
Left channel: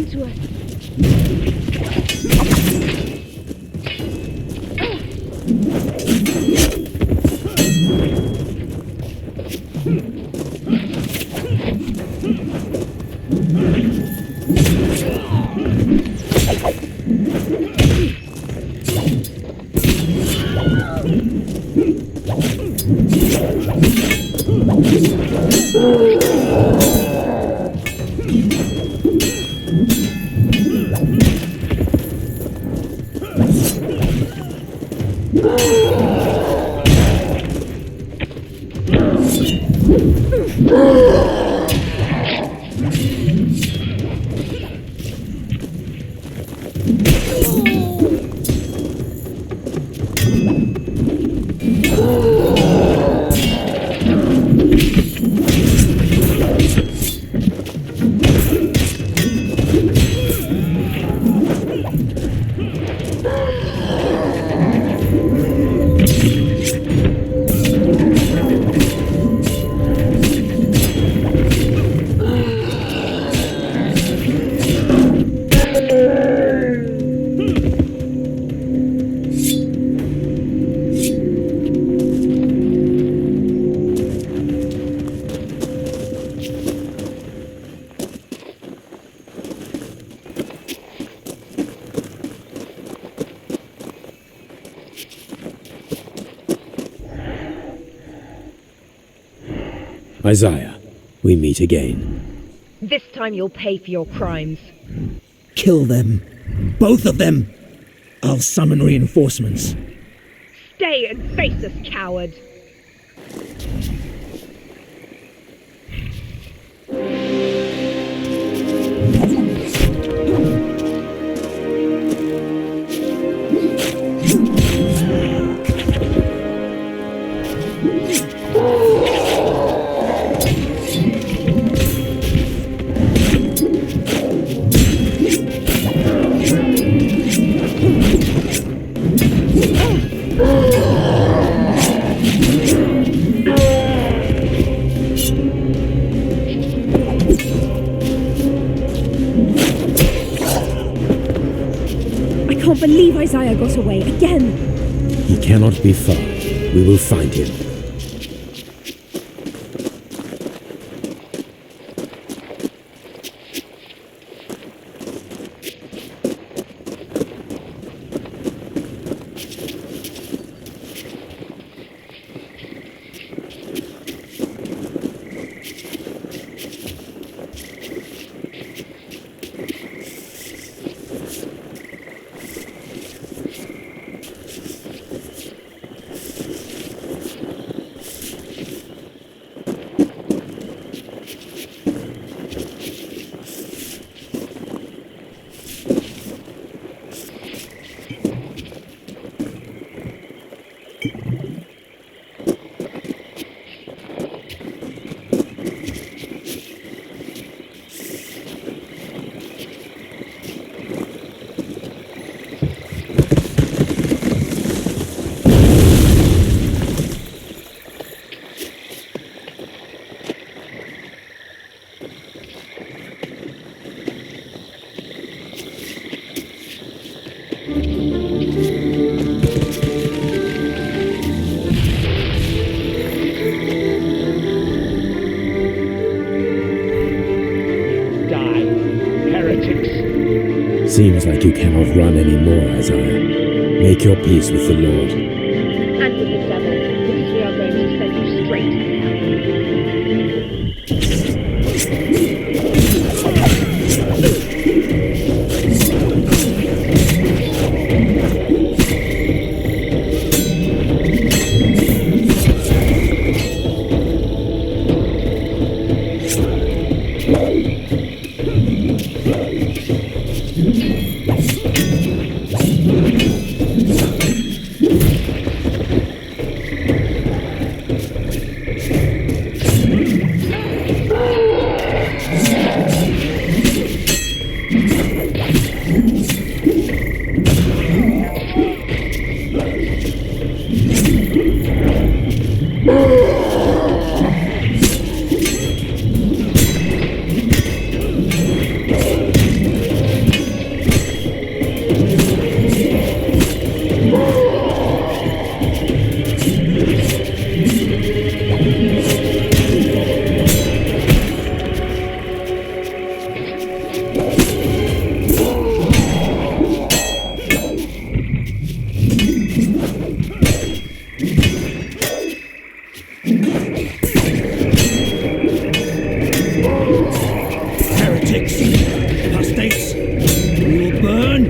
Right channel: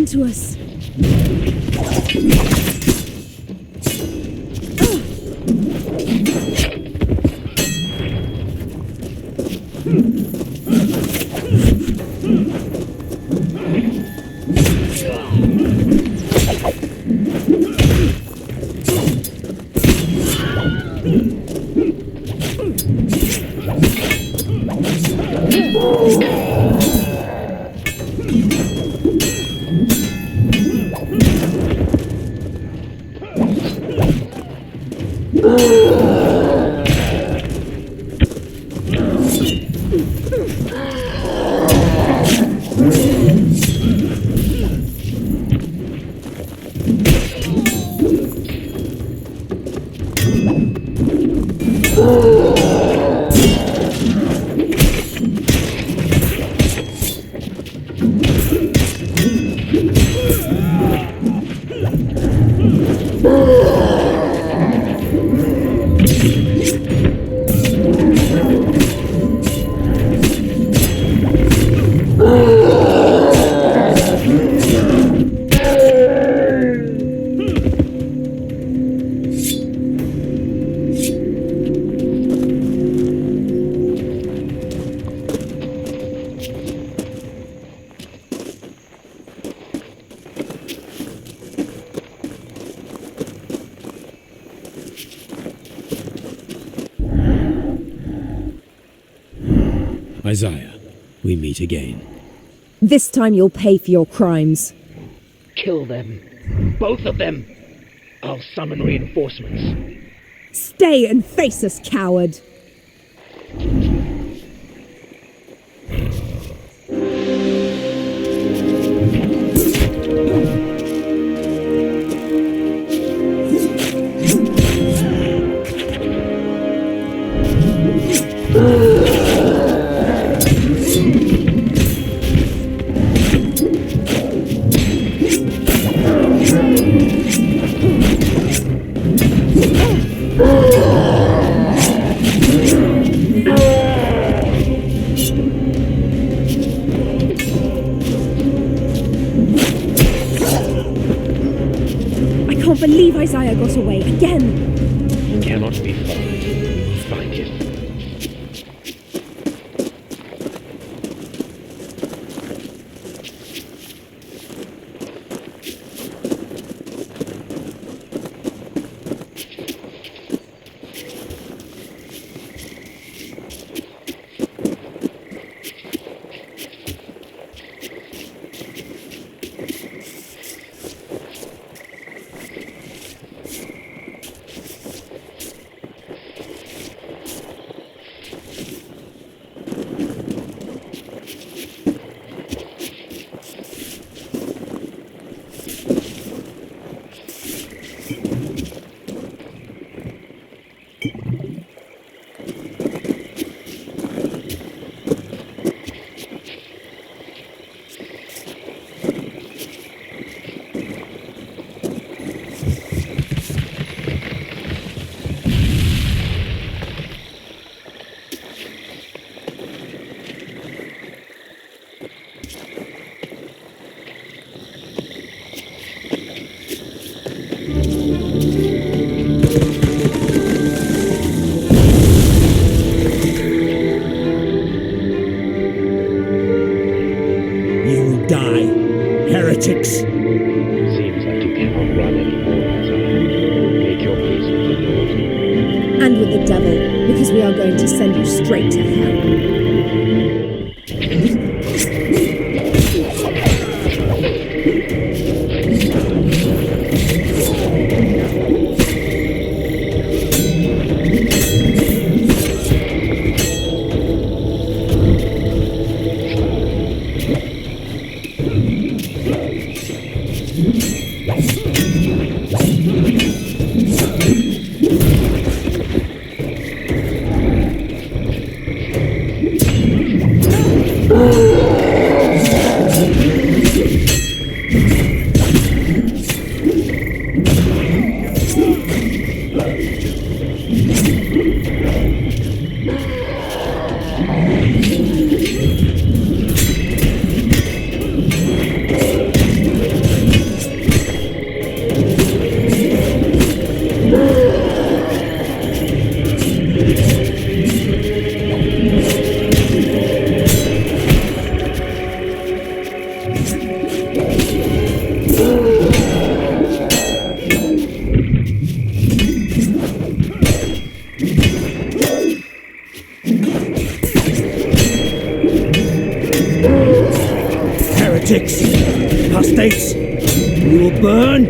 To us. Isaiah, we meet again. This time you'll pay for your crimes. Kill them. Both of them. I'll summon reinforcements. Stay and face us, coward. I can't believe Isaiah got away again. He cannot be far. We will find him. You will die. Heretics! Seems like you cannot run anymore, Isaiah. Make your peace with the Lord. And with the devil, because we are going to send you straight to hell. Heretics! Apostates! You will burn!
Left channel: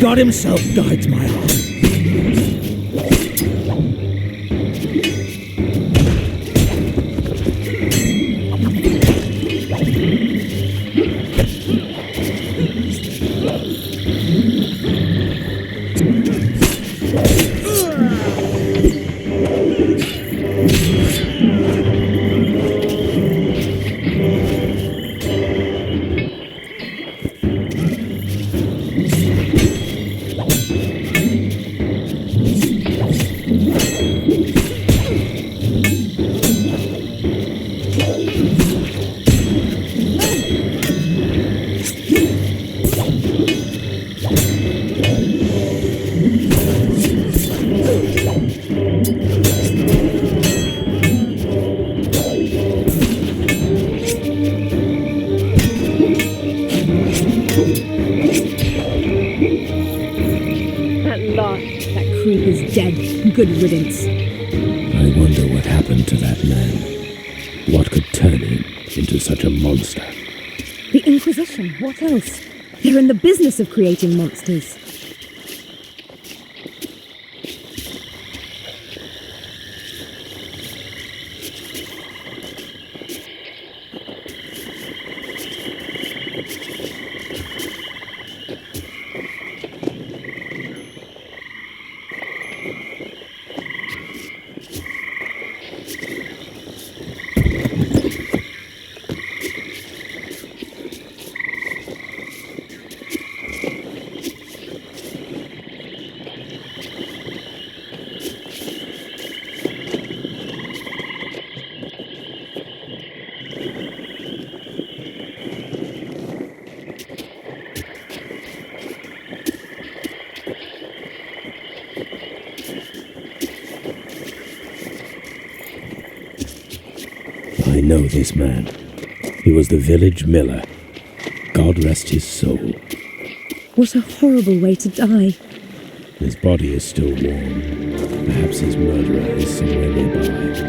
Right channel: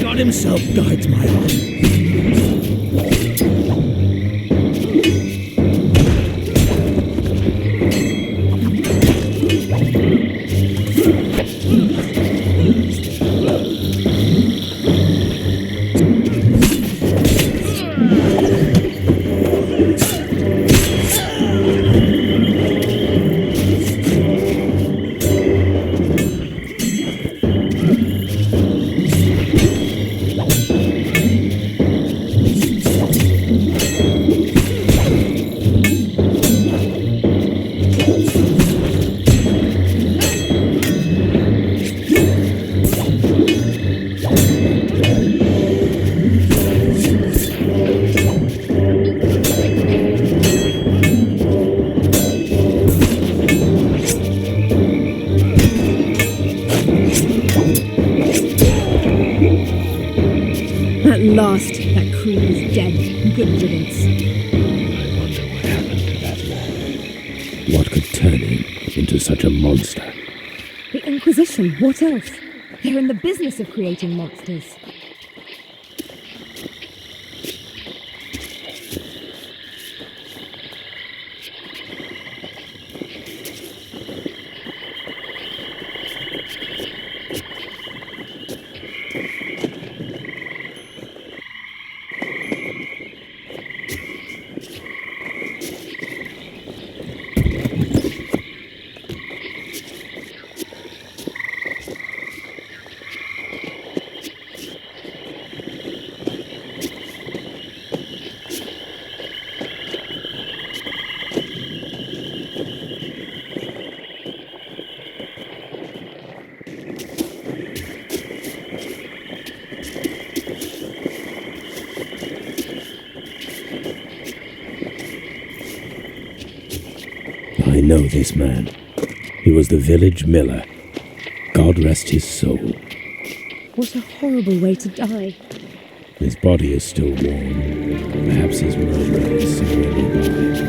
God himself guides my arm. Good riddance. I wonder what happened to that man. What could turn him into such a monster? The Inquisition, what else? They're in the business of creating monsters. know this man. He was the village miller. God rest his soul. What a horrible way to die. His body is still warm. Perhaps his murderer is somewhere nearby.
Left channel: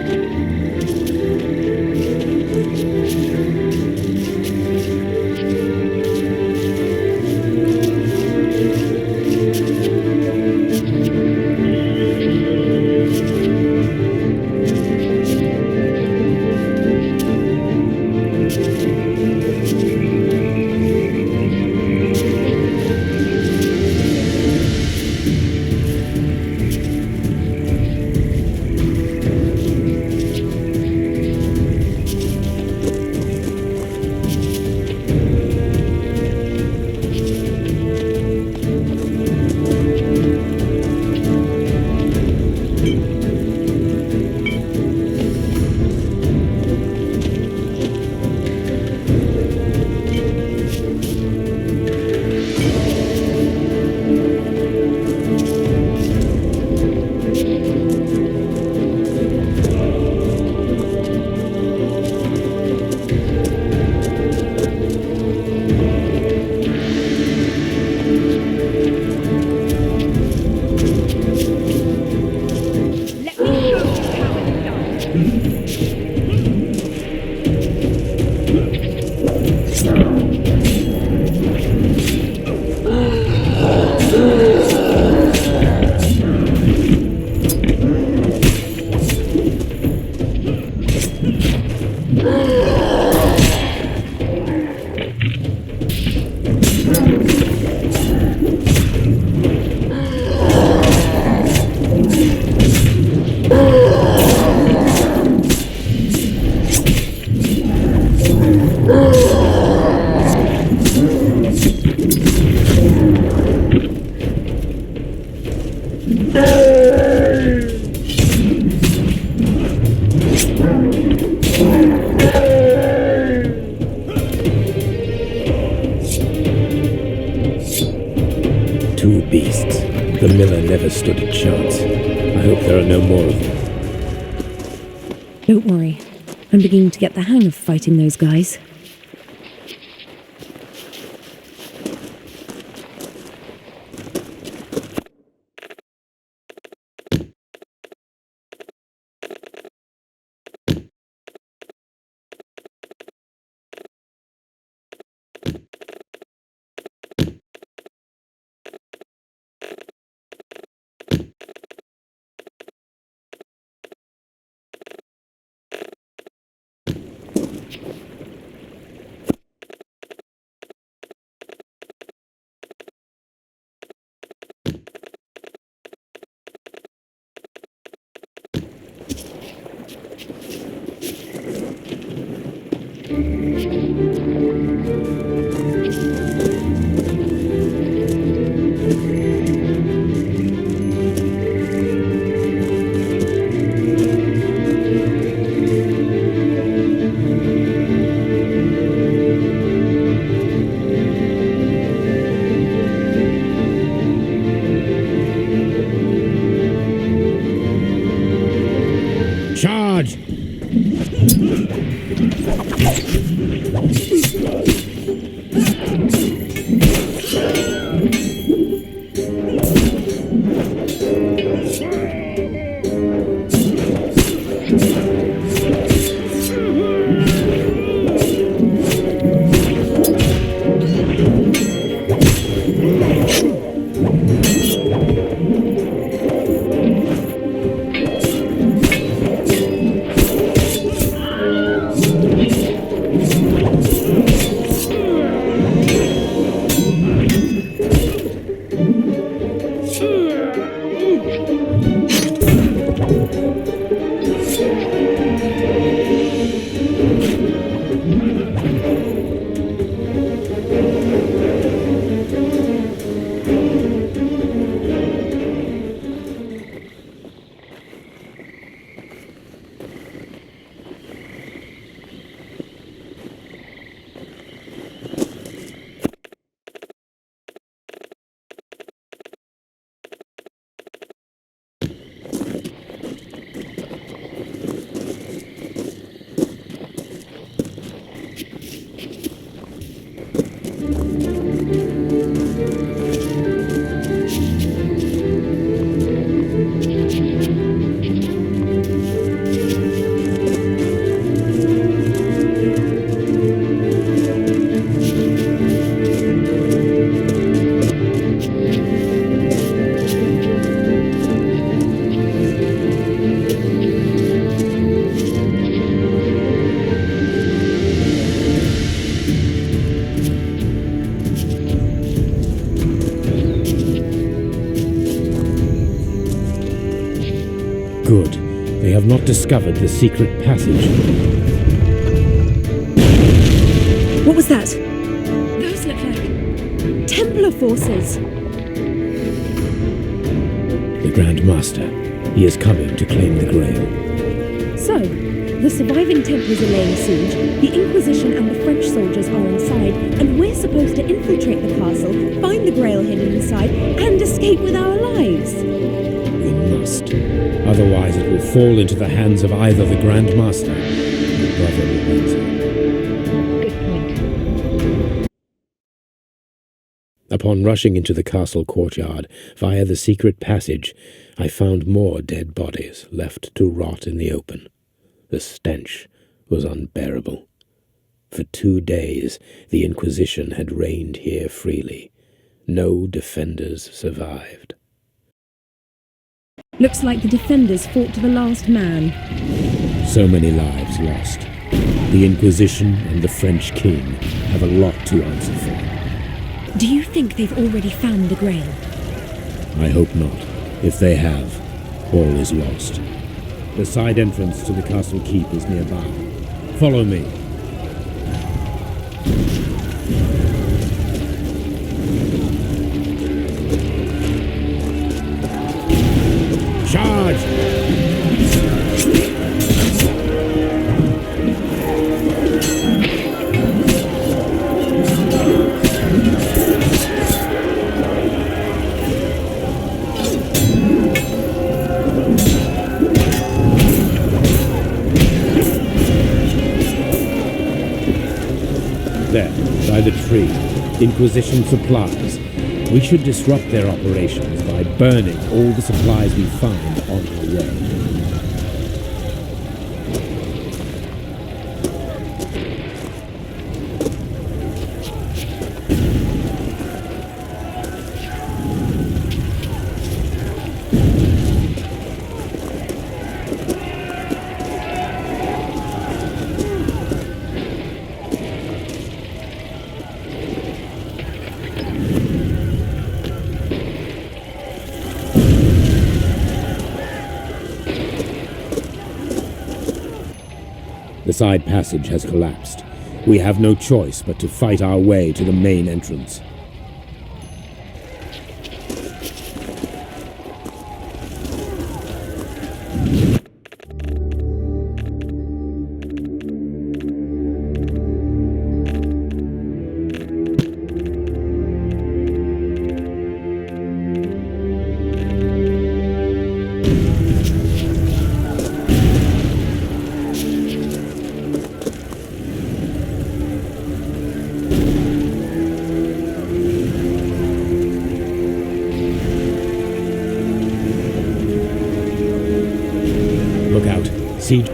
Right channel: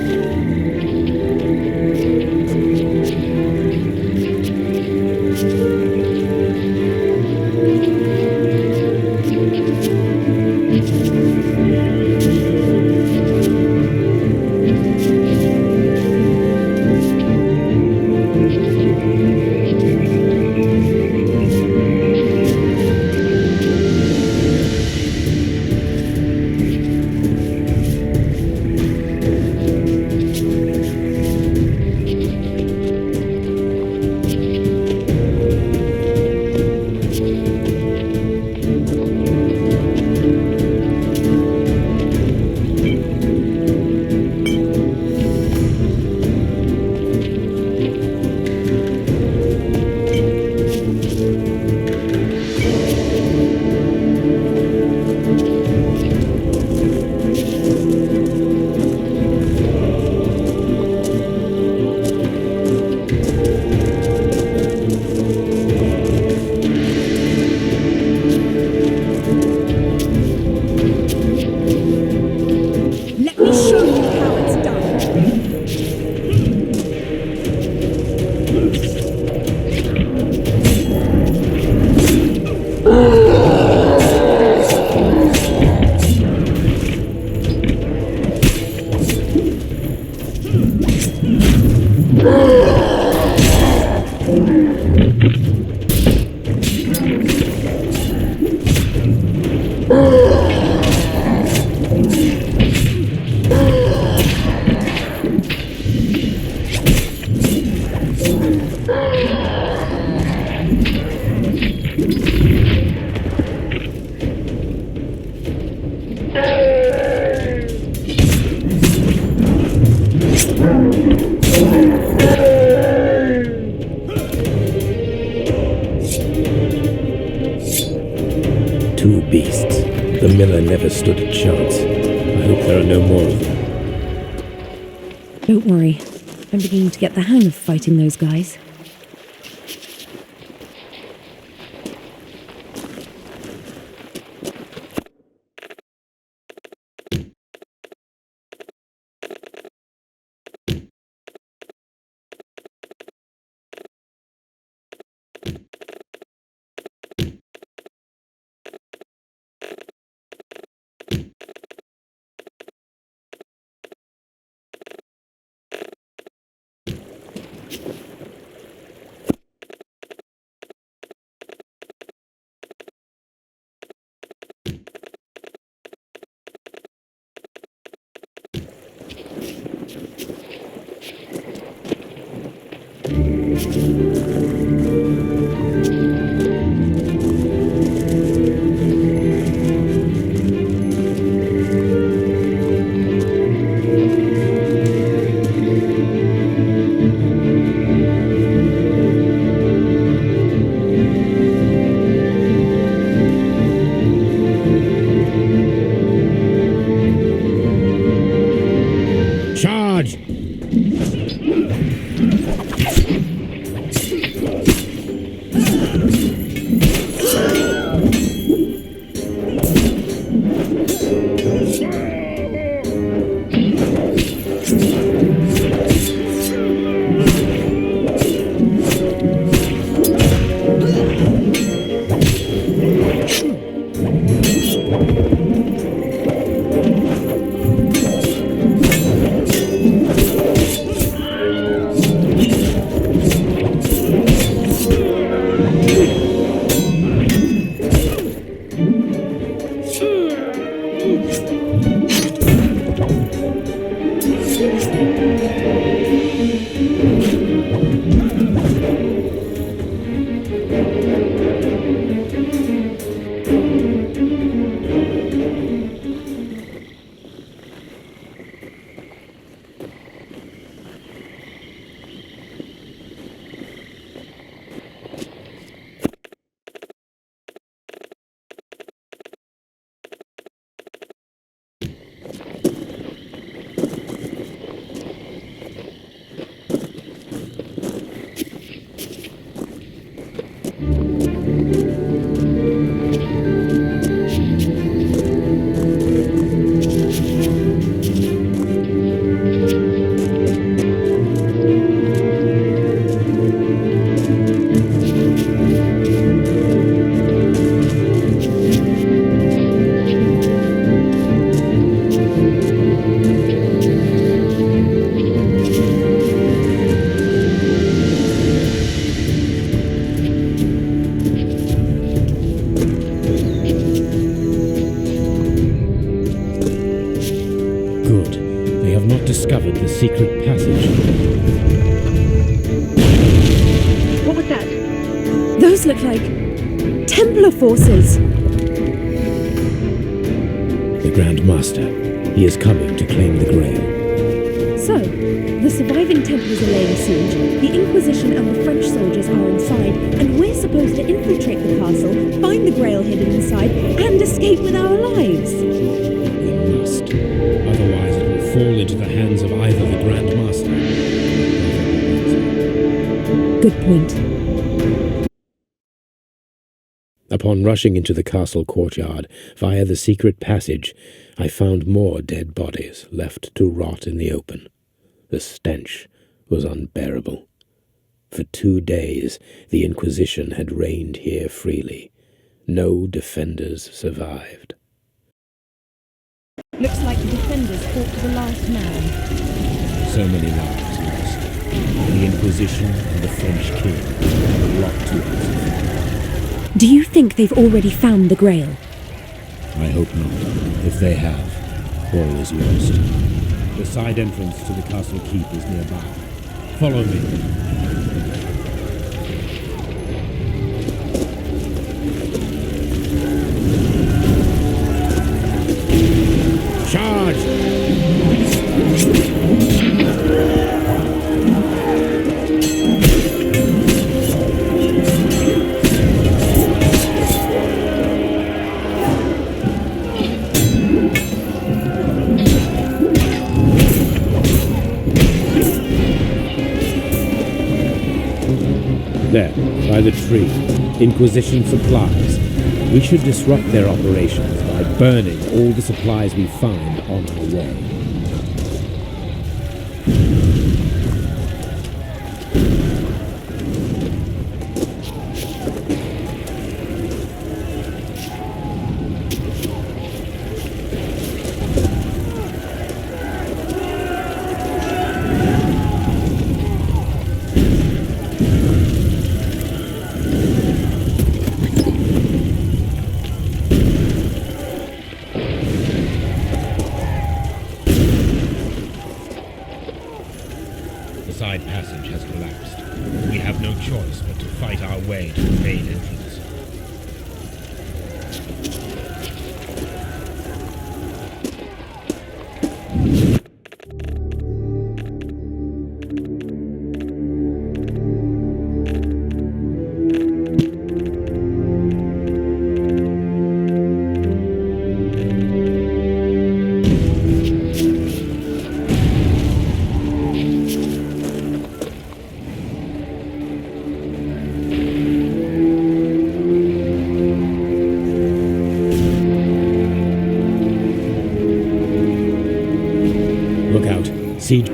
Two beasts. The miller never stood a chance. I hope there are no more of them. Don't worry. I'm beginning to get the hang of fighting those guys. Charge! Good. They have not discovered the secret passage. What was that? Those look like Templar forces. The Grand Master. He is coming to claim the Grail. So, the surviving Templars are laying siege, the Inquisition and the French soldiers are inside, and we're supposed to infiltrate the castle, find the Grail hidden inside, and escape with our lives. We must. Otherwise it will fall into the hands of either the Grand Master or Brother Lorenzo. Good point. Upon rushing into the castle courtyard via the secret passage, I found more dead bodies left to rot in the open. The stench was unbearable. For 2 days the Inquisition had reigned here freely. No defenders survived. Looks like the defenders fought to the last man. So many lives lost. The Inquisition and the French king have a lot to answer for. Do you think they've already found the Grail? I hope not. If they have, all is lost. The side entrance to the castle keep is nearby. Follow me. Charge! There, by the tree. Inquisition supplies. We should disrupt their operations by burning all the supplies we find on our way. The side passage has collapsed. We have no choice but to fight our way to the main entrance. Look out. Siege.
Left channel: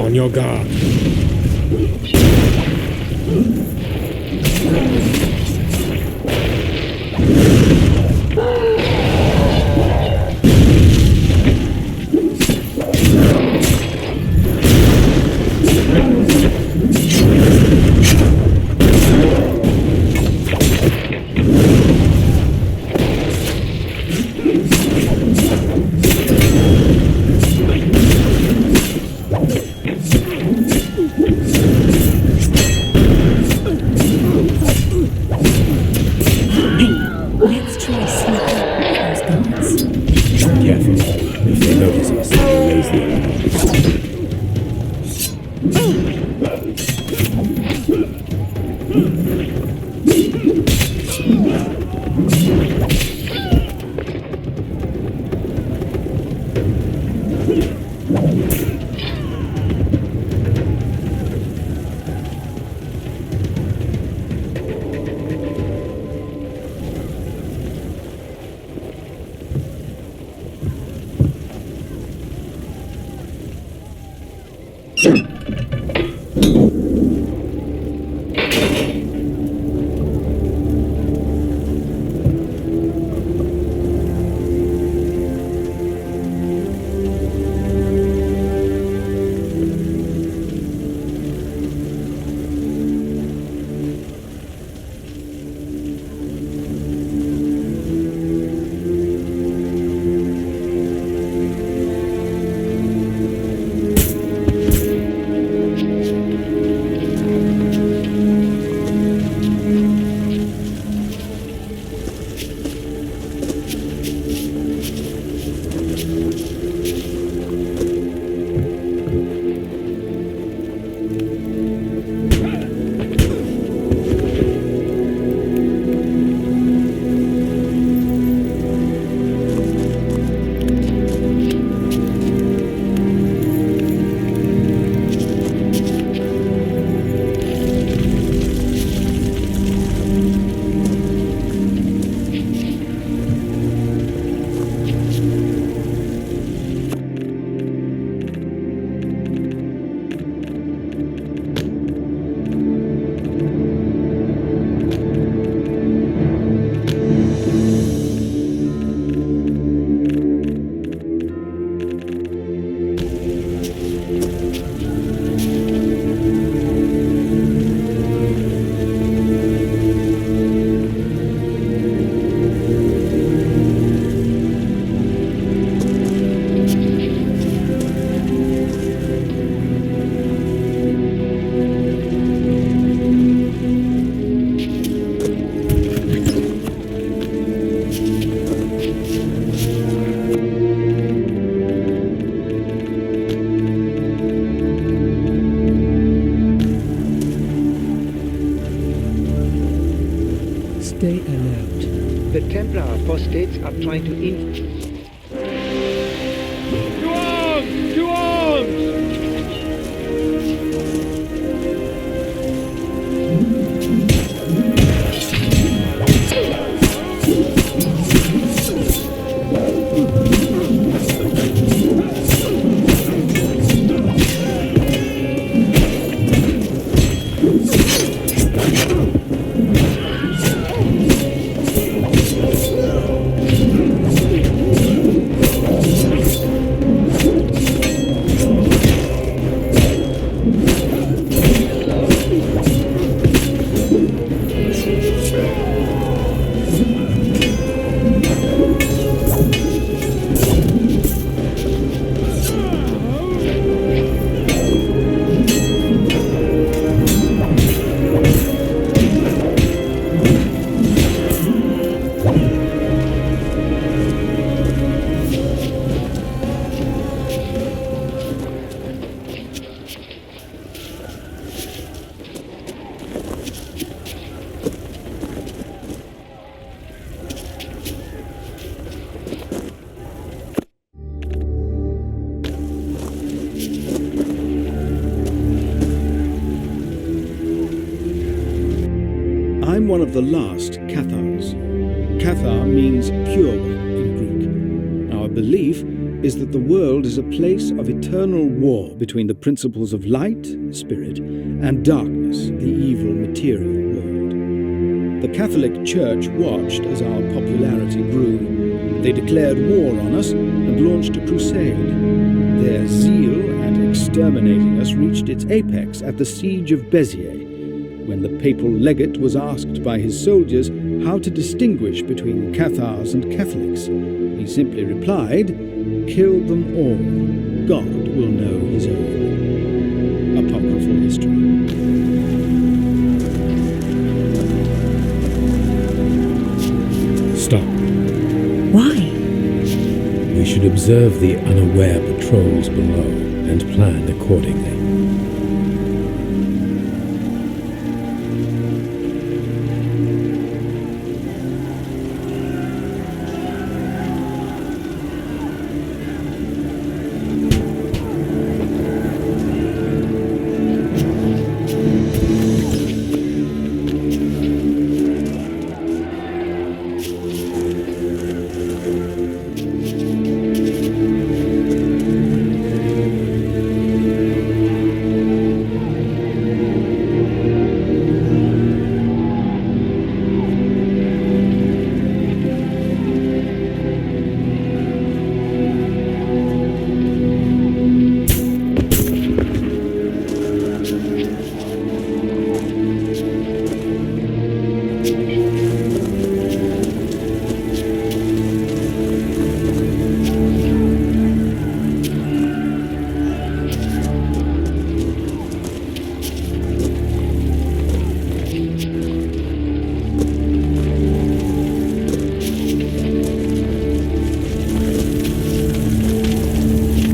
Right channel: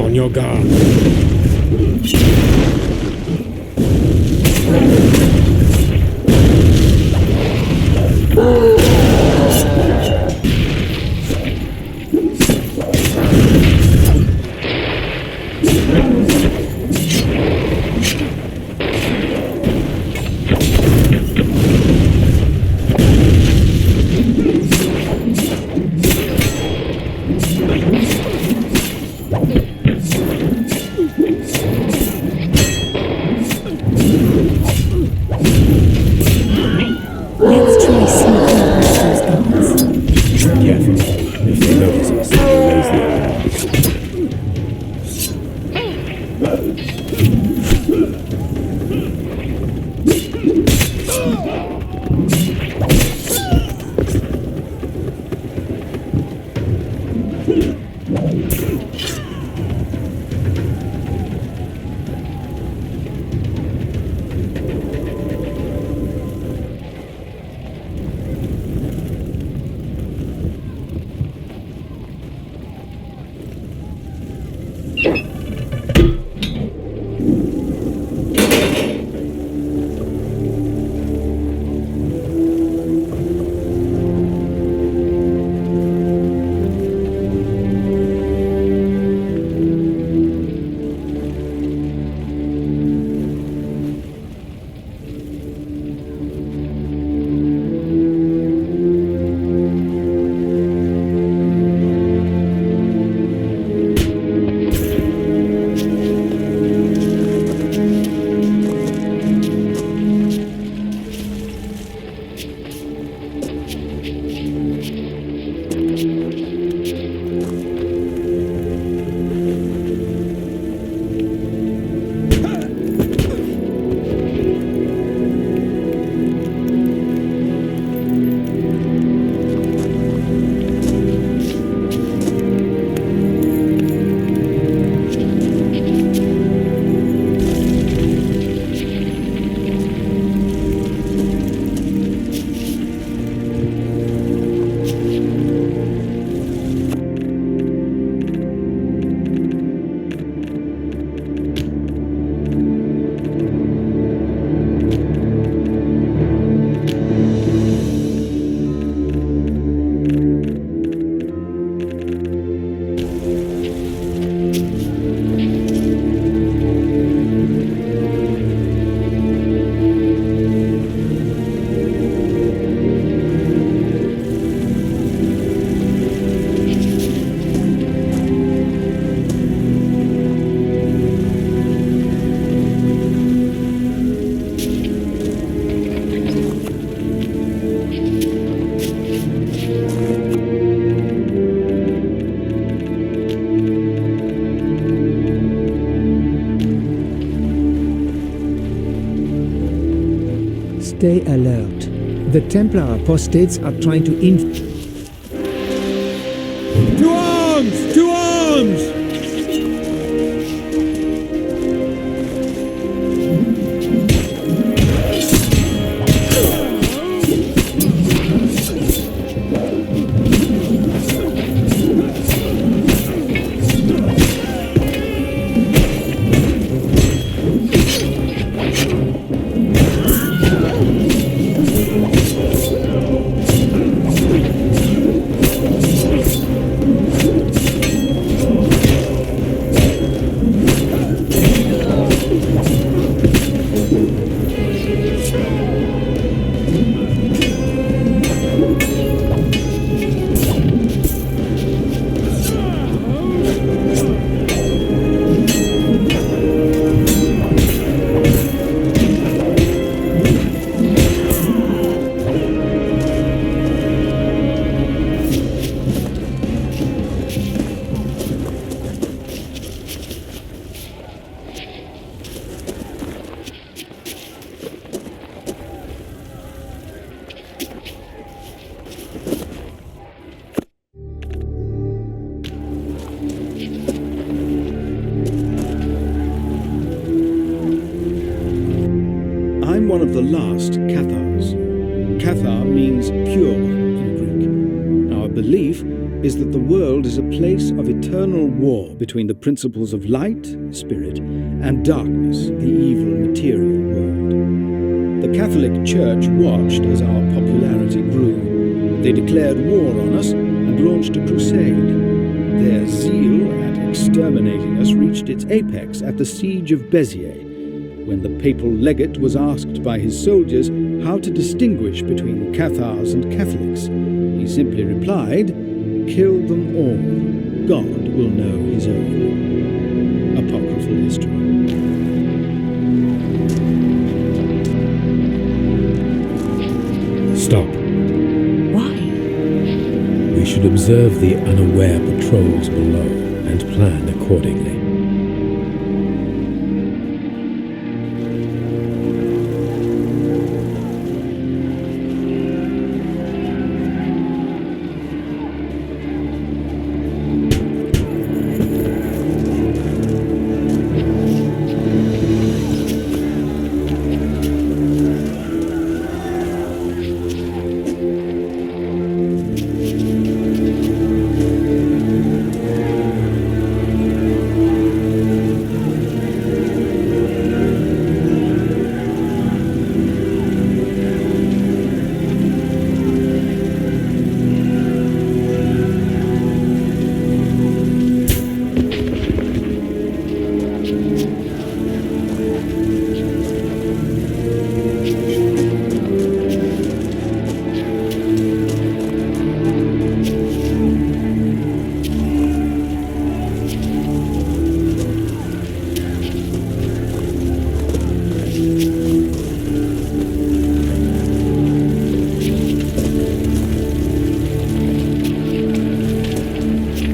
On your guard. Stay alert. The Templar apostates are trying to To arms! To arms! I'm one of the last Cathars. Cathar means pure one in Greek. Our belief is that the world is a place of eternal war between the principles of light, spirit, and darkness, the evil material world. The Catholic Church watched as our popularity grew. They declared war on us and launched a crusade. Their zeal at exterminating us reached its apex at the siege of Béziers, when the papal legate was asked by his soldiers how to distinguish between Cathars and Catholics. He simply replied, "Kill them all. God will know his own." Apocryphal history. Stop. Why? We should observe the unaware patrols below and plan accordingly.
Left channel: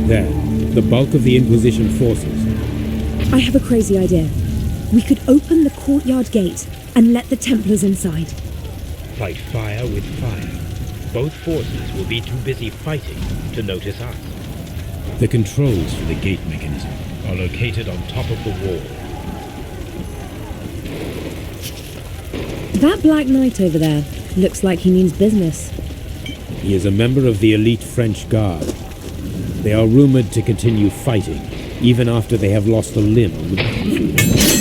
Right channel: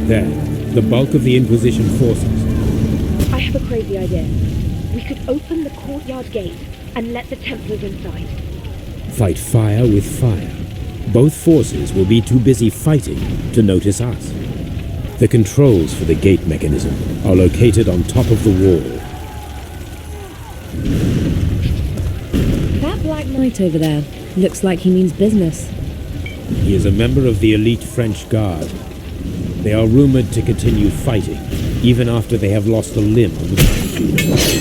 There, the bulk of the Inquisition forces. I have a crazy idea. We could open the courtyard gate and let the Templars inside. Fight fire with fire. Both forces will be too busy fighting to notice us. The controls for the gate mechanism are located on top of the wall. That Black Knight over there looks like he means business. He is a member of the elite French Guard. They are rumored to continue fighting, even after they have lost a limb on the battlefield.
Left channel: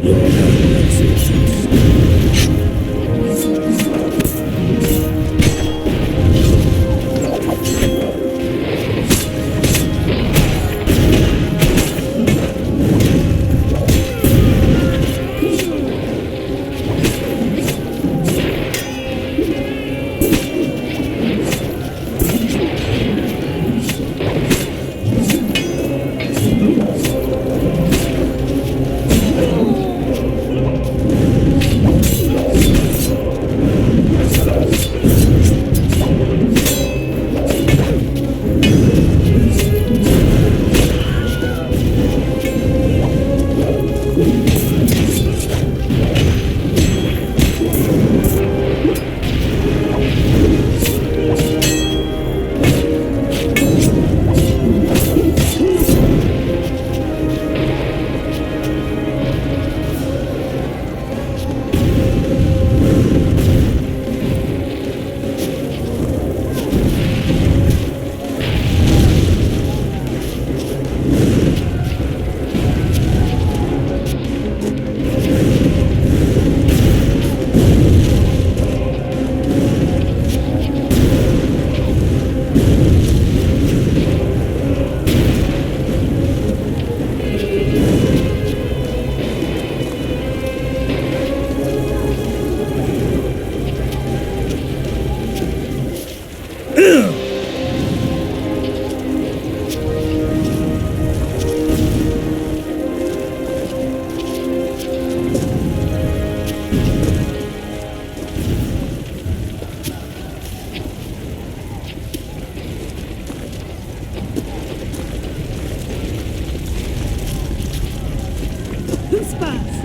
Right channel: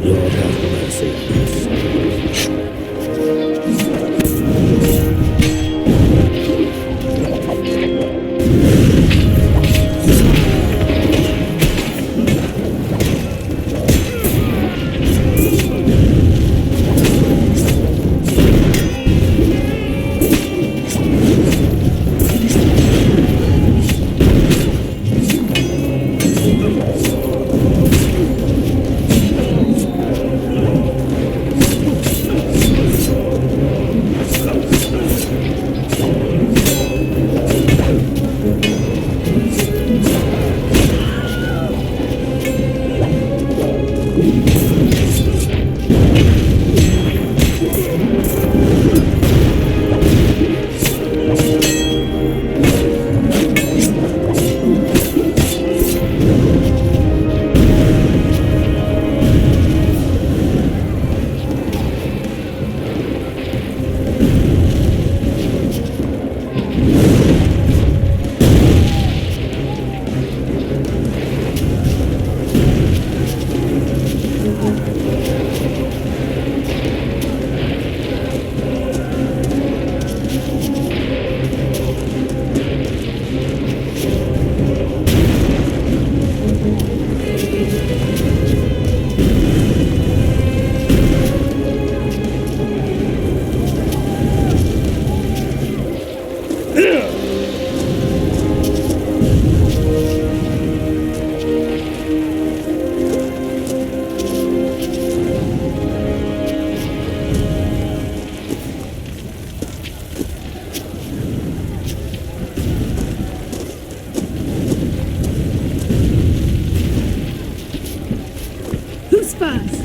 Lord have mercy on us. Who's first?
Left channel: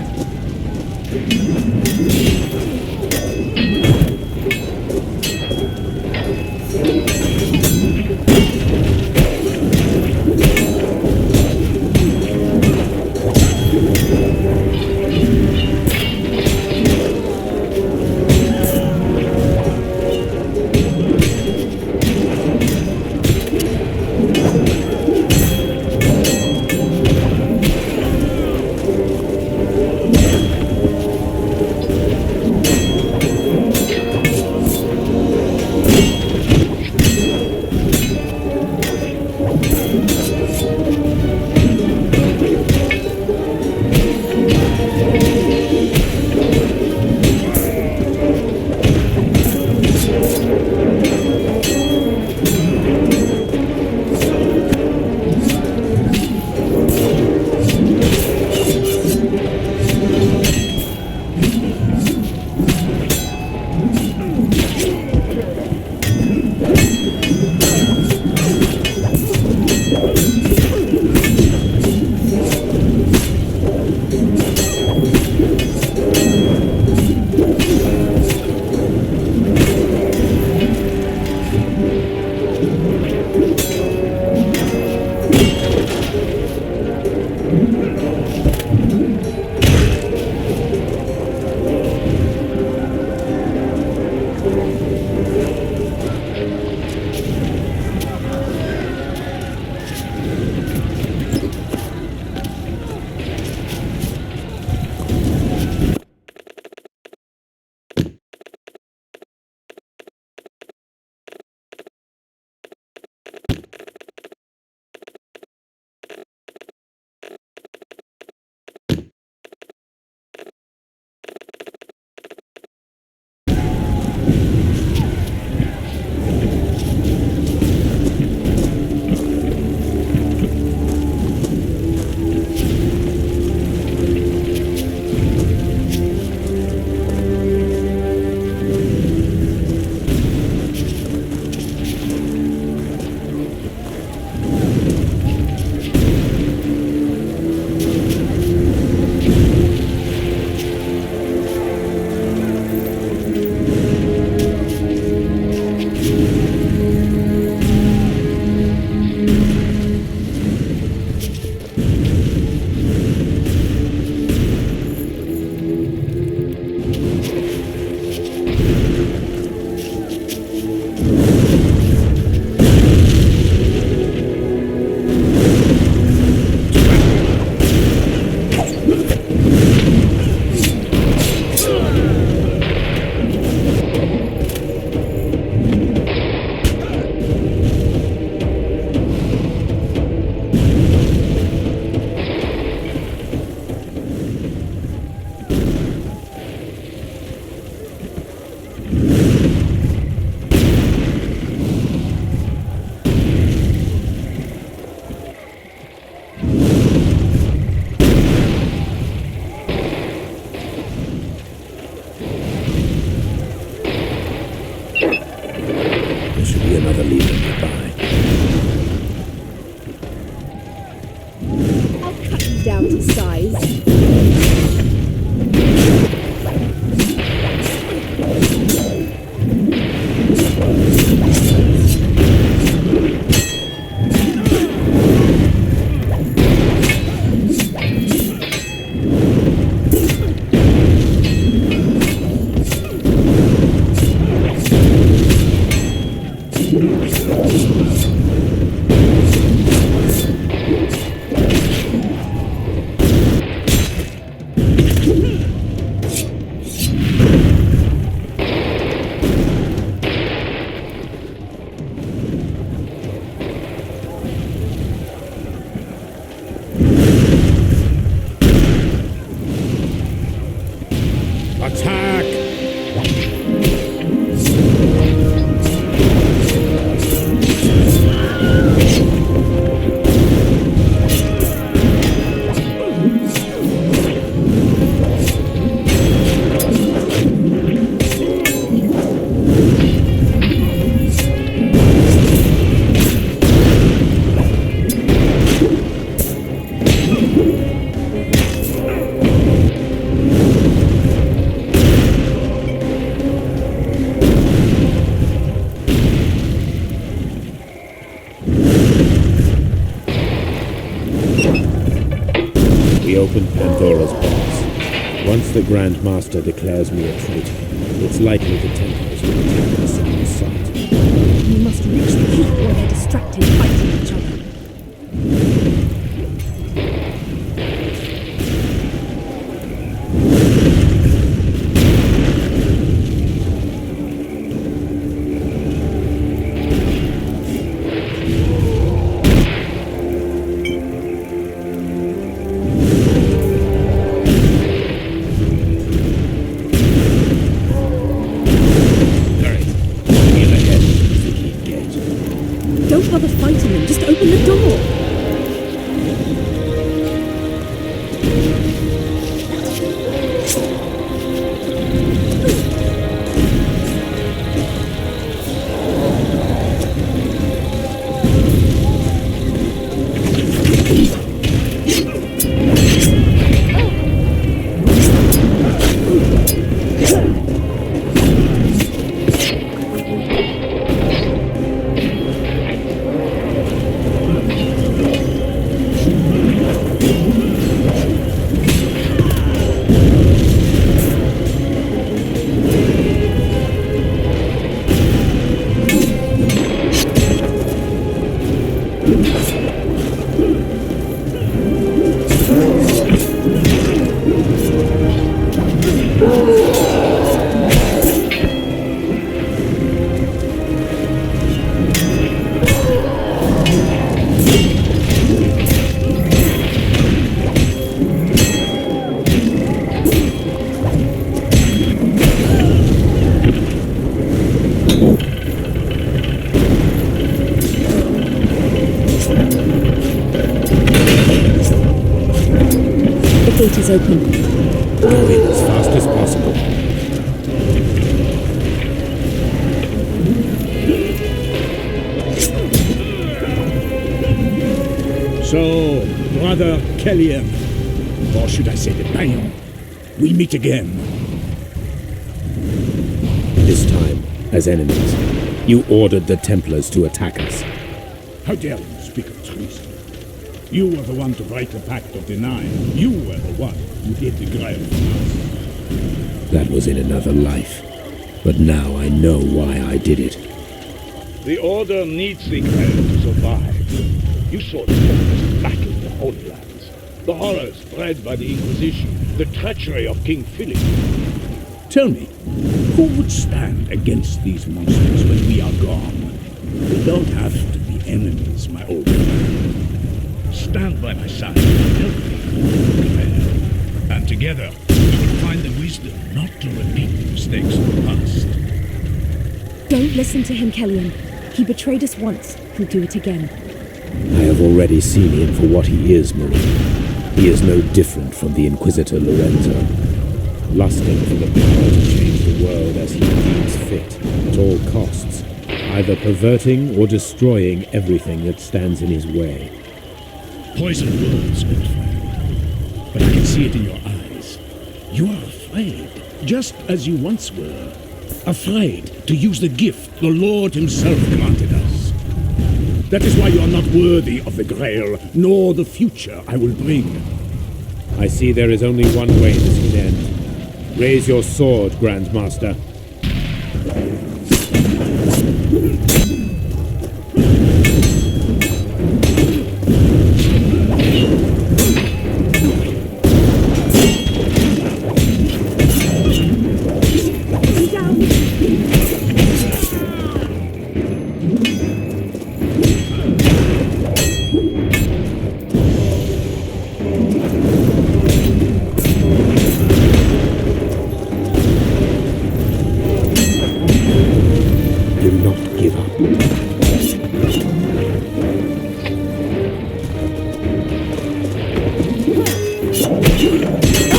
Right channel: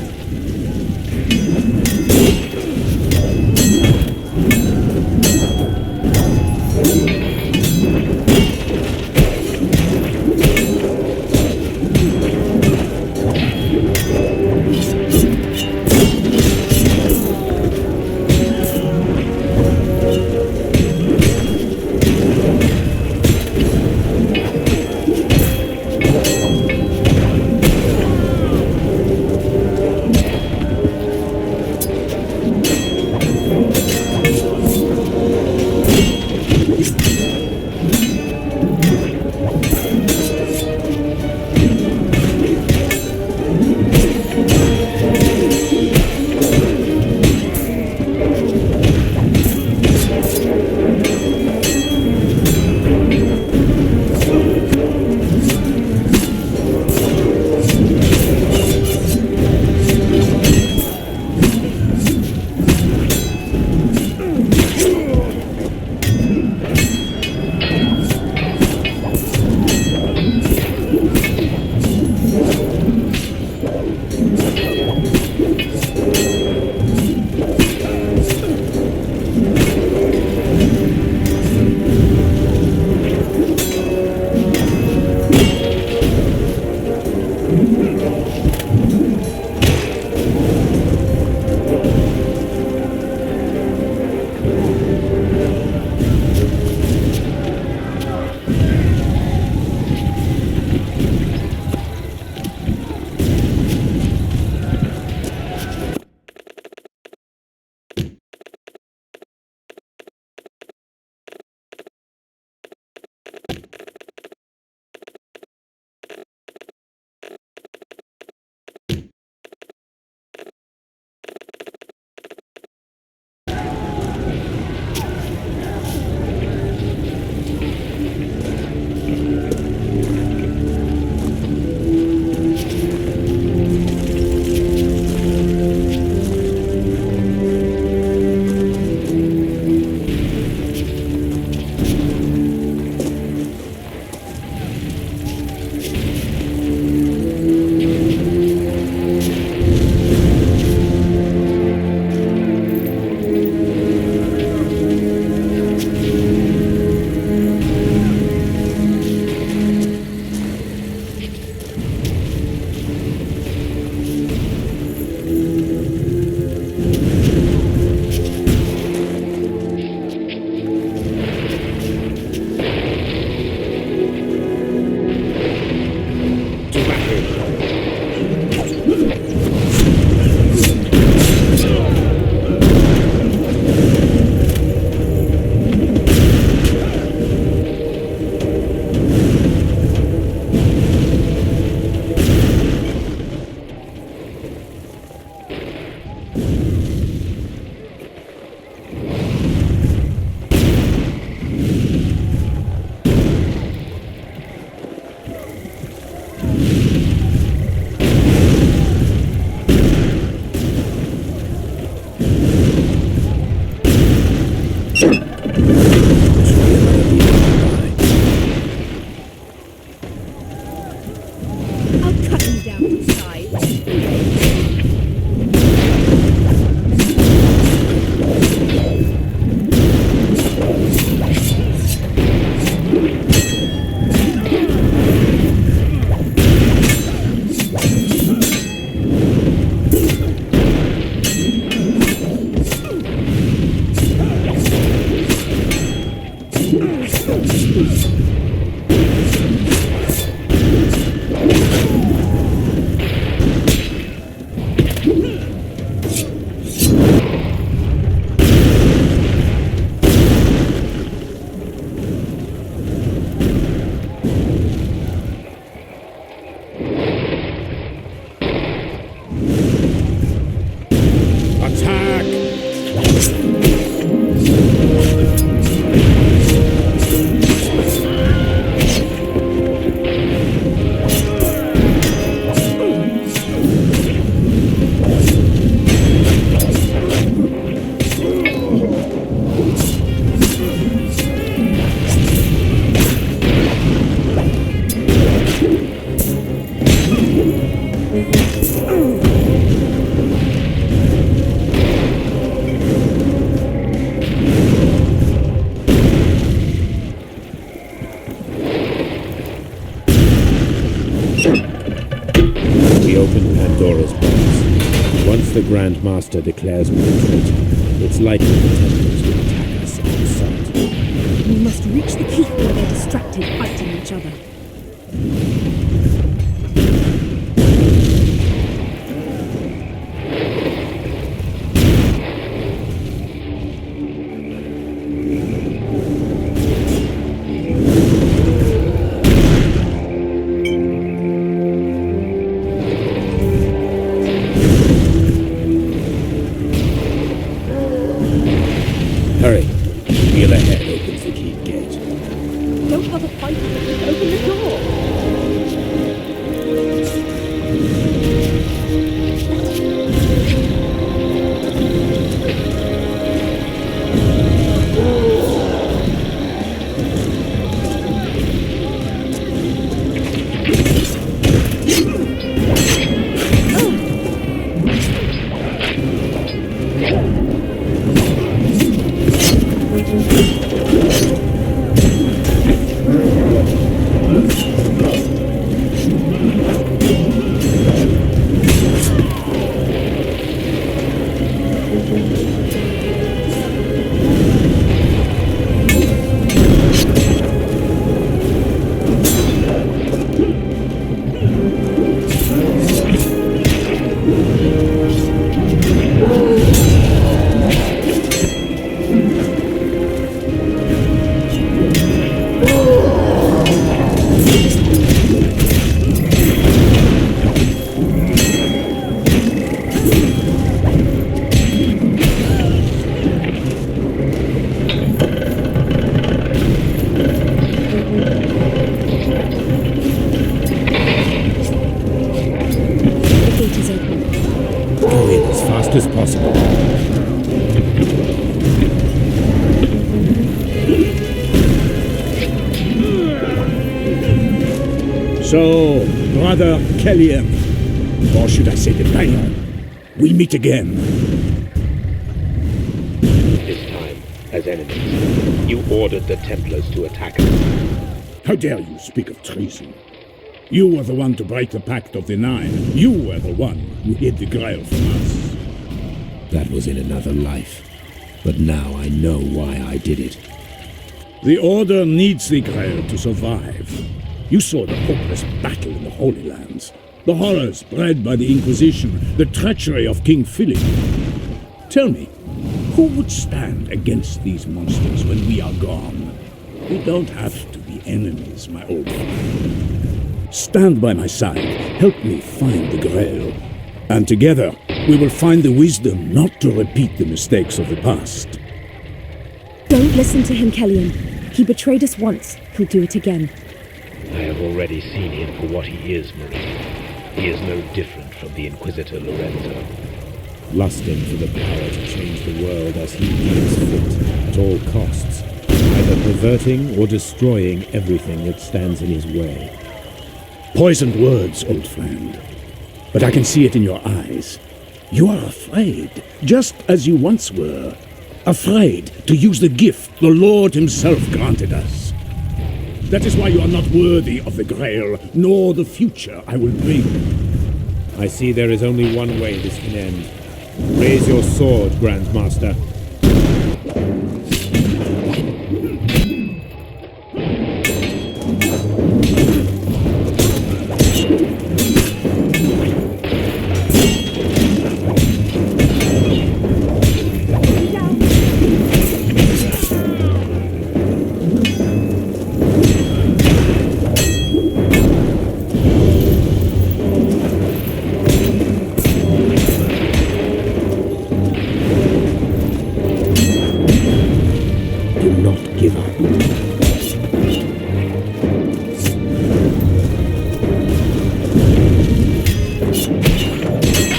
There should be another leader nearby. I'll cut you down to size. Attack! We open Pandora's box. Once the Grand Master declares me a traitor, it's likely the Templars will attack us on sight. We must reach the keep where they're distracted fighting each other. Hurry. Wheel ahead opens the keep gate. Don't bother fighting them, just open the door. The gate is open. Go in as fast as possible. So, Brother Kellyan, or should I say the Bayon, we meet again. This time, as enemies, you ordered the Templars to attack us. How dare you speak of treason? You were the one to break the Pact of the Nine. You were the one who hid the Grail from us. That was in another life. But now I know why I did it. The Order needs the Grail to survive. You saw the hopeless battle in the Holy Lands. The horrors bred by the Inquisition. The treachery of King Philip. Tell me, who would stand against these monsters when we are gone? We don't have to be enemies, my old friend. Stand by my side. Help me find the Grail. And together, we will find the wisdom not to repeat the mistakes of the past. Don't listen to him, Kellyan. He betrayed us once. He'll do it again. I have already seen him for what he is, Marie. He is no different from the Inquisitor Lorenzo. lusting for the power to change the world as he deems fit, at all costs, either perverting or destroying everything that stands in his way. Poisoned words, old friend. But I can see it in your eyes. You are afraid, just as you once were. Afraid to use the gift the Lord himself granted us. That is why you are not worthy of the Grail, nor the future I will bring. I see there is only one way this can end. Raise your sword, Grand Master.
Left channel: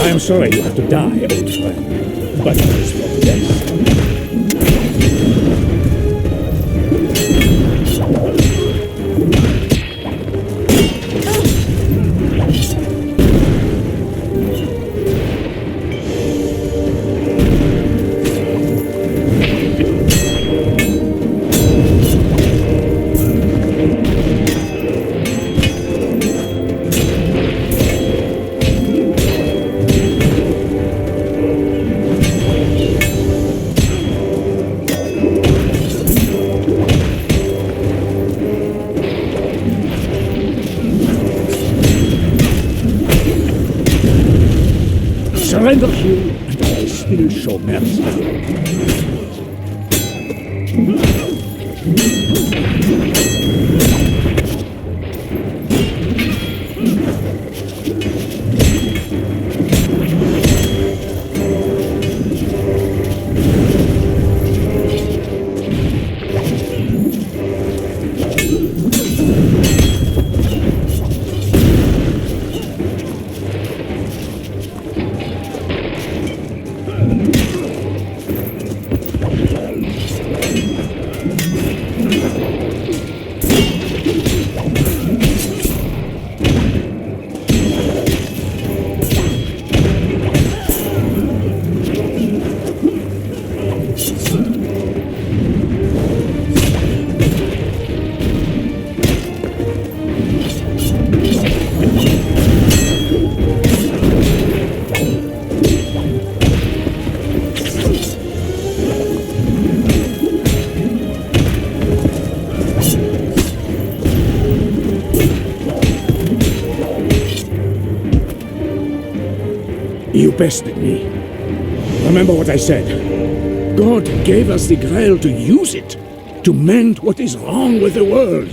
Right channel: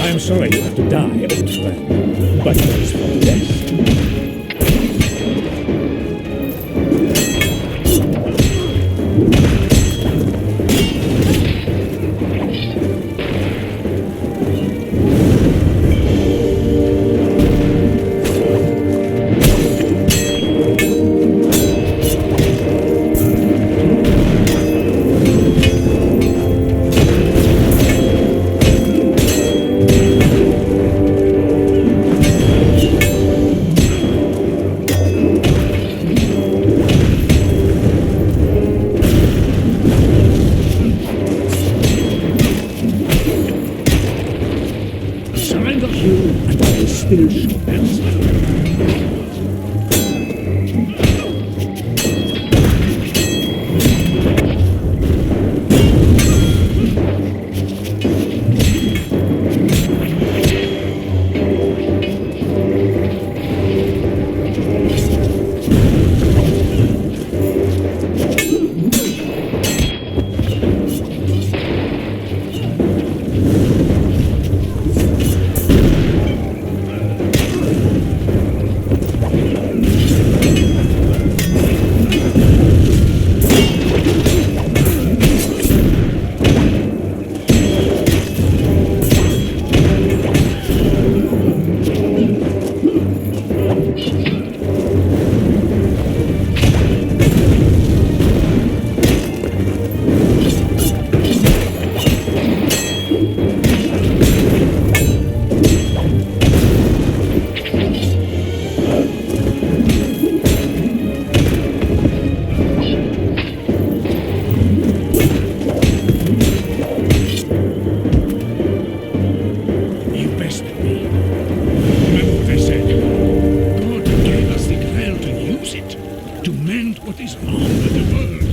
I am sorry you have to die, old friend, but it is for the best. Surrender, Hugh, and I will still show mercy. You bested me. Remember what I said. God gave us the Grail to use it, to mend what is wrong with the world.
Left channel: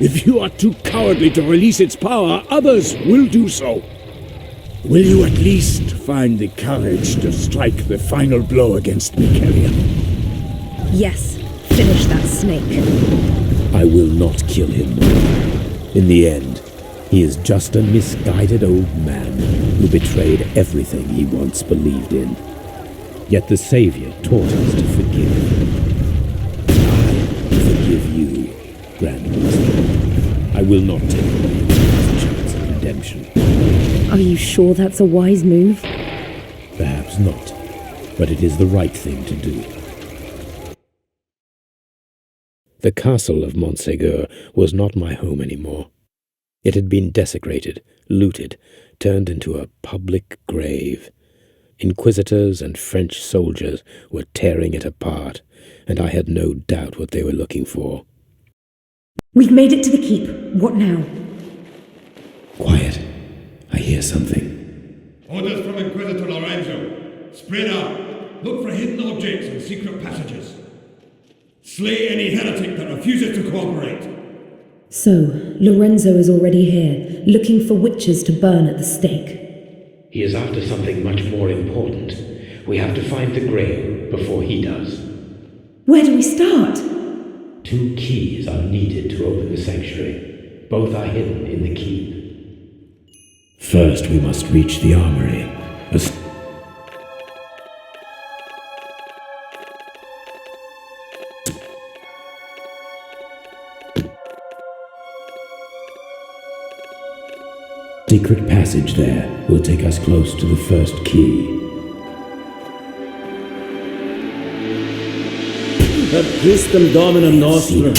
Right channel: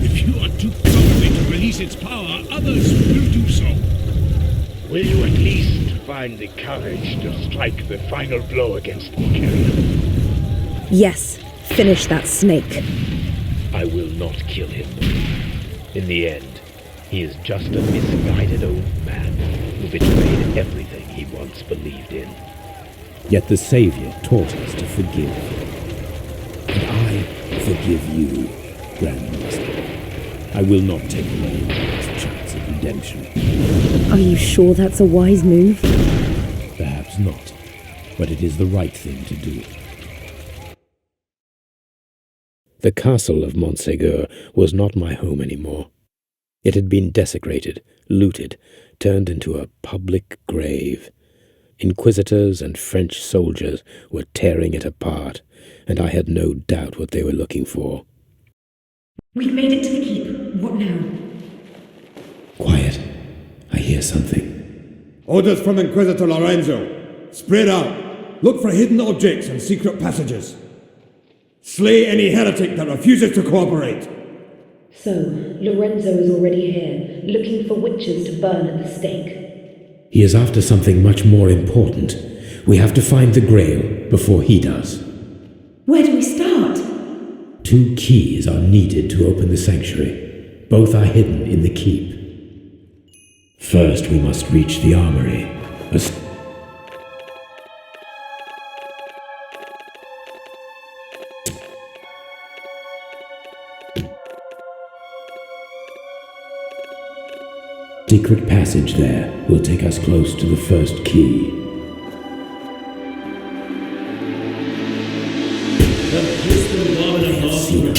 If you are too cowardly to release its power, others will do so. Will you at least find the courage to strike the final blow against me, Kelly? Yes, finish that snake. I will not kill him. In the end, he is just a misguided old man who betrayed everything he once believed in. Yet the Savior taught us to forgive. And I forgive you, Grand Master. I will not take away your last chance at redemption. Are you sure that's a wise move? Perhaps not, but it is the right thing to do. The castle of Montségur was not my home anymore. It had been desecrated, looted, turned into a public grave. Inquisitors and French soldiers were tearing it apart, and I had no doubt what they were looking for. We've made it to the keep. What now? Quiet. I hear something. Orders from Inquisitor Lorenzo. Spread out. Look for hidden objects and secret passages. Slay any heretic that refuses to cooperate. So, Lorenzo is already here, looking for witches to burn at the stake. He is after something much more important. We have to find the Grail before he does. Where do we start? 2 keys are needed to open the sanctuary. Both are hidden in the keep. First, we must reach the armory. secret passage there will take us close to the first key. Per Christum Dominum nostrum.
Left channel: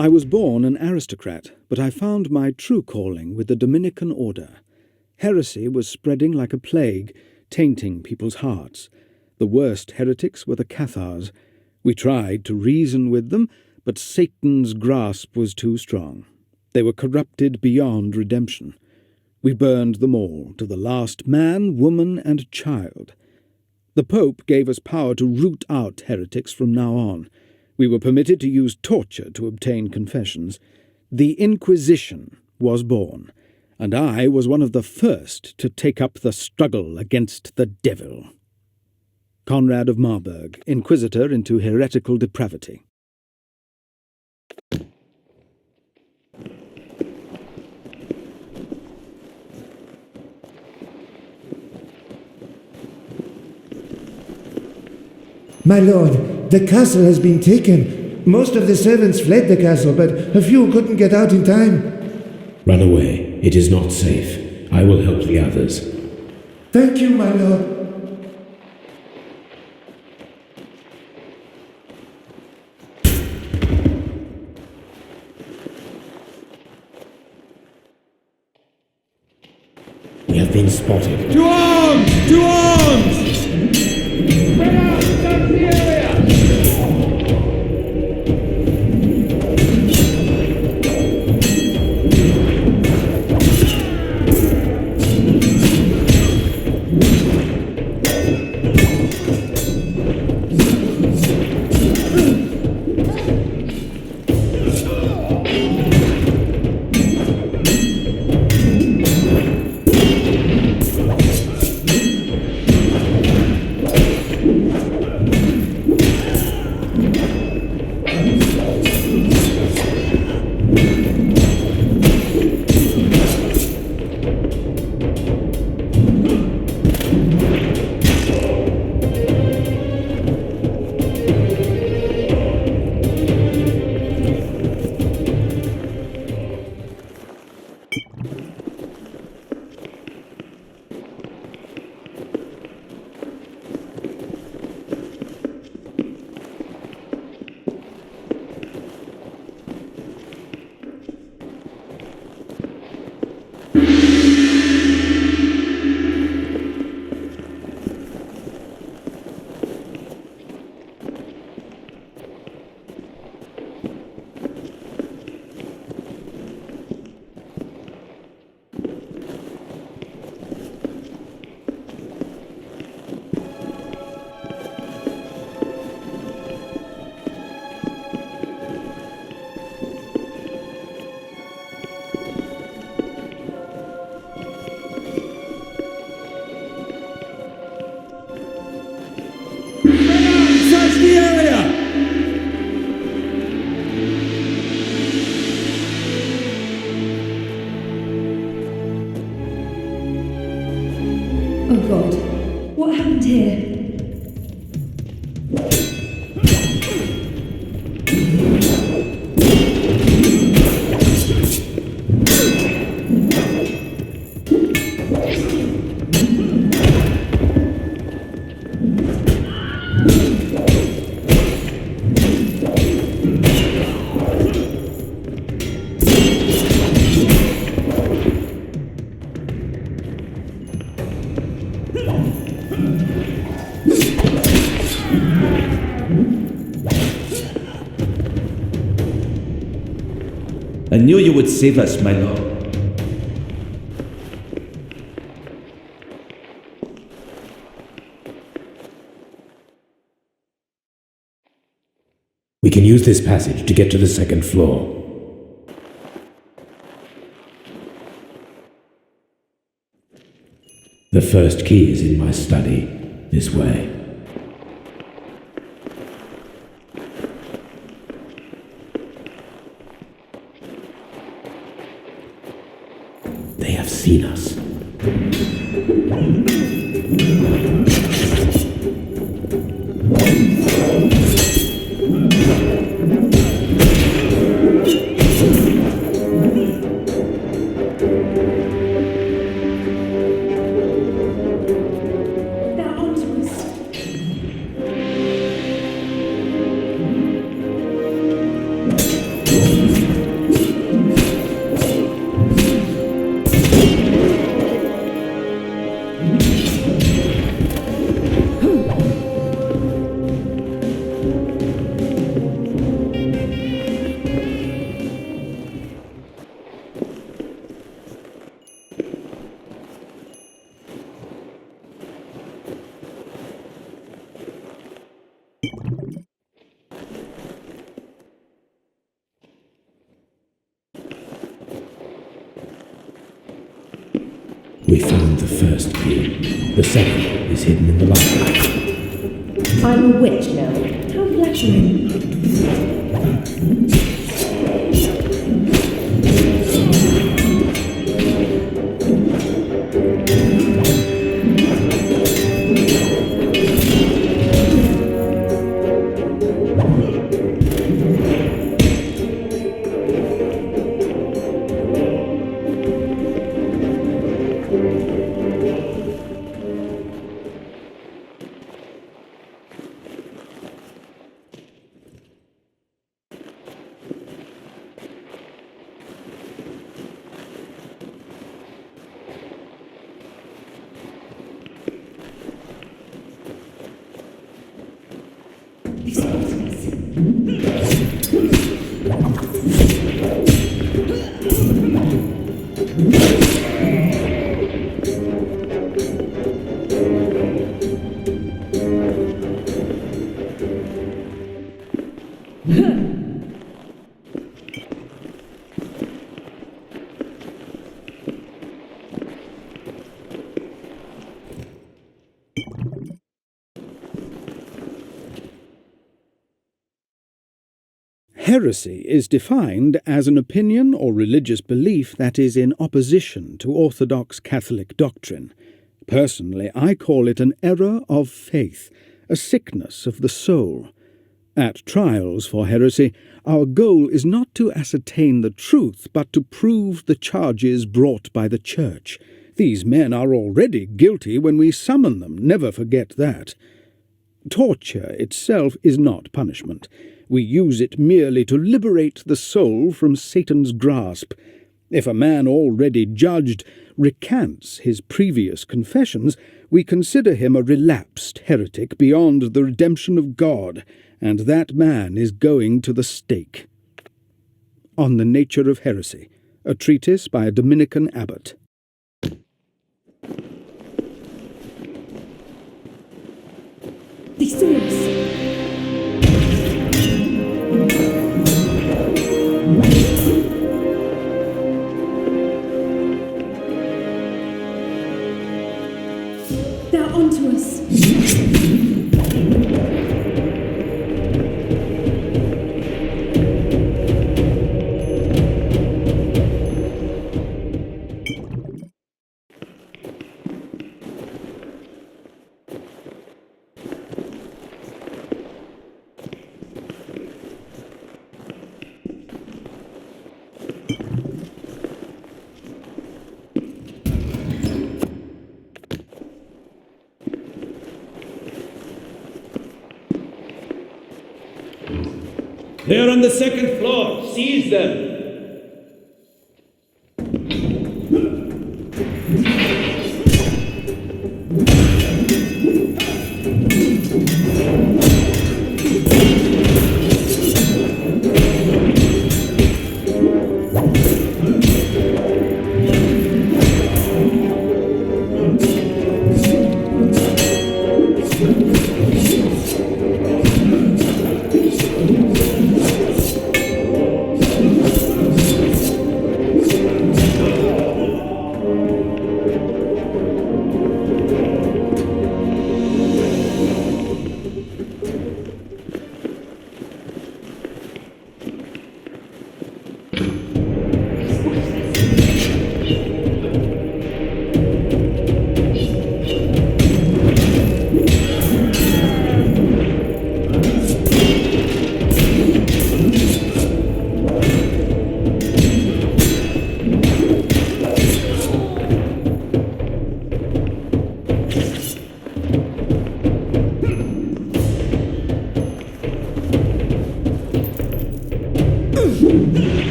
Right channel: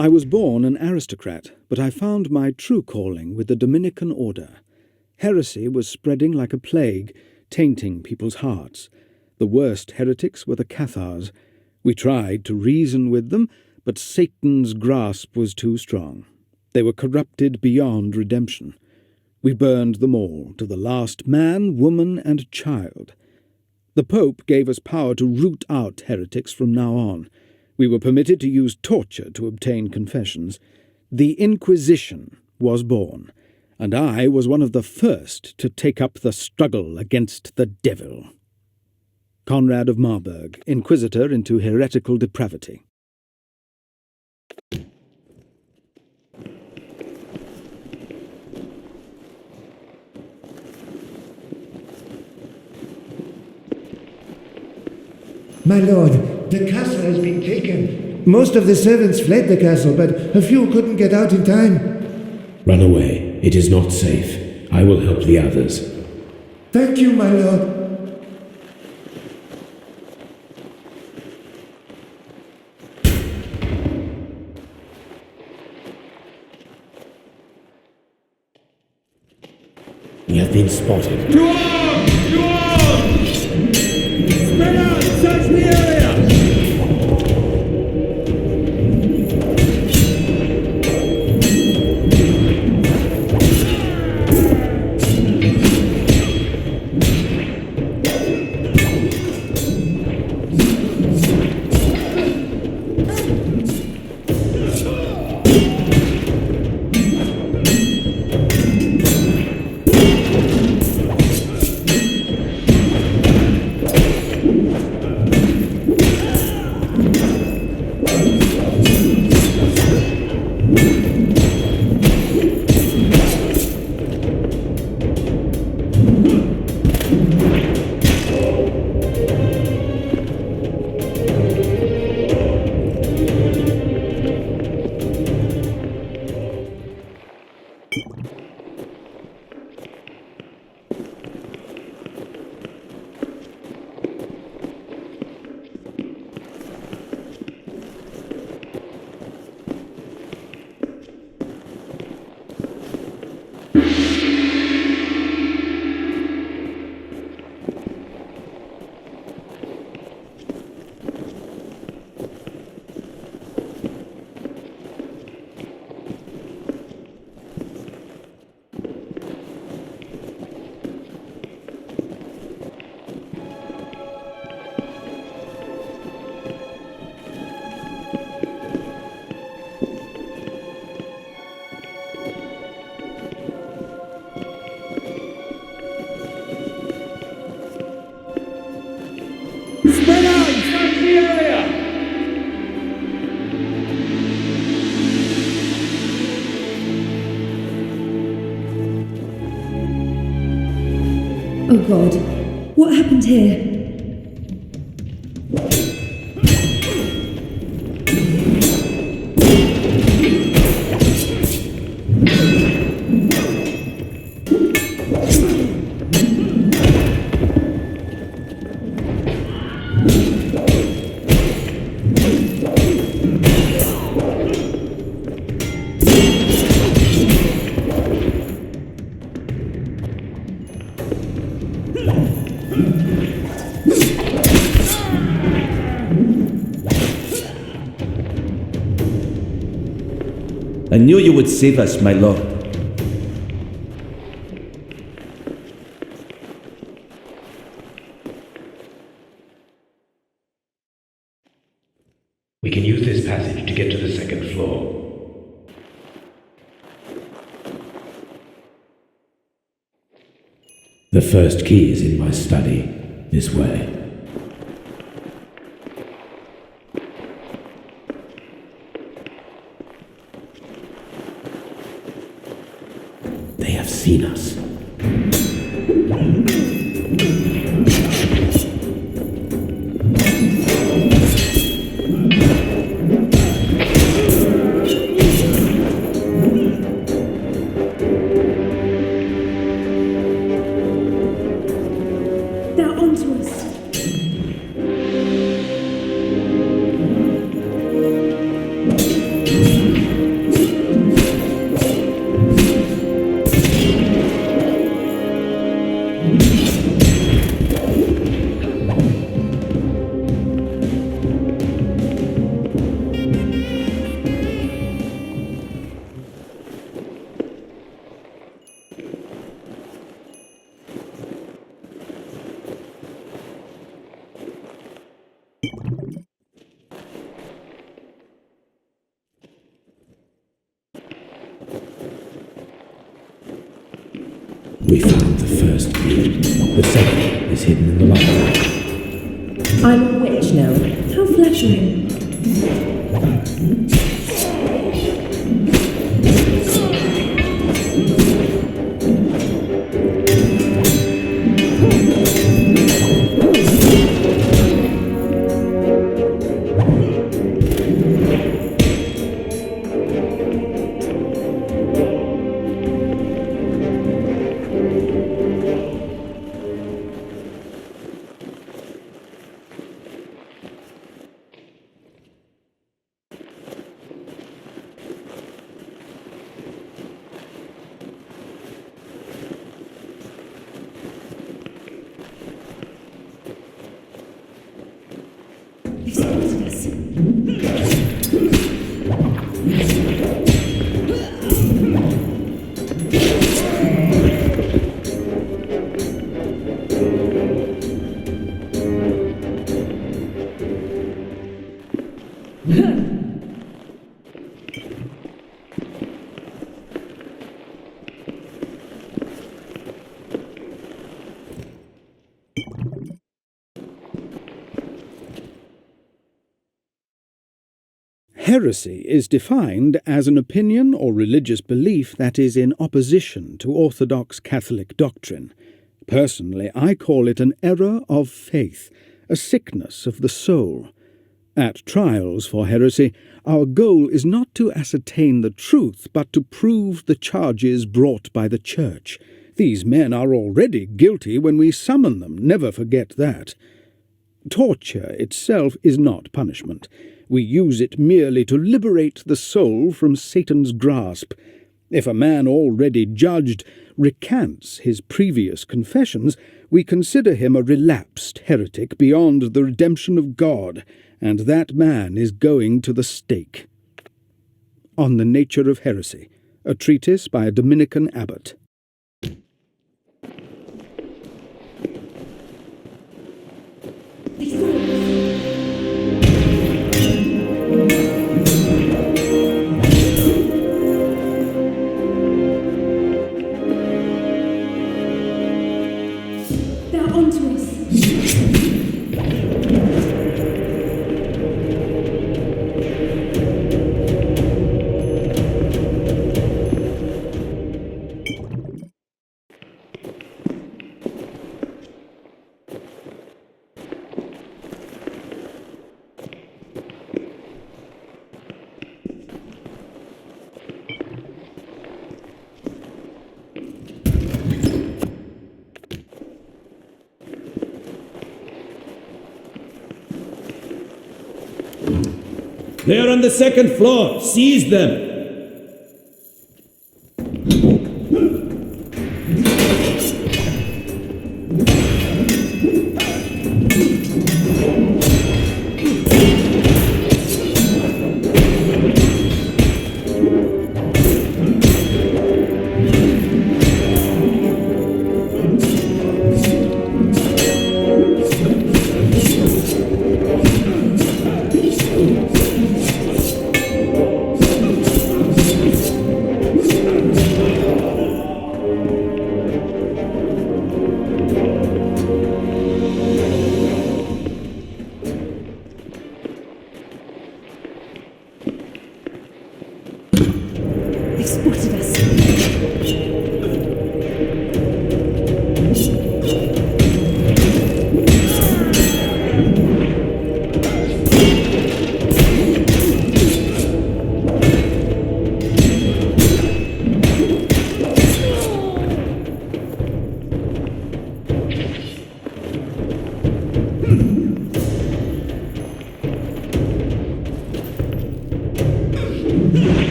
I was born an aristocrat, but I found my true calling with the Dominican Order. Heresy was spreading like a plague, tainting people's hearts. The worst heretics were the Cathars. We tried to reason with them, but Satan's grasp was too strong. They were corrupted beyond redemption. We burned them all, to the last man, woman, and child. The Pope gave us power to root out heretics from now on. We were permitted to use torture to obtain confessions. The Inquisition was born, and I was one of the first to take up the struggle against the devil. Conrad of Marburg, Inquisitor into heretical depravity. My lord, the castle has been taken. Most of the servants fled the castle, but a few couldn't get out in time. Run away. It is not safe. I will help the others. Thank you, my lord. We have been spotted. To arms! To arms! Oh God, what happened here? I knew you would save us, my lord. We can use this passage to get to the second floor. The first key is in my study. This way. have seen us. They're onto us. We found the first key. The second is hidden in the library. I'm a witch now. How flattering. They've spotted us. Heresy is defined as an opinion or religious belief that is in opposition to orthodox Catholic doctrine. Personally, I call it an error of faith, a sickness of the soul. At trials for heresy, our goal is not to ascertain the truth, but to prove the charges brought by the Church. These men are already guilty when we summon them, never forget that. Torture itself is not punishment. We use it merely to liberate the soul from Satan's grasp. If a man already judged recants his previous confessions, we consider him a relapsed heretic beyond the redemption of God, and that man is going to the stake. On the Nature of Heresy, a treatise by a Dominican abbot. They saw us. They're onto us. They are on the second floor. Seize them.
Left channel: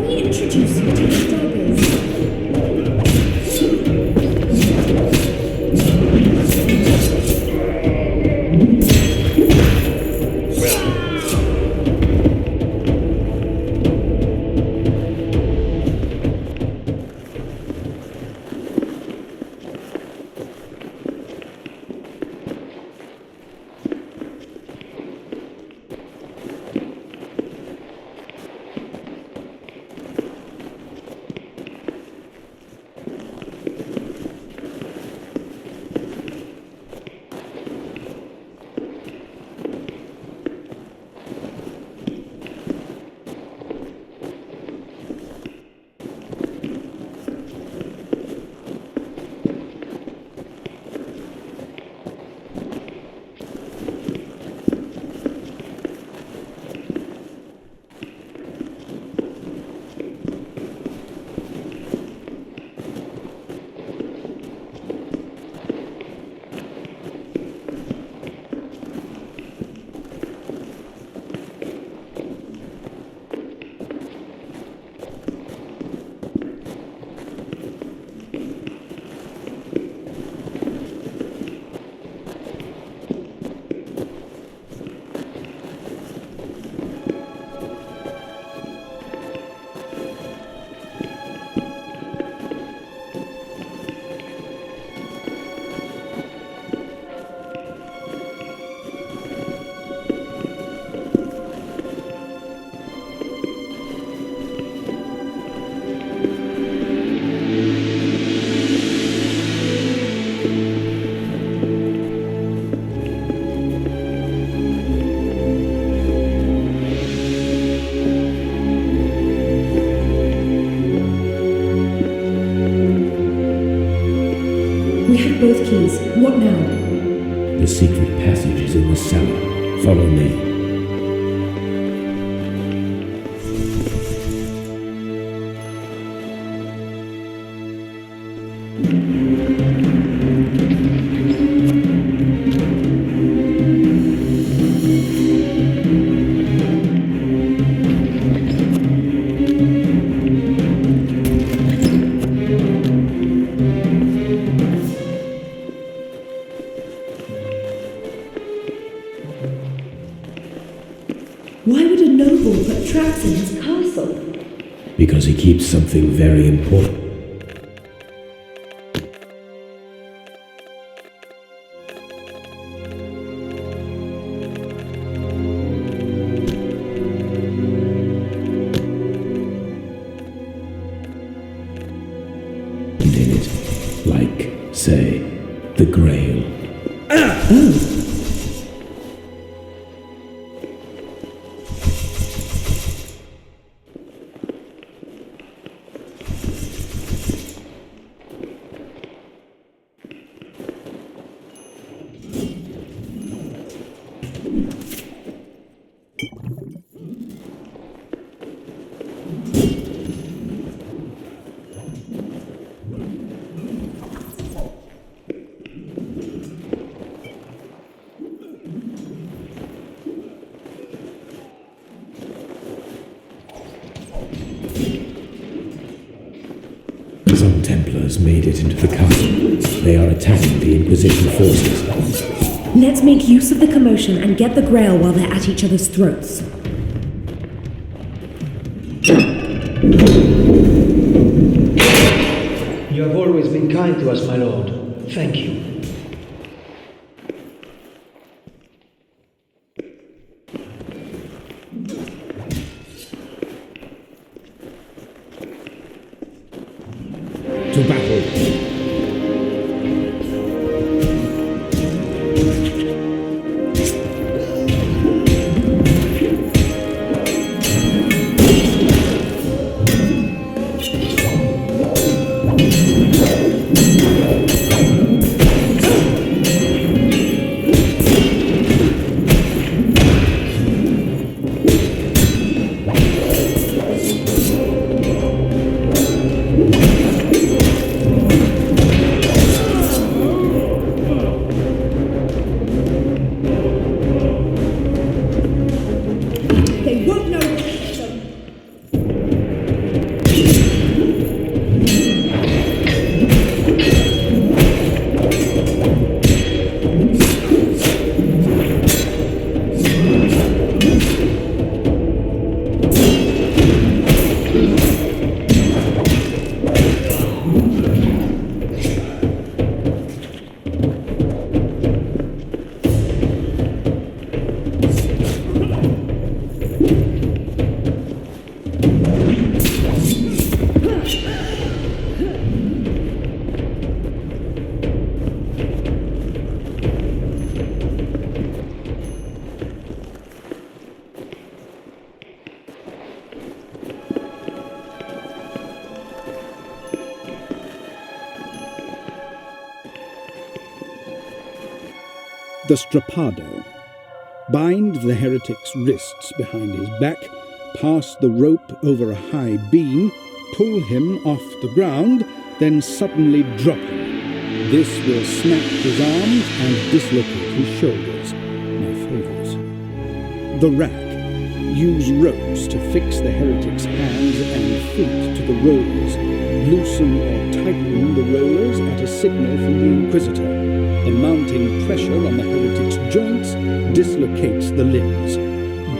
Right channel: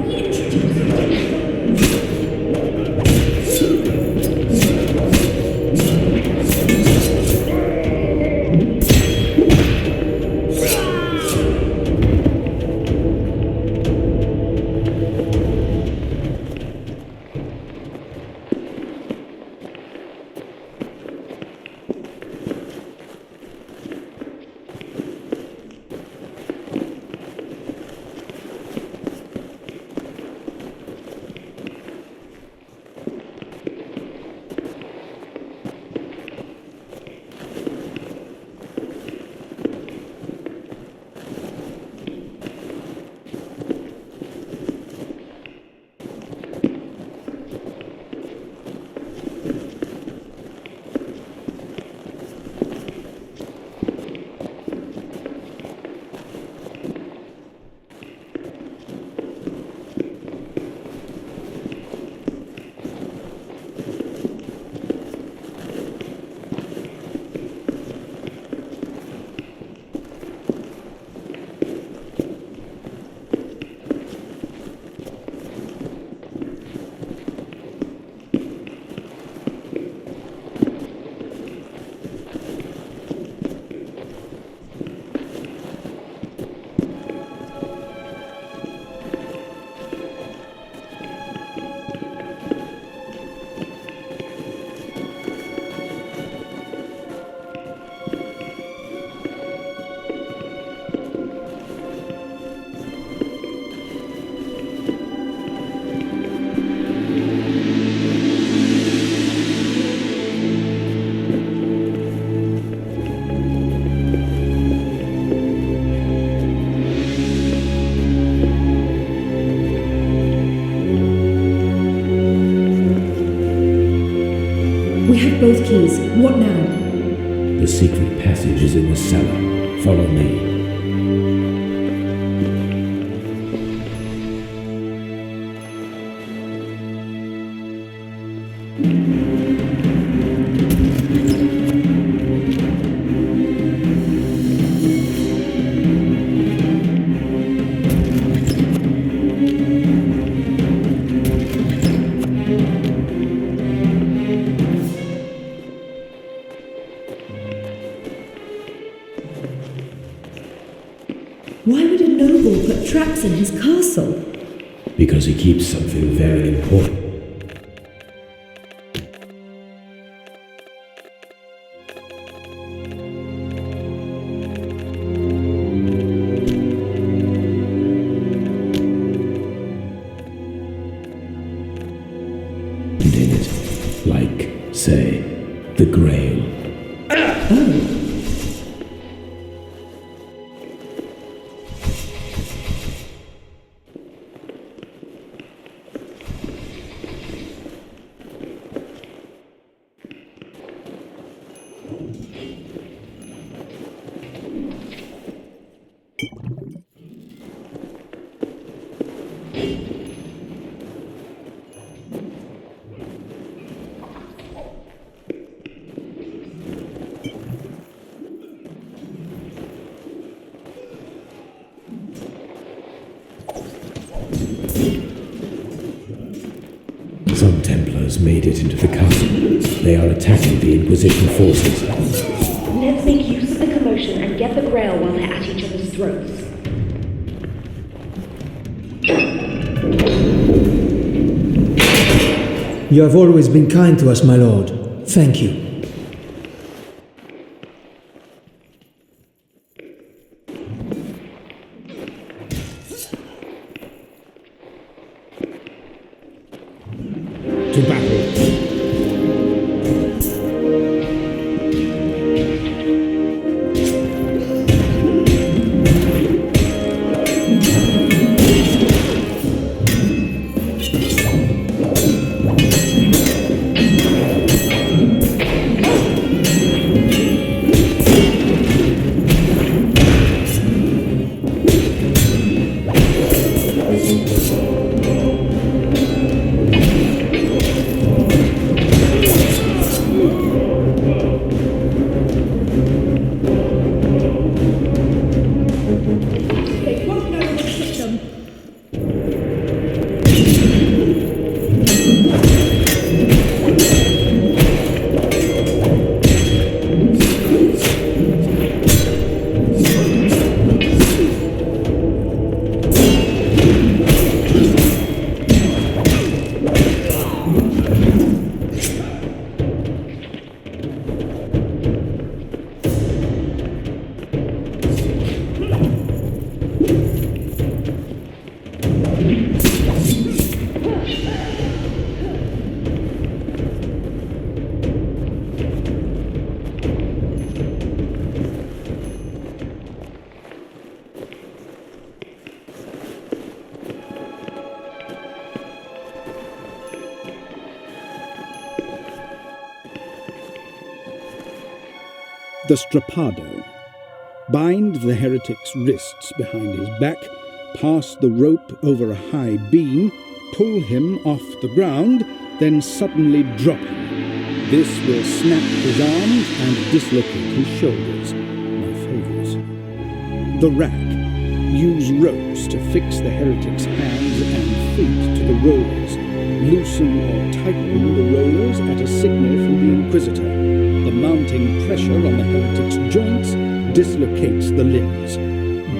Let me introduce you to these daggers. We have both keys. What now? The secret passage is in the cellar. Follow me. Why would a noble put traps in his castle? Because he keeps something very important. In it, like, say, the Grail. Oh. Some Templars made it into the castle. They are attacking the Inquisition forces. Let's make use of the commotion and get the Grail while they're at each other's throats. You have always been kind to us, my lord. Thank you. To battle! The strappado. Bind the heretic's wrists behind his back, pass the rope over a high beam, pull him off the ground, then suddenly drop him. This will snap his arms and dislocate his shoulders. My favourite. The rack. Use ropes to fix the heretic's hands and feet to the rollers. Loosen or tighten the rollers at a signal from the Inquisitor. The mounting pressure on the heretic's joints dislocates the limbs.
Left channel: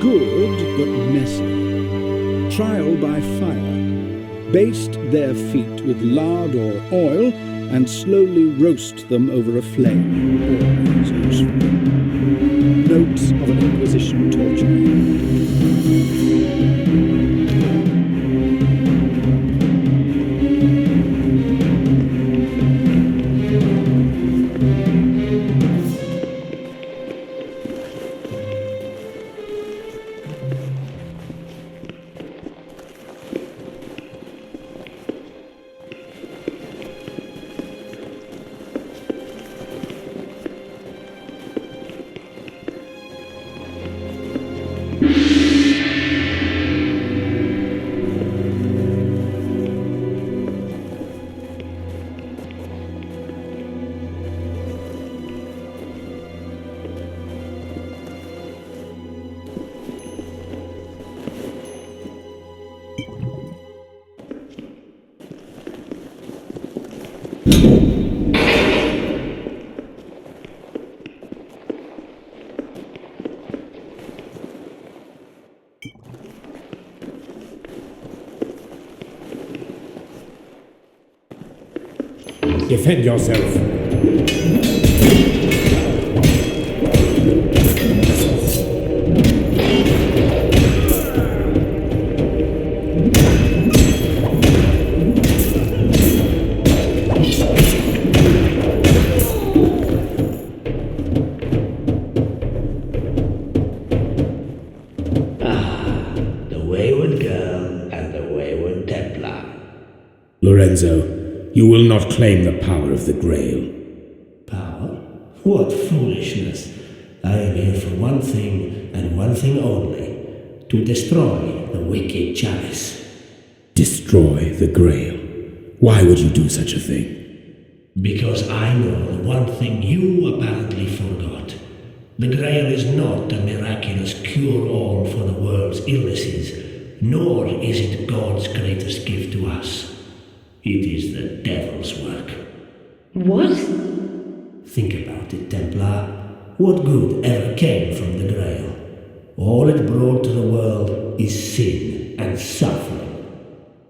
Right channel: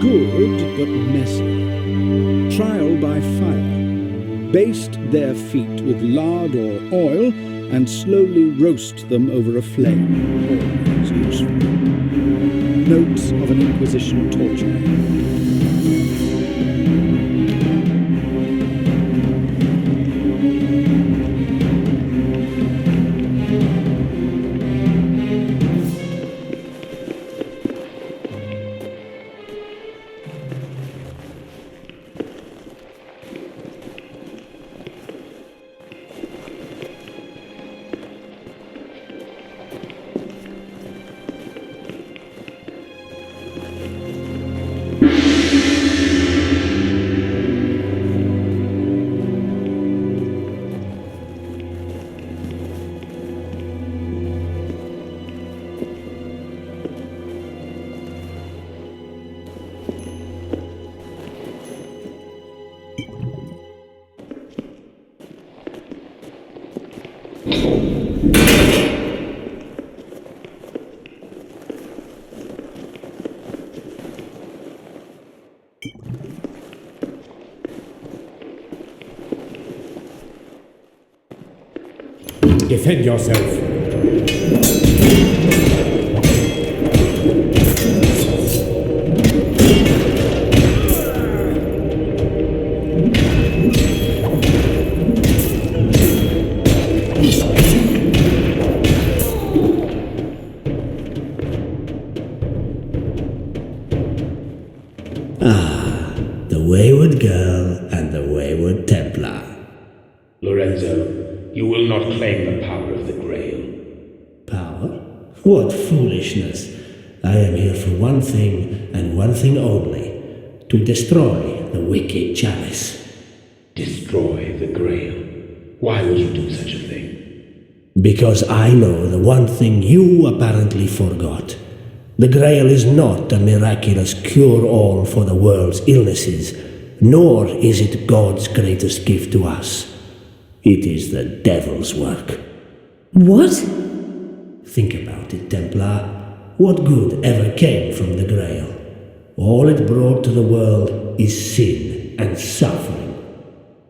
Good, but messy. Trial by fire. Baste their feet with lard or oil and slowly roast them over a flame. Always useful. Notes of an Inquisition torture. Defend yourself. The wayward girl and the wayward Templar. Lorenzo, you will not claim the power of the Grail. Power? What foolishness! I am here for one thing, and one thing only. To destroy the wicked chalice. Destroy the Grail? Why would you do such a thing? Because I know the one thing you apparently forgot. The Grail is not a miraculous cure-all for the world's illnesses, nor is it God's greatest gift to us. It is the devil's work. What? Think about it, Templar. What good ever came from the Grail? All it brought to the world is sin and suffering.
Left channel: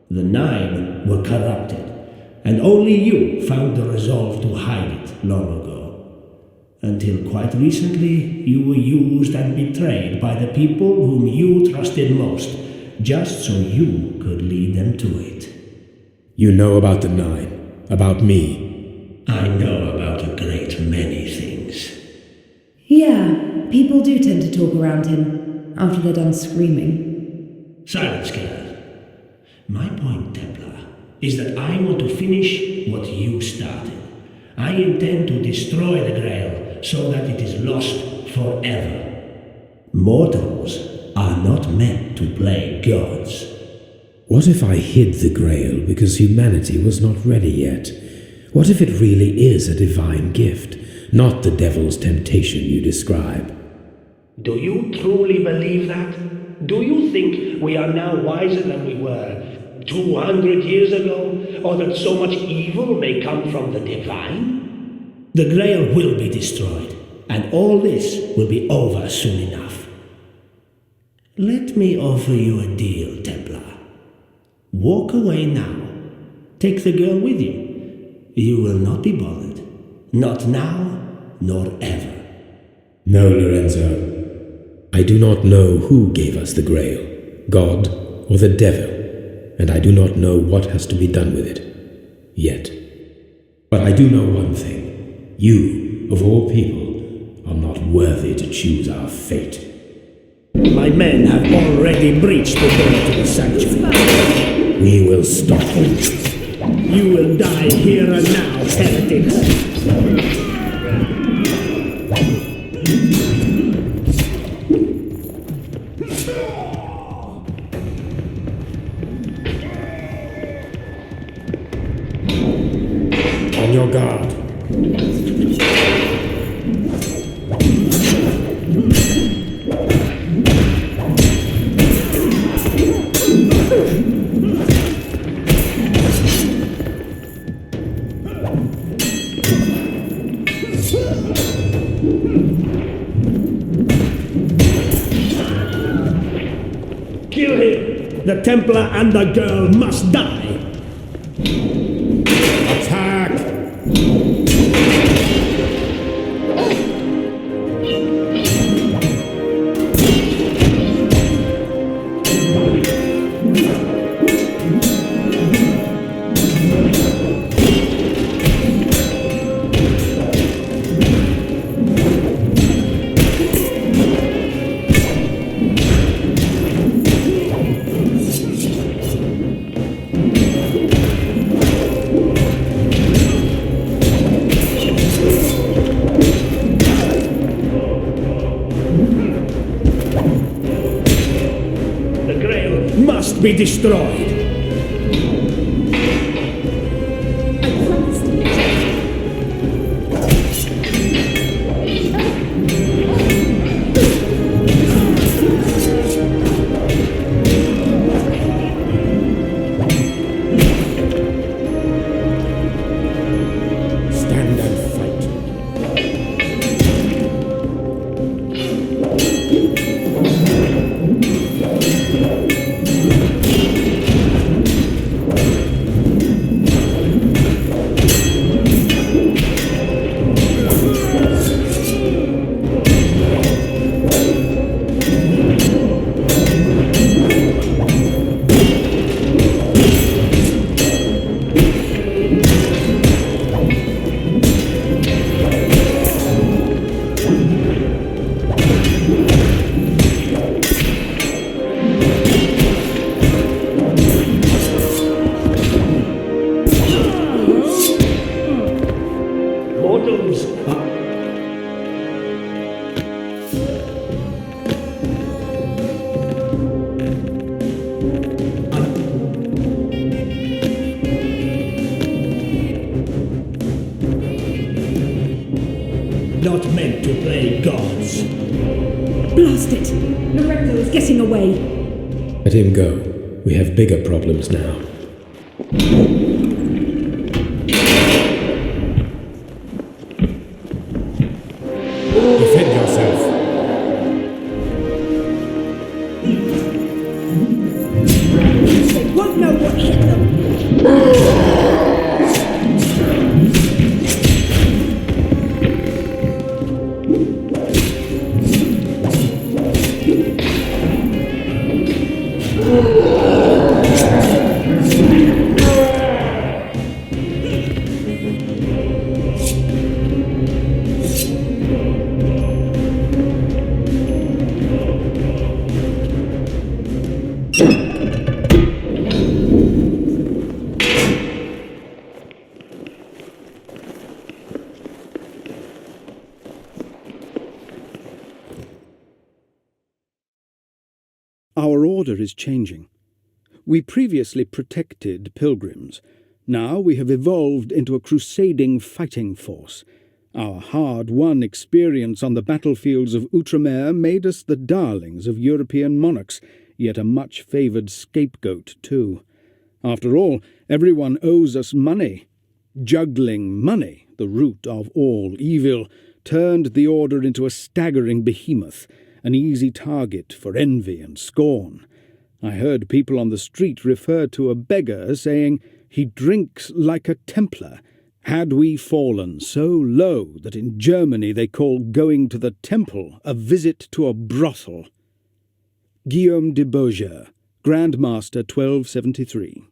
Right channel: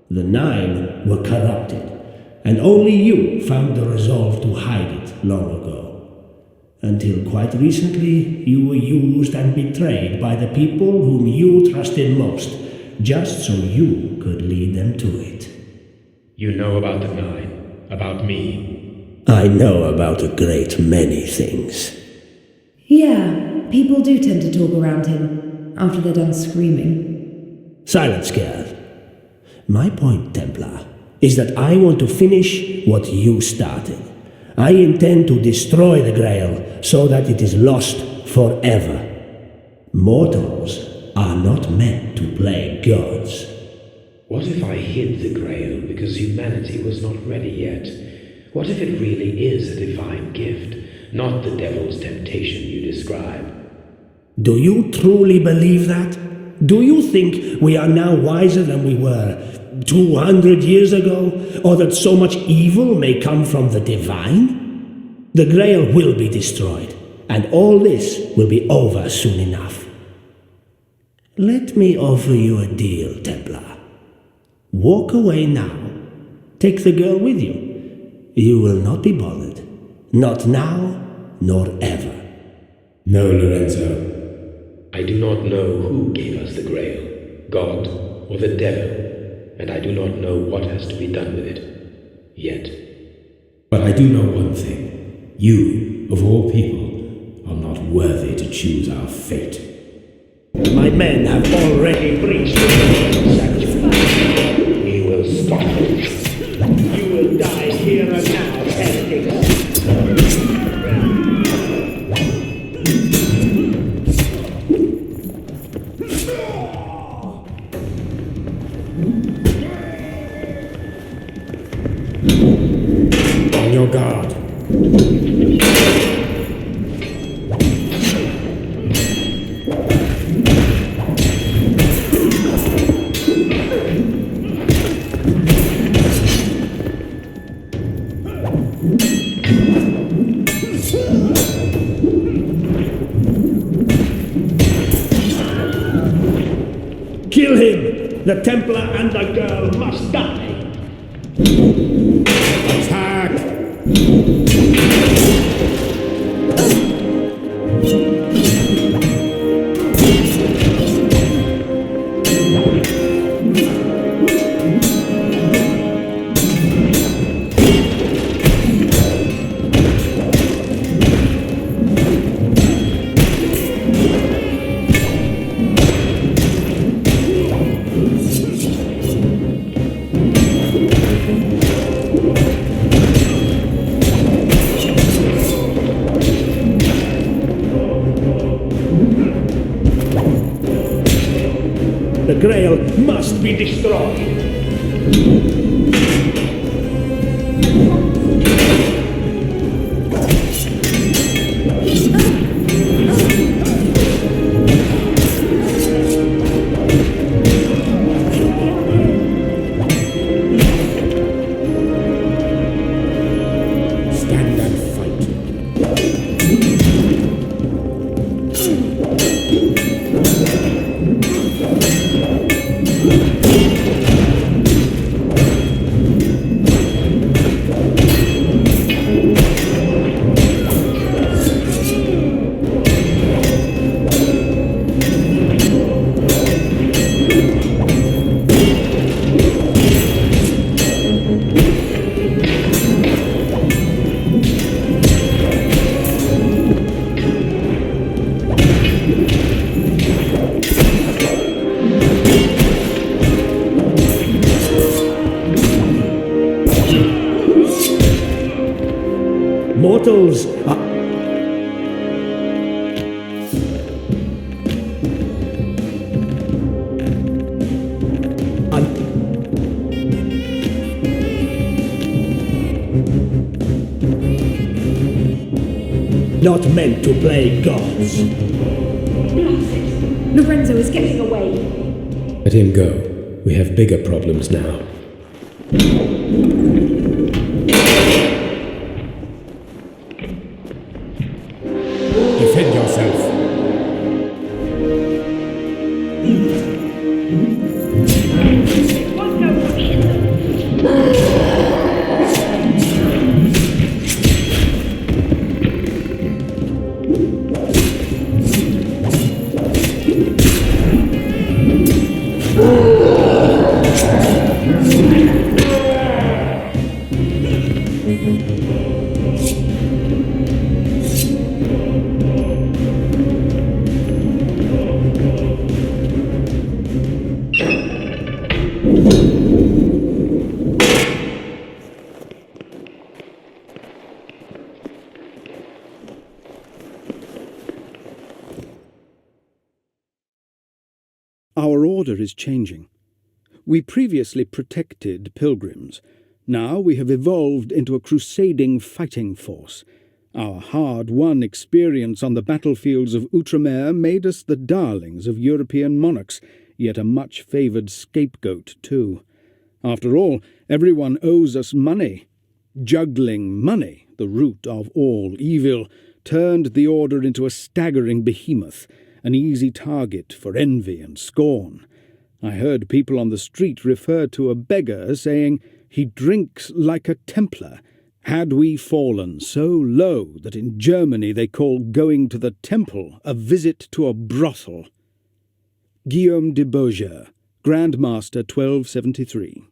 The Nine were corrupted, and only you found the resolve to hide it long ago. Until quite recently, you were used and betrayed by the people whom you trusted most, just so you could lead them to it. You know about the Nine, about me. I know about a great many things. Yeah, people do tend to talk around him, after they're done screaming. Silence, girl. My point, Templar, is that I want to finish what you started. I intend to destroy the Grail so that it is lost forever. Mortals are not meant to play gods. What if I hid the Grail because humanity was not ready yet? What if it really is a divine gift, not the devil's temptation you describe? Do you truly believe that? Do you think we are now wiser than we were 200 years ago, or that so much evil may come from the divine? The Grail will be destroyed, and all this will be over soon enough. Let me offer you a deal, Templar. Walk away now. Take the girl with you. You will not be bothered. Not now, nor ever. No, Lorenzo. I do not know who gave us the Grail, God or the devil, and I do not know what has to be done with it, yet. But I do know one thing. You, of all people, are not worthy to choose our fate. My men have already breached the sanctuary. We will stop you. You will die here and now, heretics. your guard. Kill him! The Templar and the girl must die! Attack! The Grail must be destroyed! Stand and fight. Mortals are not meant to play gods. Blast it! Lorenzo is getting away. Let him go. We have bigger problems now. Defend yourself. Our order is changing. We previously protected pilgrims. Now we have evolved into a crusading fighting force. Our hard-won experience on the battlefields of Outremer made us the darlings of European monarchs, yet a much-favoured scapegoat too. After all, everyone owes us money. Juggling money, the root of all evil, turned the order into a staggering behemoth, an easy target for envy and scorn. I heard people on the street refer to a beggar saying, "He drinks like a Templar." Had we fallen so low that in Germany they call going to the temple a visit to a brothel? Guillaume de Beaujeu, Grand Master 1273.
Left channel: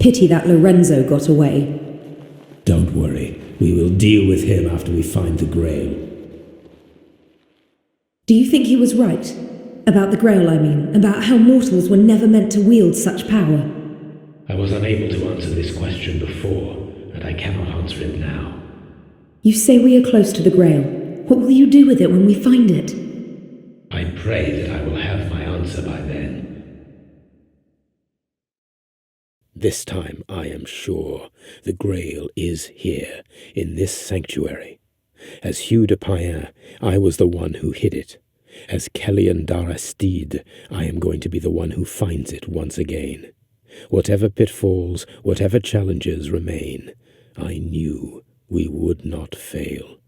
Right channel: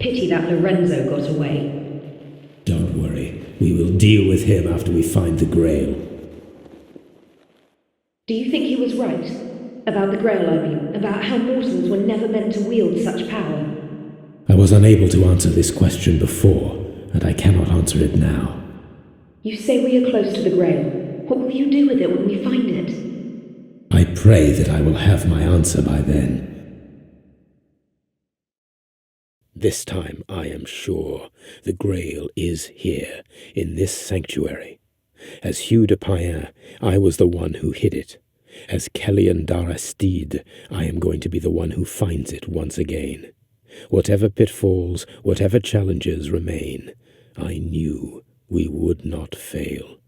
Pity that Lorenzo got away. Don't worry. We will deal with him after we find the Grail. Do you think he was right? About the Grail, I mean. About how mortals were never meant to wield such power. I was unable to answer this question before, and I cannot answer it now. You say we are close to the Grail. What will you do with it when we find it? I pray that I will have my answer by then. This time I am sure the Grail is here, in this sanctuary. As Hugh de Payen, I was the one who hid it. As Kellyan Darastide, I am going to be the one who finds it once again. Whatever pitfalls, whatever challenges remain, I knew we would not fail.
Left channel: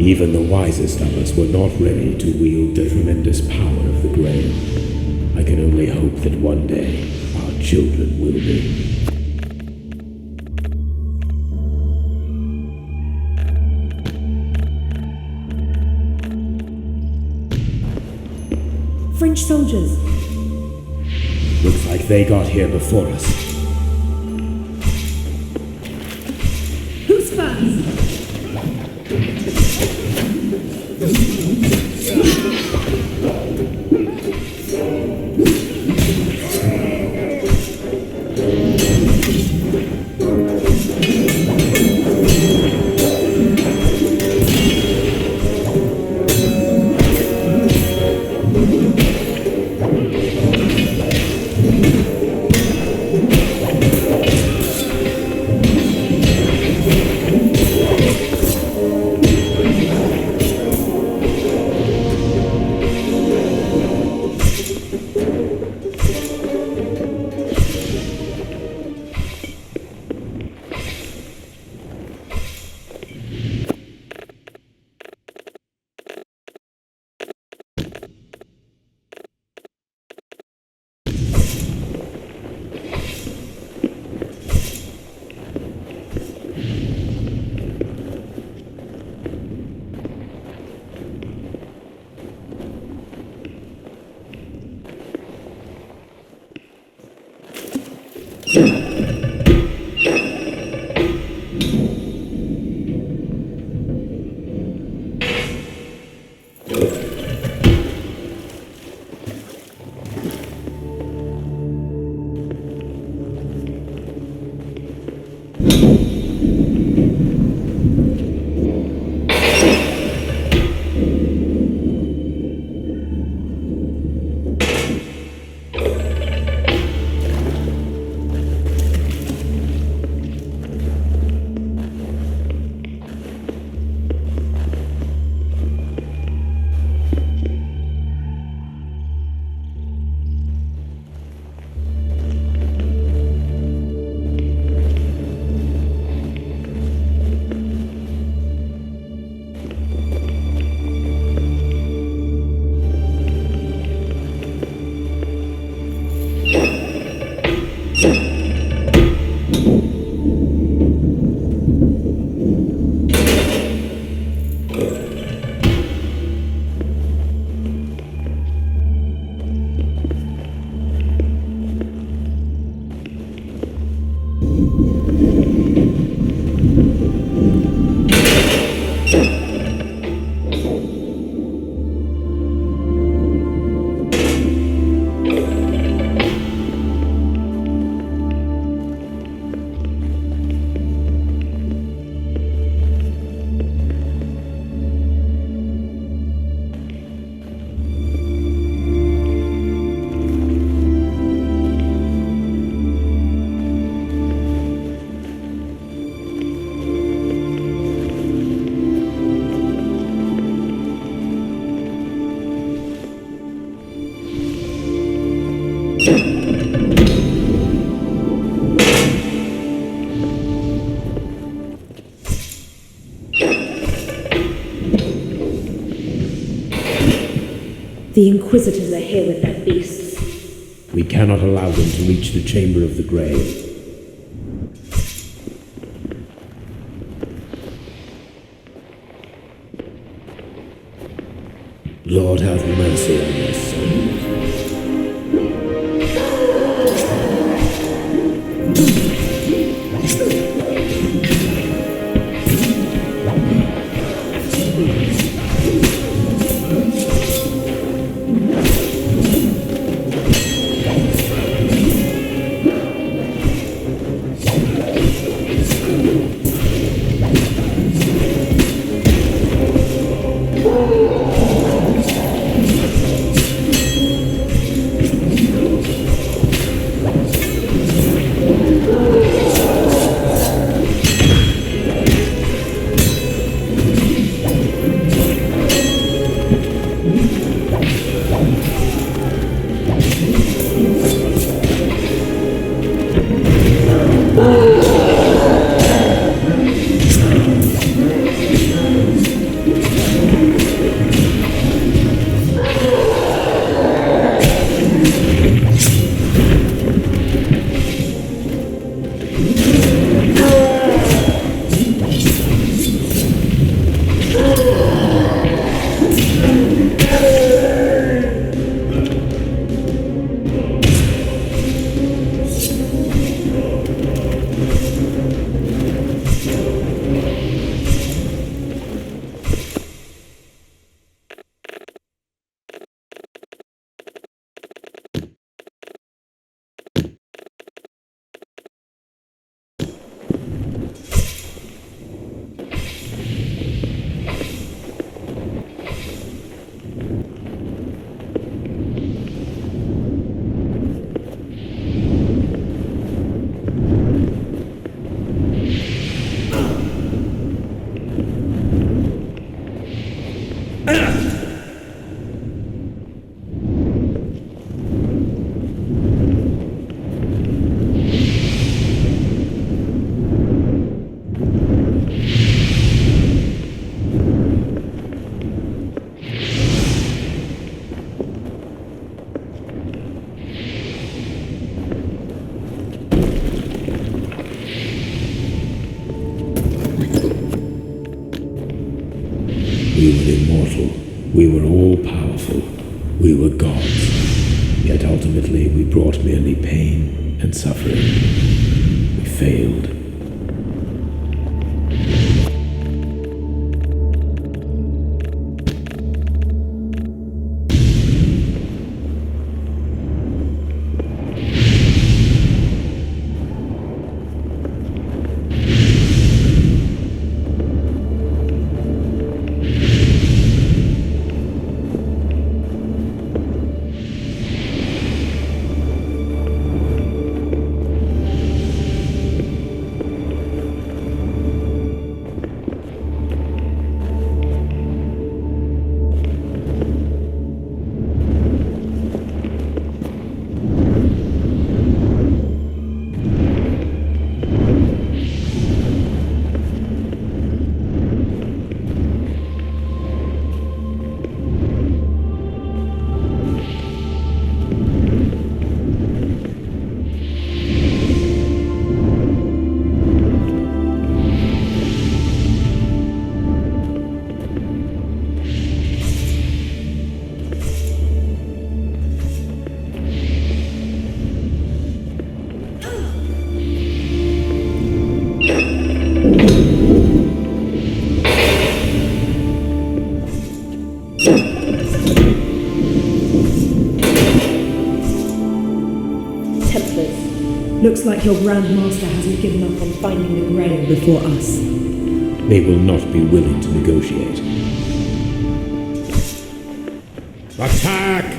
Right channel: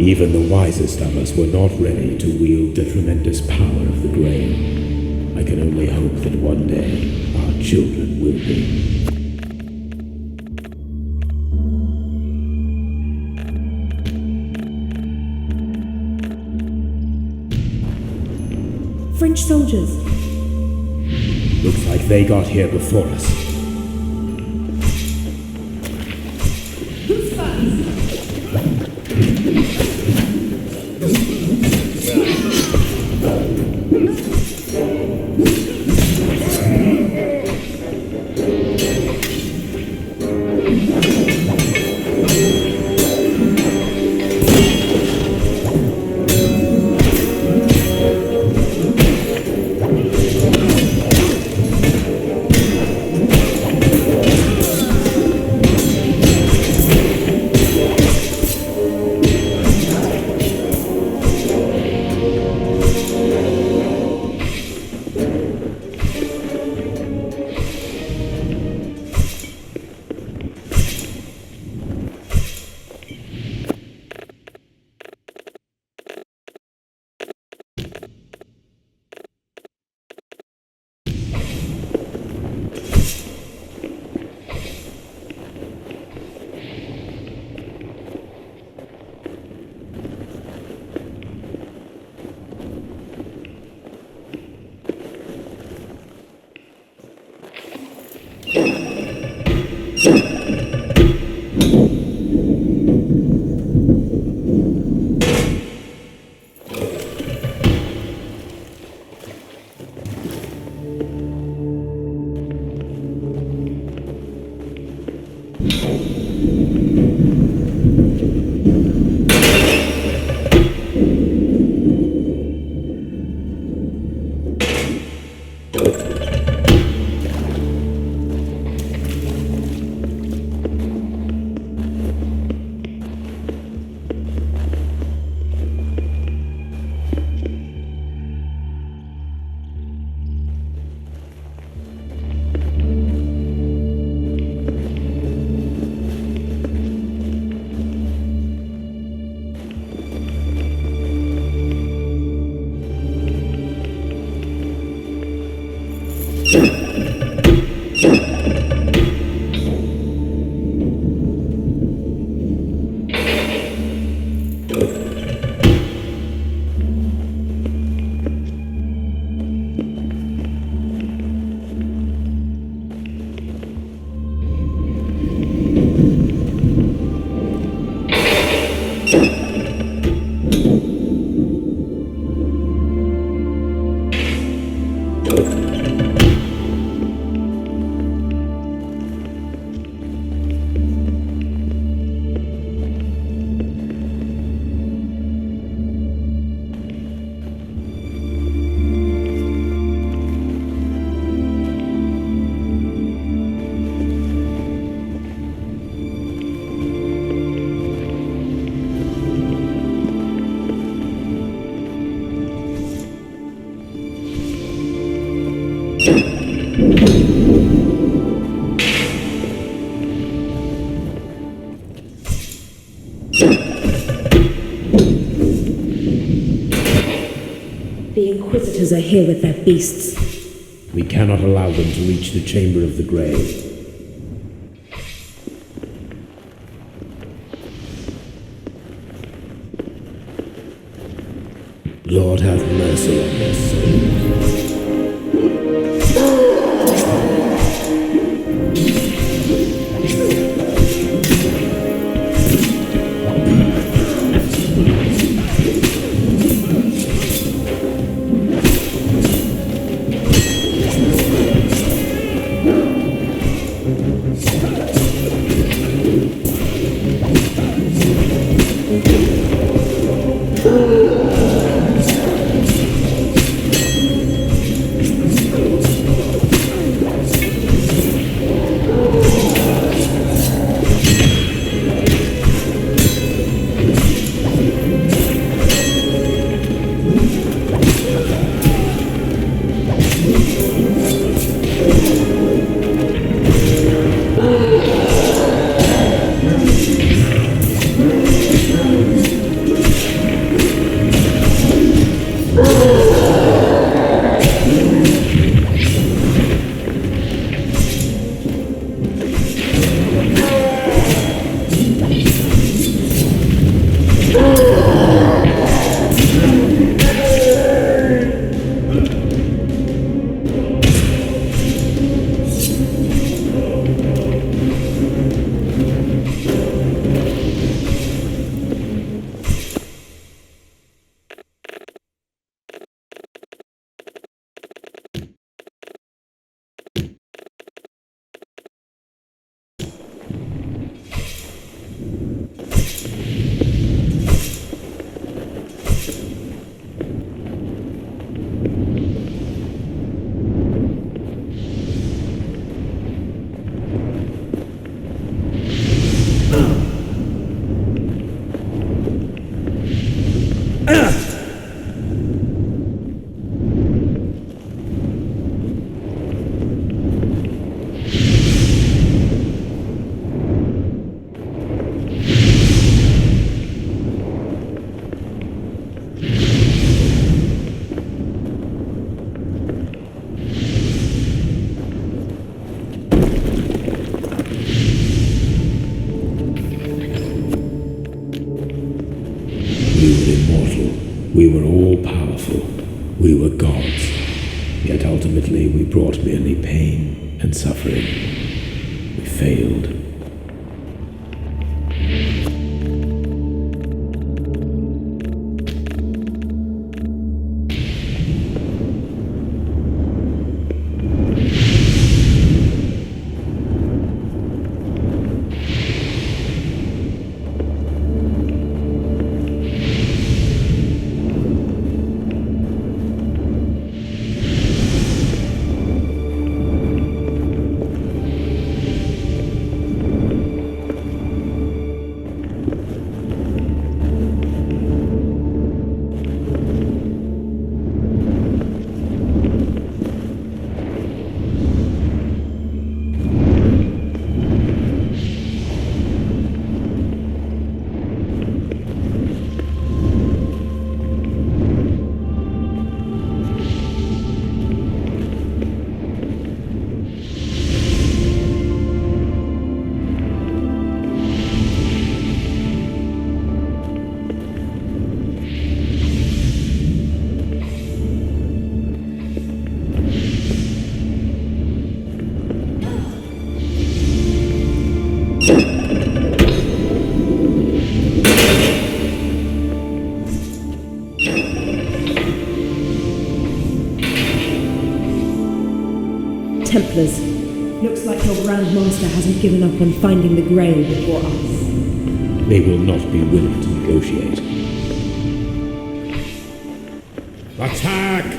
Even the wisest of us were not ready to wield the tremendous power of the Grail. I can only hope that one day our children will be. French soldiers. Looks like they got here before us. Who's first? The Inquisitors are here with their beasts. We cannot allow them to reach the Chamber of the Grail. Lord, have mercy on their souls. We were immortal. We were all-powerful. We were gods. Yet ultimately we brought merely pain and suffering. We failed. Looks like your Grand Master hasn't given up on finding the Grail before us. They will not be willing to negotiate. Attack!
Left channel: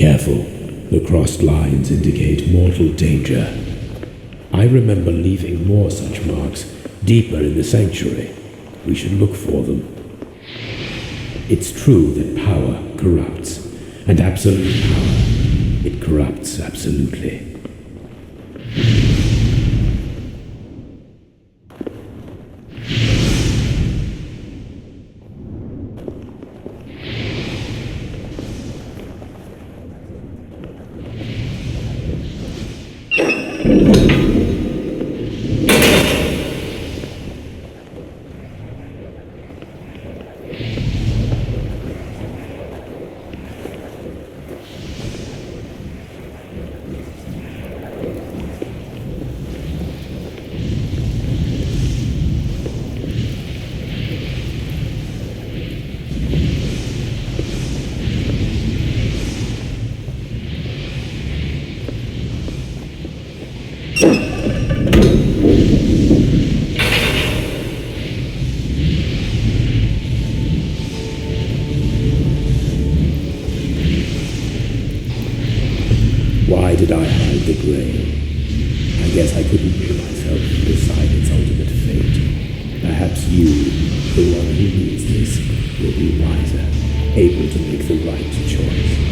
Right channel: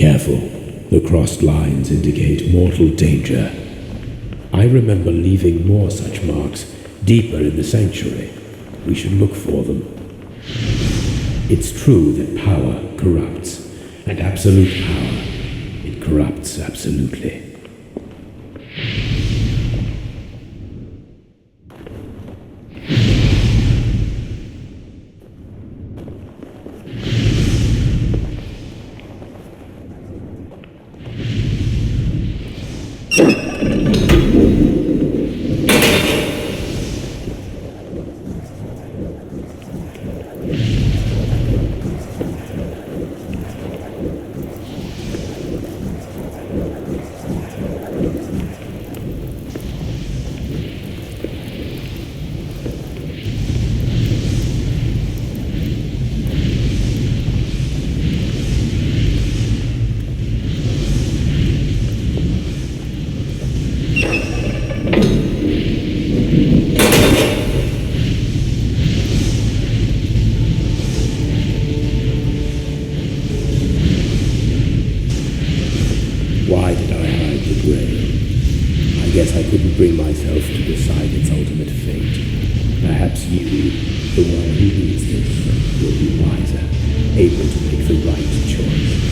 Careful. The crossed lines indicate mortal danger. I remember leaving more such marks deeper in the sanctuary. We should look for them. It's true that power corrupts, and absolute power, it corrupts absolutely. Why did I hide the Grail? I guess I couldn't bring myself to decide its ultimate fate. Perhaps you, the one who reads this, will be wiser, able to make the right choice.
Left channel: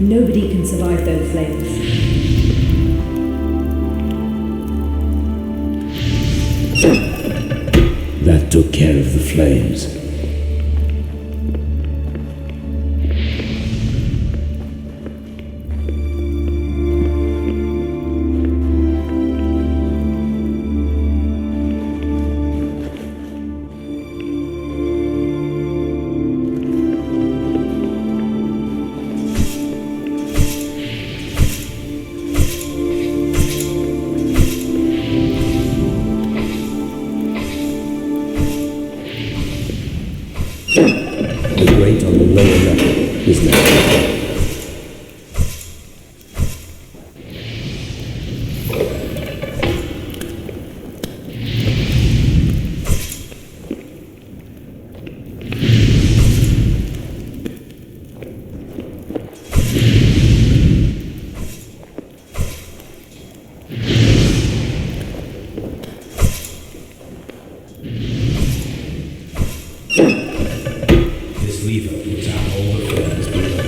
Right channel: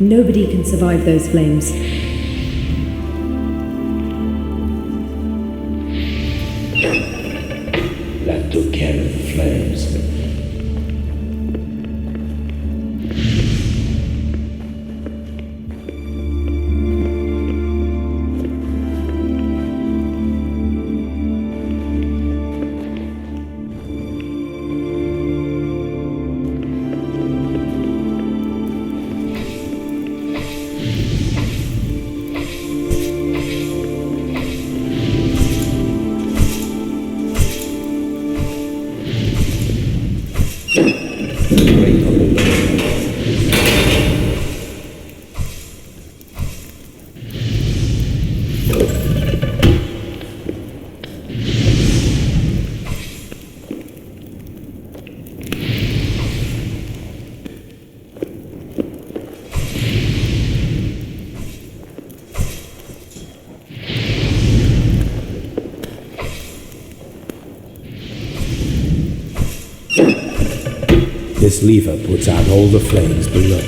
Nobody can survive those flames. That took care of the flames. This lever puts out all the flames below.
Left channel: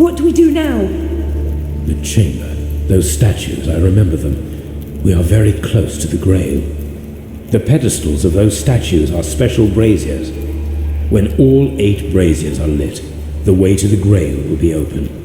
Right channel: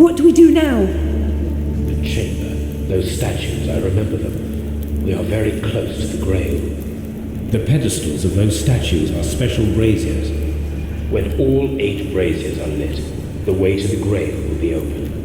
What do we do now? The chamber. Those statues, I remember them. We are very close to the Grail. The pedestals of those statues are special braziers. When all 8 braziers are lit, the way to the Grail will be open.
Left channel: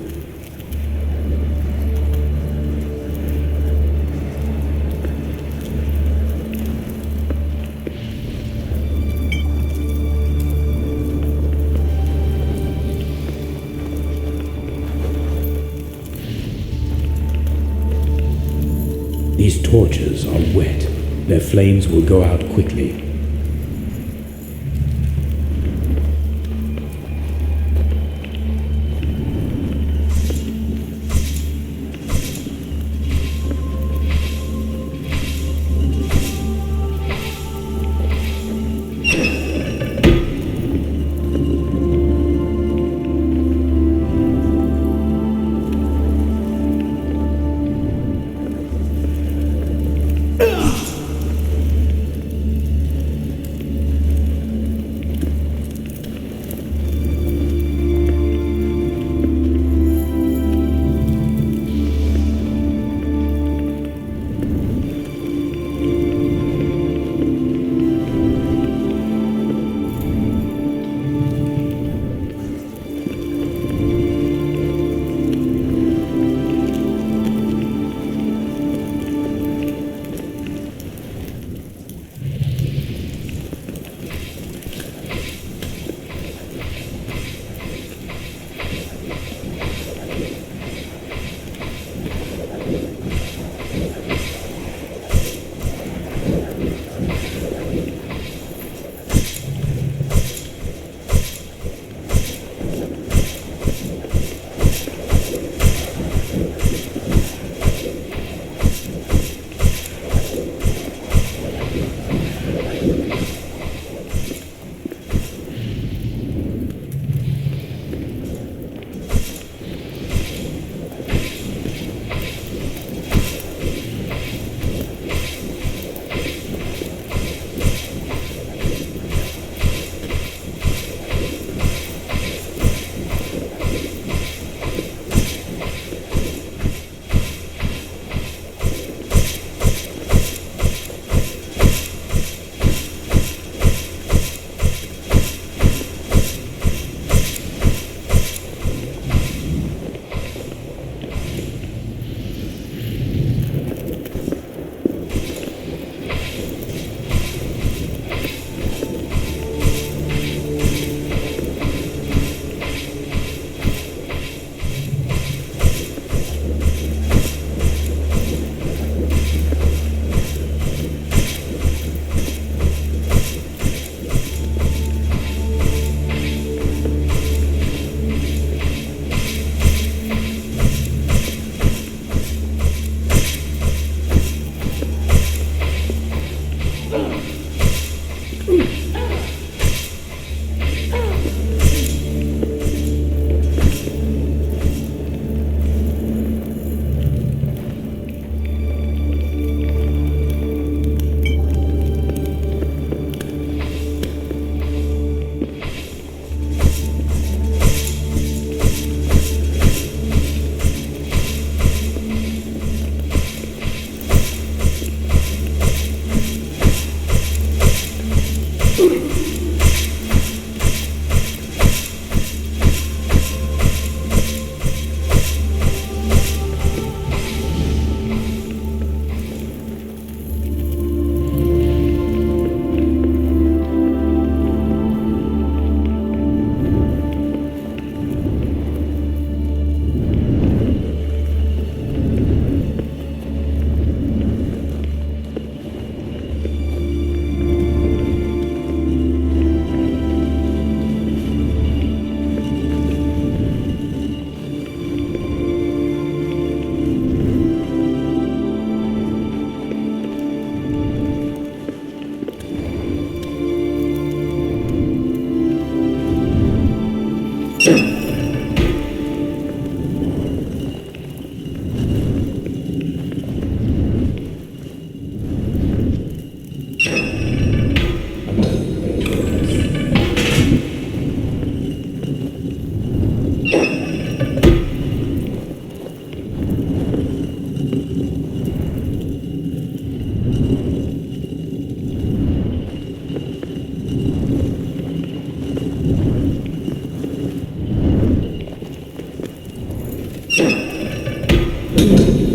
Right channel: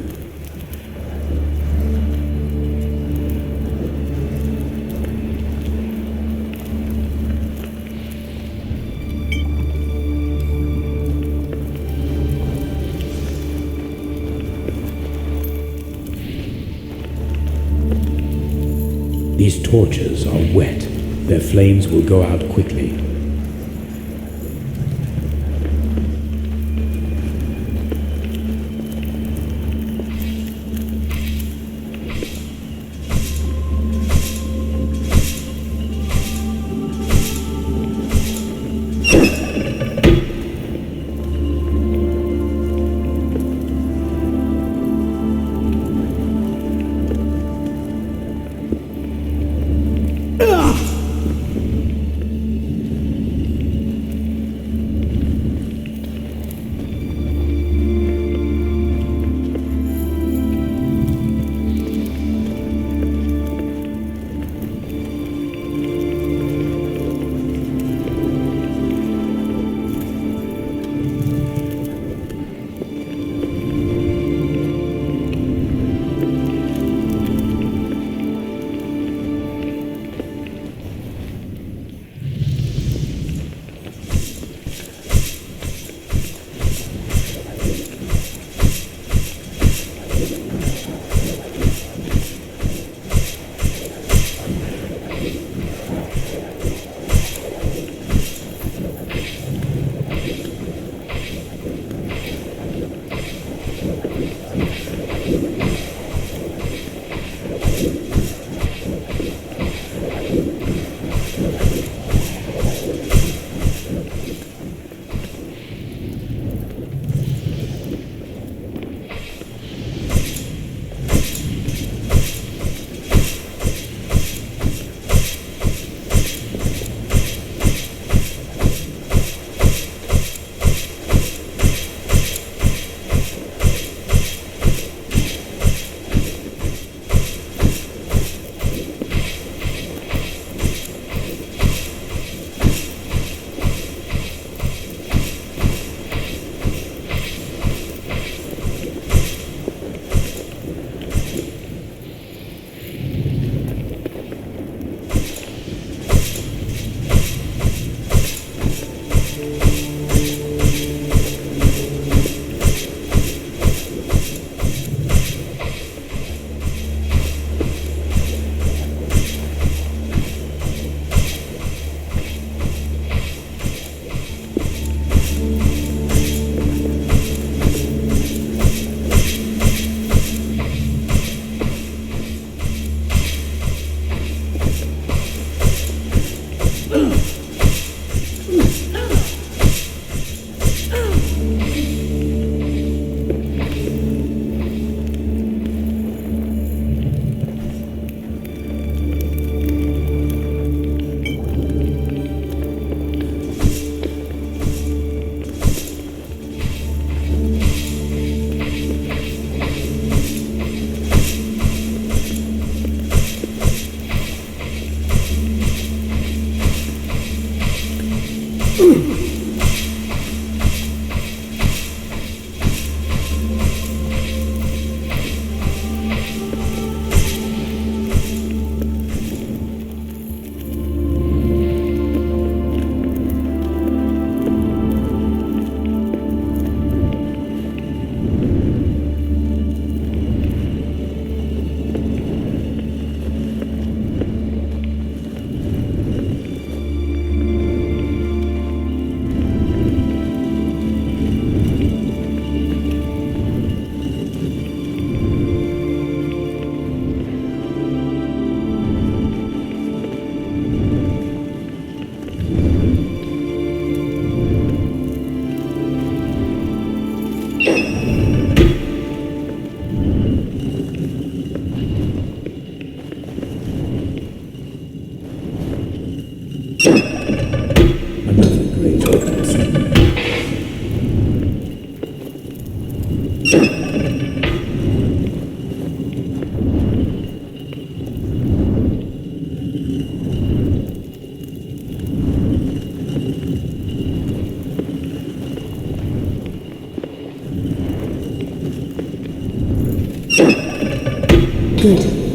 These torches are wet. Their flames will go out quickly. Good.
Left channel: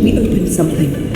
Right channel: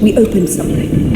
We opened something.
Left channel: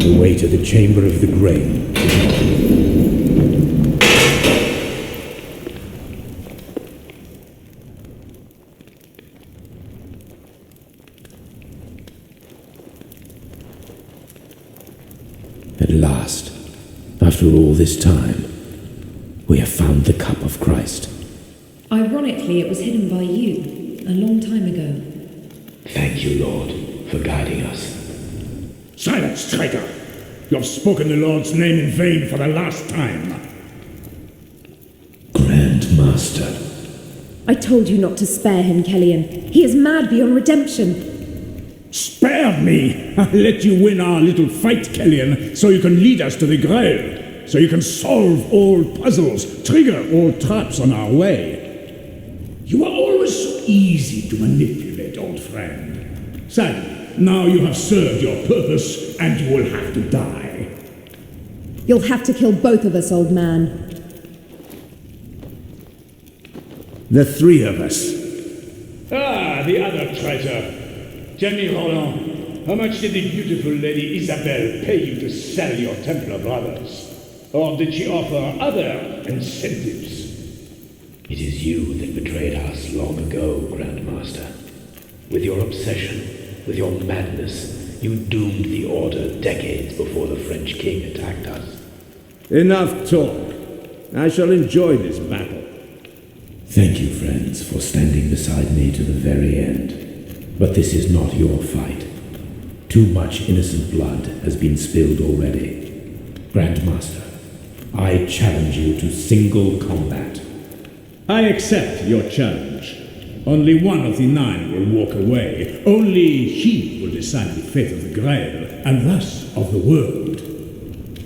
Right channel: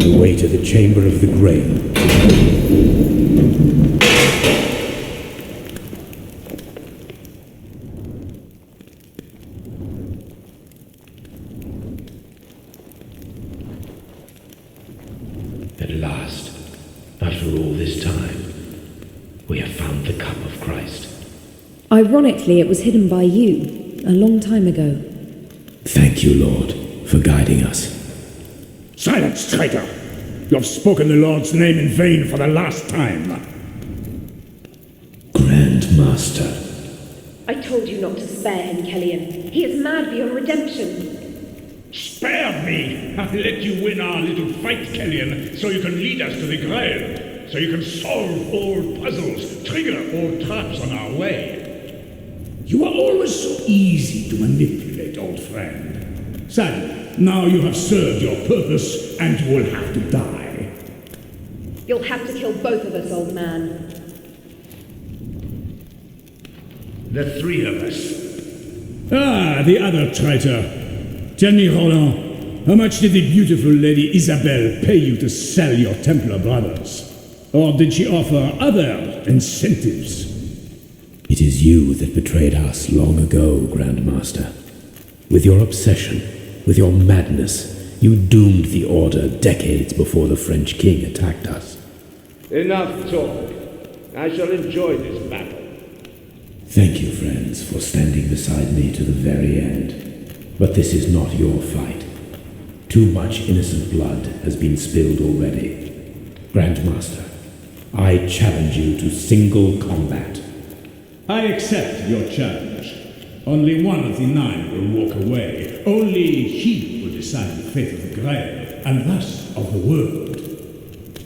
The way to the Chamber of the Grail. At last, after all this time, we have found the Cup of Christ. Ironically, it was hidden by you, a long time ago. Thank you, Lord, for guiding us. Silence, traitor! You have spoken the Lord's name in vain for the last time. Grand Master. I told you not to spare him, Kellyan. He is mad beyond redemption. Spare me! I'll let you win our little fight, Kellyan, so you can lead us to the Grail. So you can solve all puzzles, trigger all traps on our way. You are always so easy to manipulate, old friend. Sadly, now you have served your purpose, and you will have to die. You'll have to kill both of us, old man. The three of us. Ah, the other traitor. Tell me, Roland, how much did the beautiful Lady Isabel pay you to sell your Templar brothers? Or did she offer other incentives? It is you that betrayed us long ago, Grand Master. With your obsession, with your madness, you doomed the Order decades before the French king attacked us. Enough talk. I shall enjoy this battle. Thank you, friends, for standing beside me to the very end. But this is not your fight. Too much innocent blood has been spilled already. Grand Master, I challenge you to single combat. I accept your challenge. Only one of the 9 will walk away. Only he will decide the fate of the Grail, and thus of the world.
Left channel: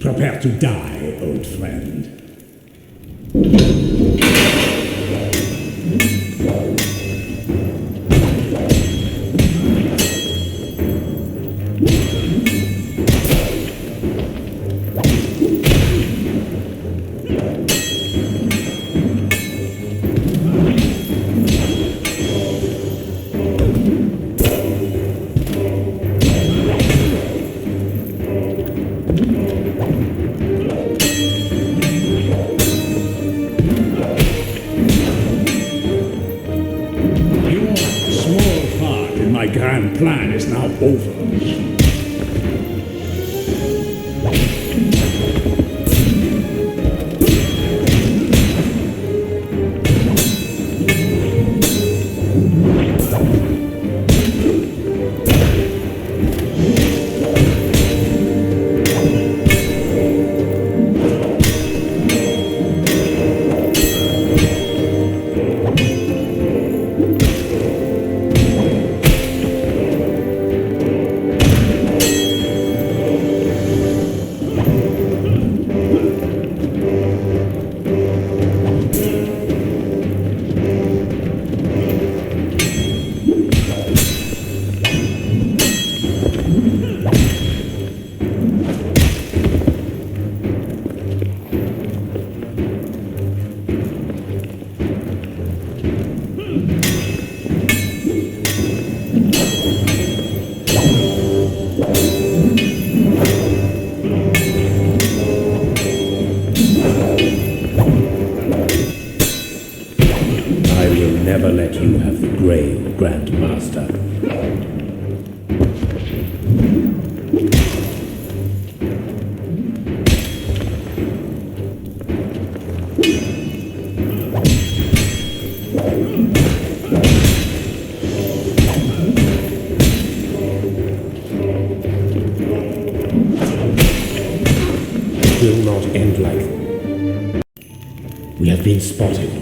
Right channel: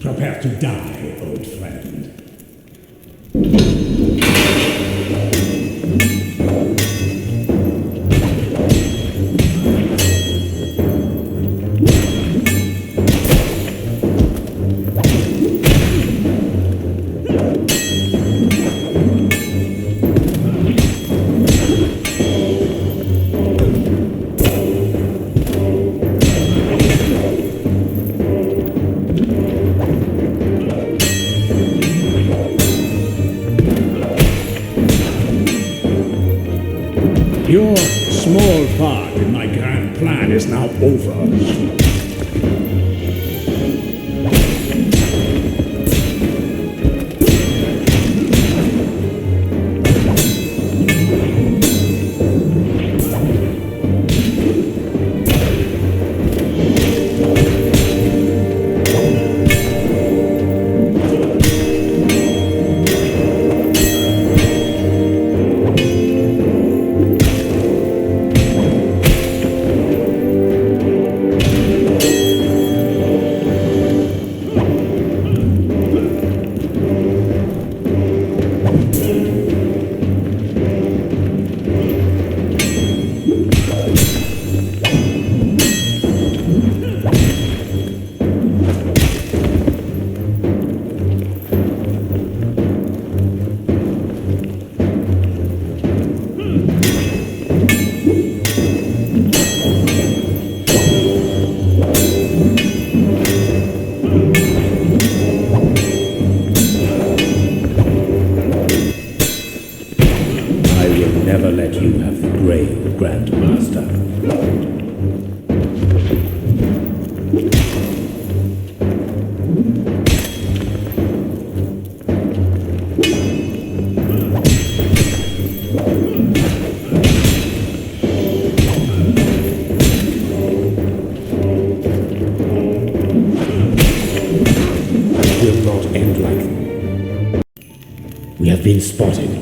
Prepare to die, old friend. Your small part in my grand plan is now over. Never let you have the Grail, Grand Master. It will not end like this. We have been spotted.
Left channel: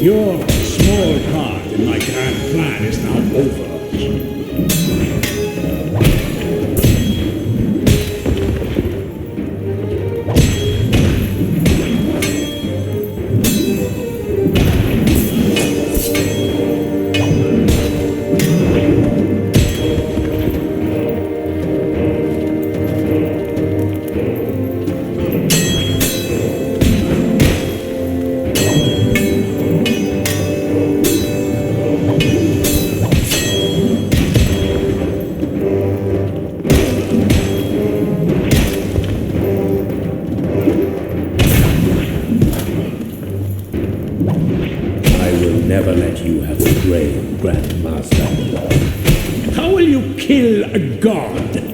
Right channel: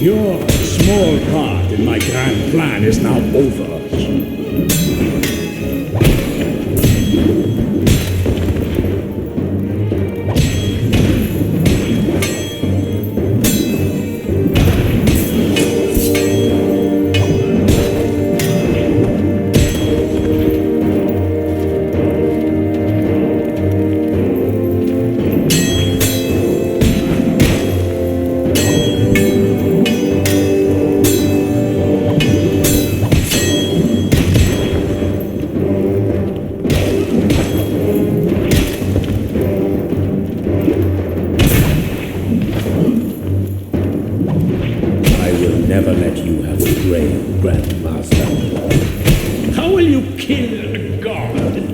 Your small part in my grand plan is now over. you kill a god?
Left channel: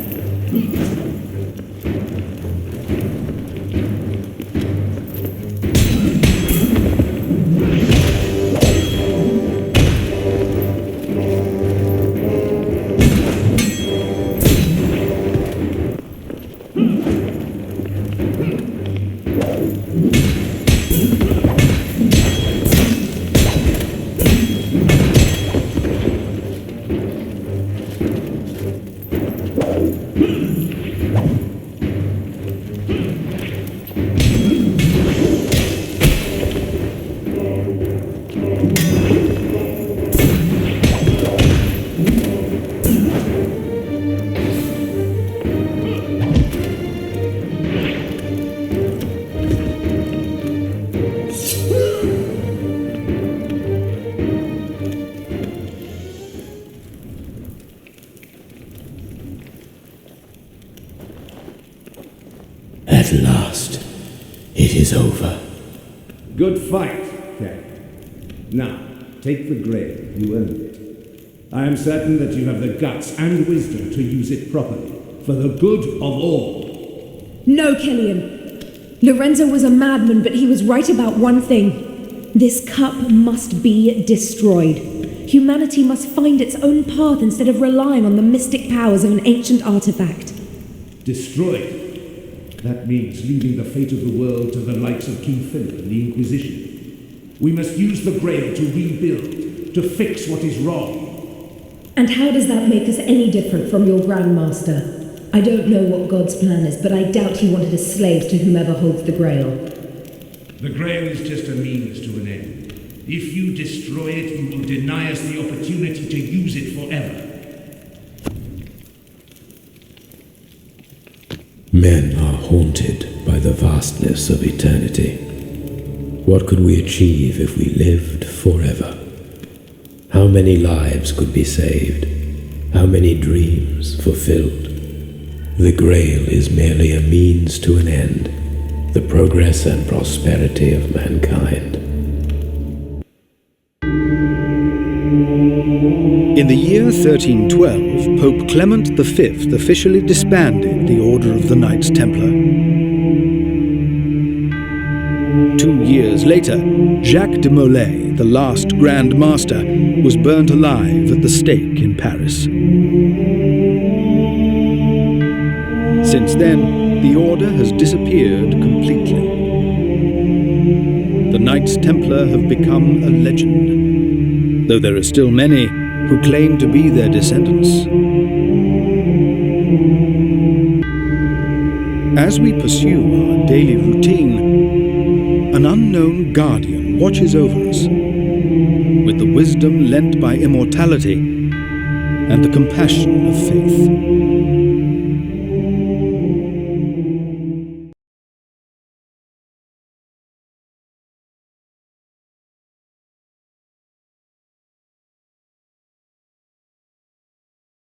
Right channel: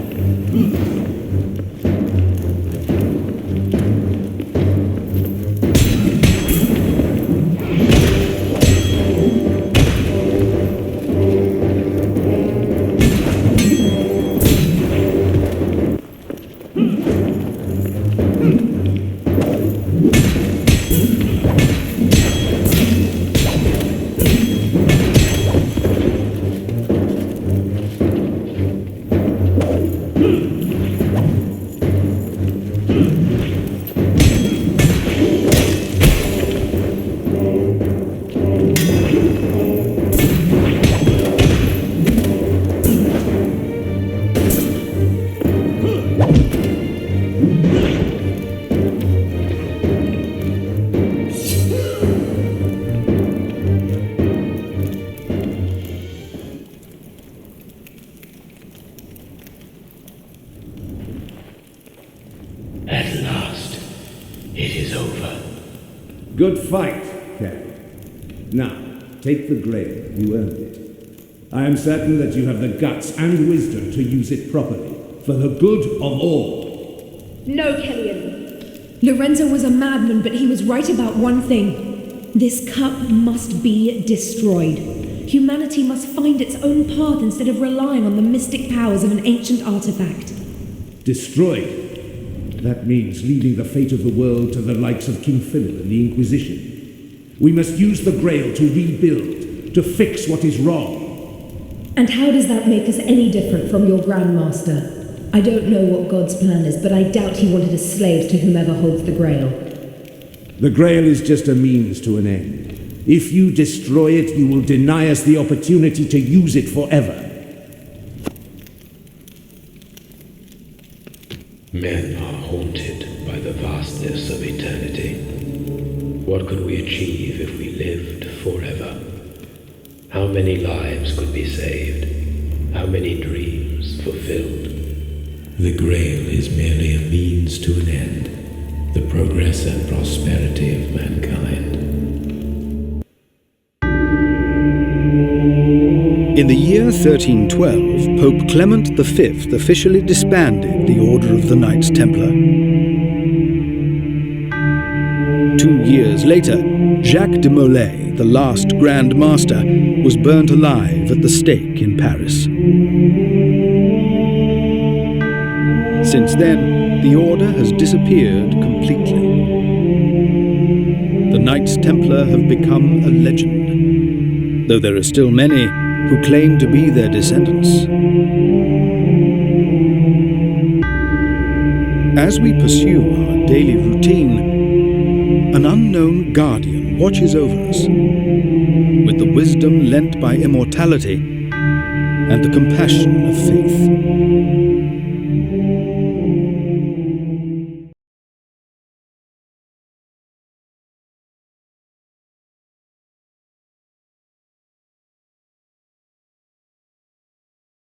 At last, it is over. Good fight, Captain. Now, take the Grail. You earned it. I am certain that you have the guts and wisdom to use it properly, for the good of all. No, Killian. Lorenzo was a madman, but he was right about one thing. This cup must be destroyed. Humanity must find its own path instead of relying on the mystic powers of an ancient artifact. Destroyed? That means leaving the fate of the world to the likes of King Philip and the Inquisition. We must use the Grail to rebuild, to fix what is wrong. And how does that make us any different from your Grand Master? I don't know what God's plan is, but I doubt he wanted us slaves to whomever holds the Grail. The Grail is just a means to an end. If you destroy it, you will deny us the opportunity to use it forever. Men are haunted by the vastness of eternity. What could we achieve if we lived forever? How many lives could be saved? How many dreams fulfilled? The Grail is merely a means to an end, the progress and prosperity of mankind. In the year 1312, Pope Clement V officially disbanded the Order of the Knights Templar. 2 years later, Jacques de Molay, the last Grand Master, was burnt alive at the stake in Paris. Since then, the Order has disappeared completely. The Knights Templar have become a legend, though there are still many who claim to be their descendants. As we pursue our daily routine, an unknown guardian watches over us, with the wisdom lent by immortality and the compassion of faith.